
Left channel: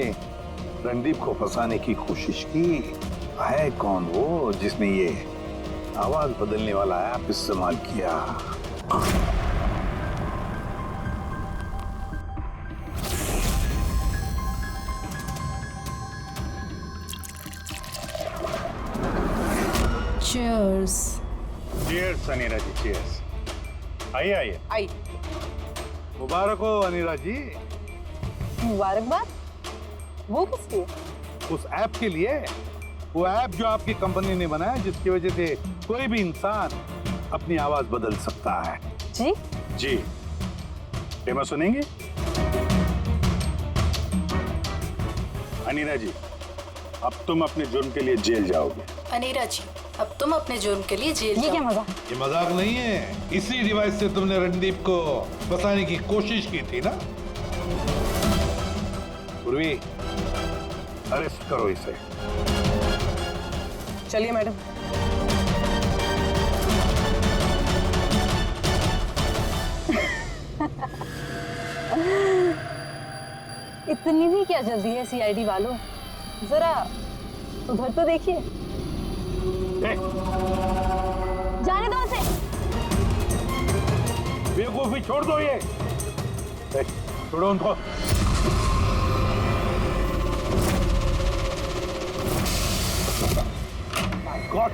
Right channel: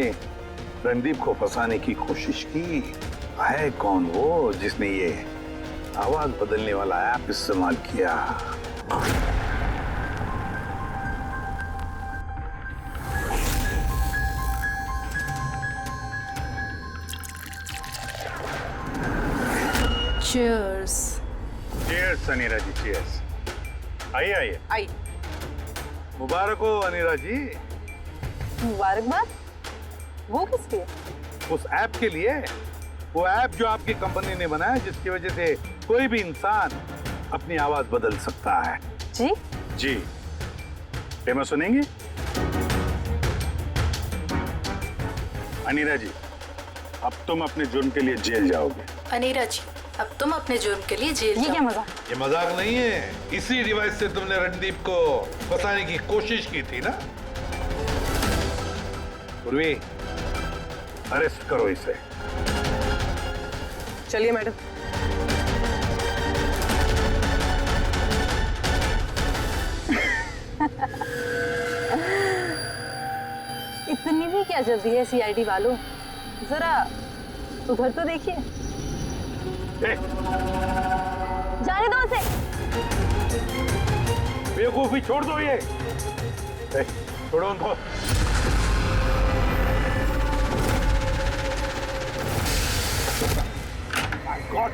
रणदीप को फंसाने की कोशिश की? है कौन वो जिसने ये आवाज बदलने वाला ऐप इस्तेमाल किया? Cheers. Cheers अनीरा जी, cheers। आइए आइए। आई। मुबारक हो अनीरा जी। मुबारकबाद? वो किसकी? उस ऐप के लिए, वो ऐप जो आपकी कंपनी ने बनाया जिसकी वजह से कोई भी इंसान अपनी आवाज बदल सकता है। जी? जी। डेमो सुनेंगी? अनीरा जी, अब तुम अपने जुर्म के लिए जेल जाओगे। अनीरा जी, अब तुम अपने जुर्म के लिए जेल ये क्या मजाक? ये मजाक नहीं है, इसी डिवाइस से तुमने रणदीप को फंसाने की कोशिश की थी ना? पूर्वी, अरेस्ट करो इसे। चलिए मैडम। इतनी भी क्या जल्दी है सीआईडी वालों, जरा उधर तो देखिए। जाने दो उसे। बेवकूफी छोड़ दो ये। छोड़ो उनको। My God!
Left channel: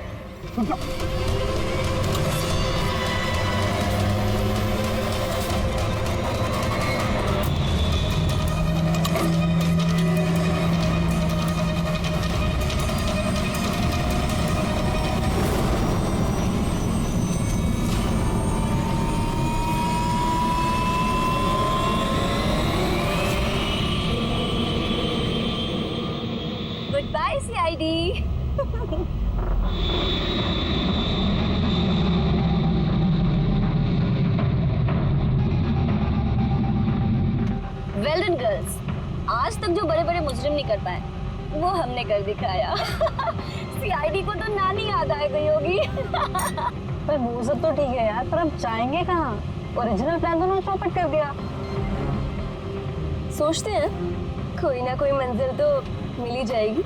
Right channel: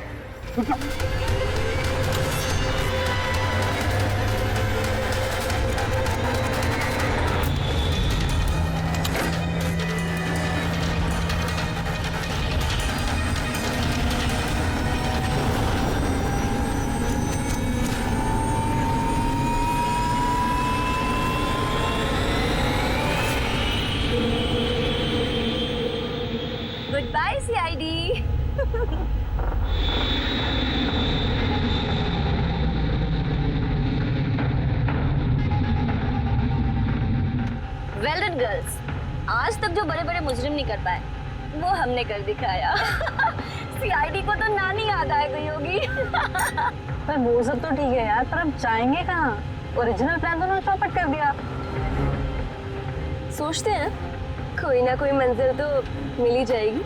Goodbye, CID. Well done, girls. आज तक जो बड़े बड़े मुजरिम नहीं कर पाए वो हमने कर दिखाया। सीआईडी को तो नानी याद आ गई होगी। पर वो सब तो ठीक है यार, पर अब जाएंगे कहाँ? ओरिजिनल प्लान तो ना चौपट कर दिया। सोचते हैं कोई ना कोई मंजिल तो मिल ही जाएगी।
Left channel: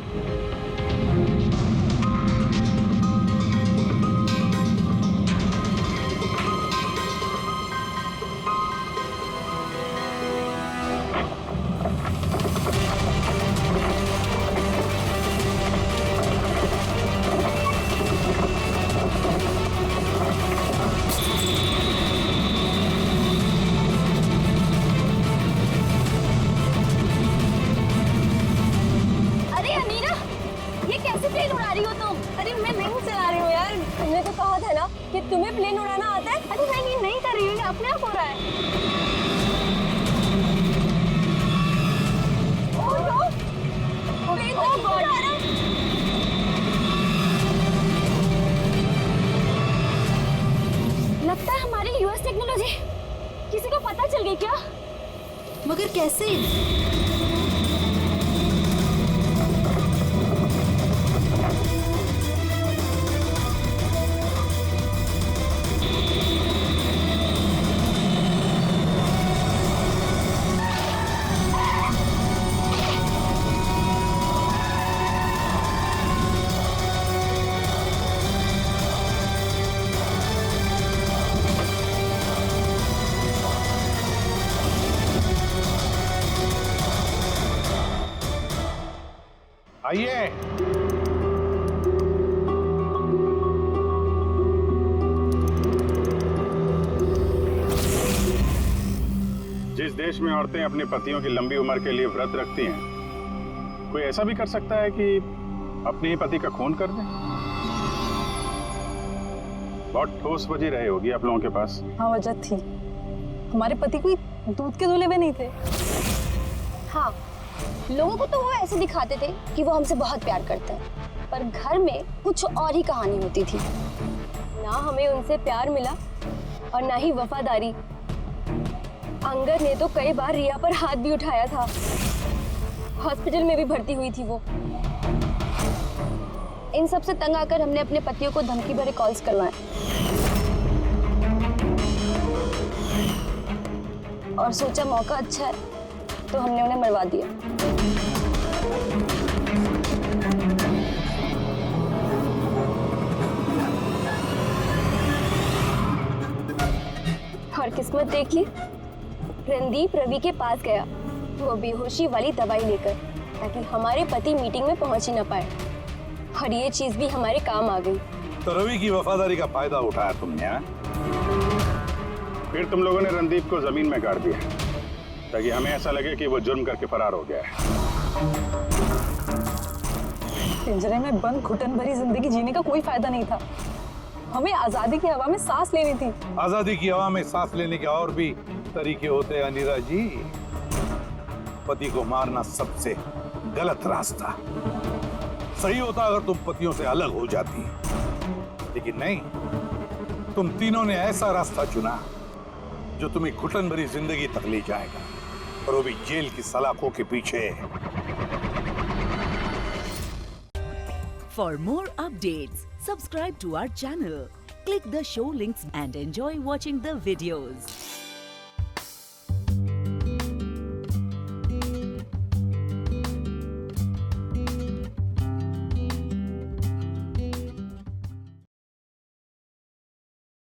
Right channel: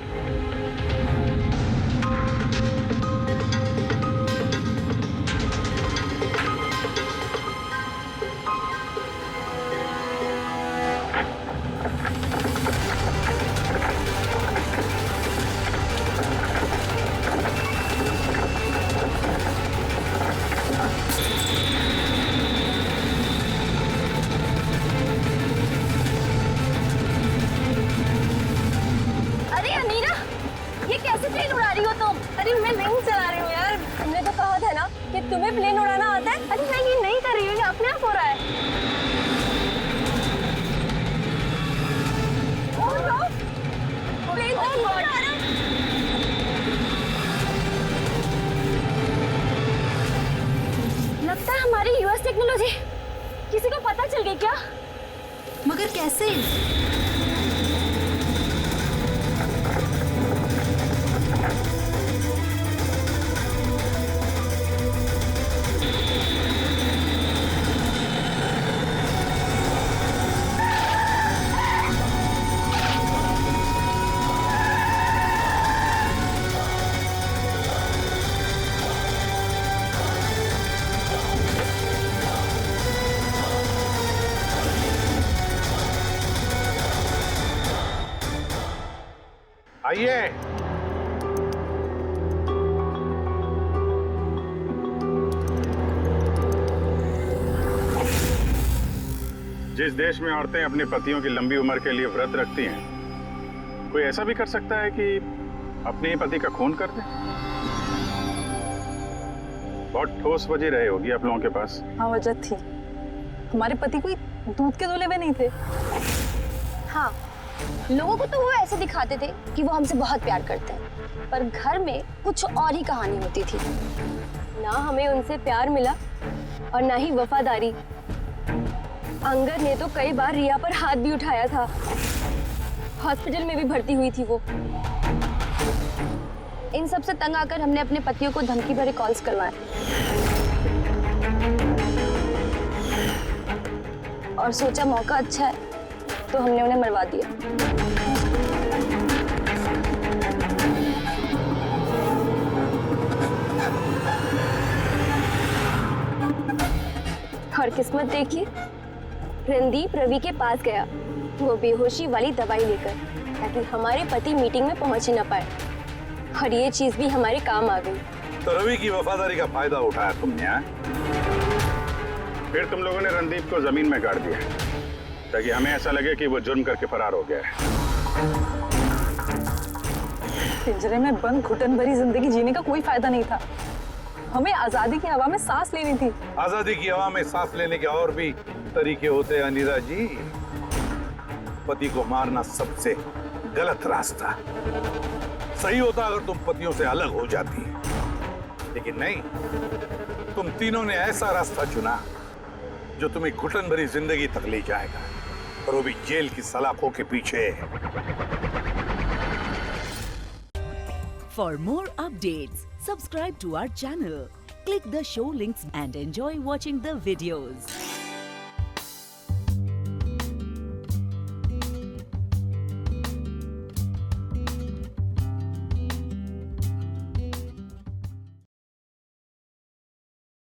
तुम्हें प्लेन उड़ाना आता है? अरे मैं ये नहीं कर रही हूँ, अपने आप हो रहा है। Oh no! प्लेन तो नीचे जा रहा है। लगता है हमारी यूएस टेक्नोलॉजी किसी को पता चल गई क्या? मगर कैसे? आइए। जिस देश में औरतें अपने पतियों की लंबी उम्र के लिए व्रत रखती हैं, कोई ऐसा भी कर सकता है कि अपने ही पति का खून कर दे? बहुत ठोस वजह रही होगी आप लोगों के पास। हाँ, वजह थी। हमारे पति कोई दूध के धुले हुए नहीं थे। हाँ, लोगों को तो वो ऐसे दिखाते थे कि वो हमसे बहुत प्यार करते हैं, पर घर में कुछ और ही कहानी होती थी। ना हमें उनसे प्यार मिला और ना ही वफादारी। अंगद ने तो कई बार रिया पर हाथ भी उठाया था। हॉस्पिटल में भी भर्ती हुई थी वो। इन सब से तंग आकर हमने अपने पतियों को धमकी भरे कॉल्स करवाए और सोचा मौका अच्छा है तो हमने उन्हें मरवा दिया। और किस्मत देखिए, रणदीप रवि के पास गया, वो बेहोशी वाली दवाई लेकर, ताकि हमारे पति मीटिंग में पहुंच ही ना पाए। और ये चीज भी हमारे काम आ गई। तो रवि की वफादारी का फायदा उठाया तुमने, हाँ? फिर तुम लोगों ने रणदीप को जमीन में गाड़ दिया ताकि हमें ऐसा लगे कि वो जुर्म करके फरार हो गया है। पिंजरे में बंद घुटन भरी जिंदगी जीने का कोई फायदा नहीं था। हमें आजादी की हवा में सांस लेनी थी। आजादी की हवा में सांस लेने के और भी तरीके होते हैं अनीता जी। पति को मारना सबसे गलत रास्ता। सही होता अगर तुम पतियों से अलग हो जाती, लेकिन नहीं, तुम तीनों ने ऐसा रास्ता चुना जो तुम्हें घुटन भरी जिंदगी तक ले जाएगा, और वो भी जेल की सलाखों के पीछे। For more updates, subscribe to our channel, click the show links and enjoy watching the videos.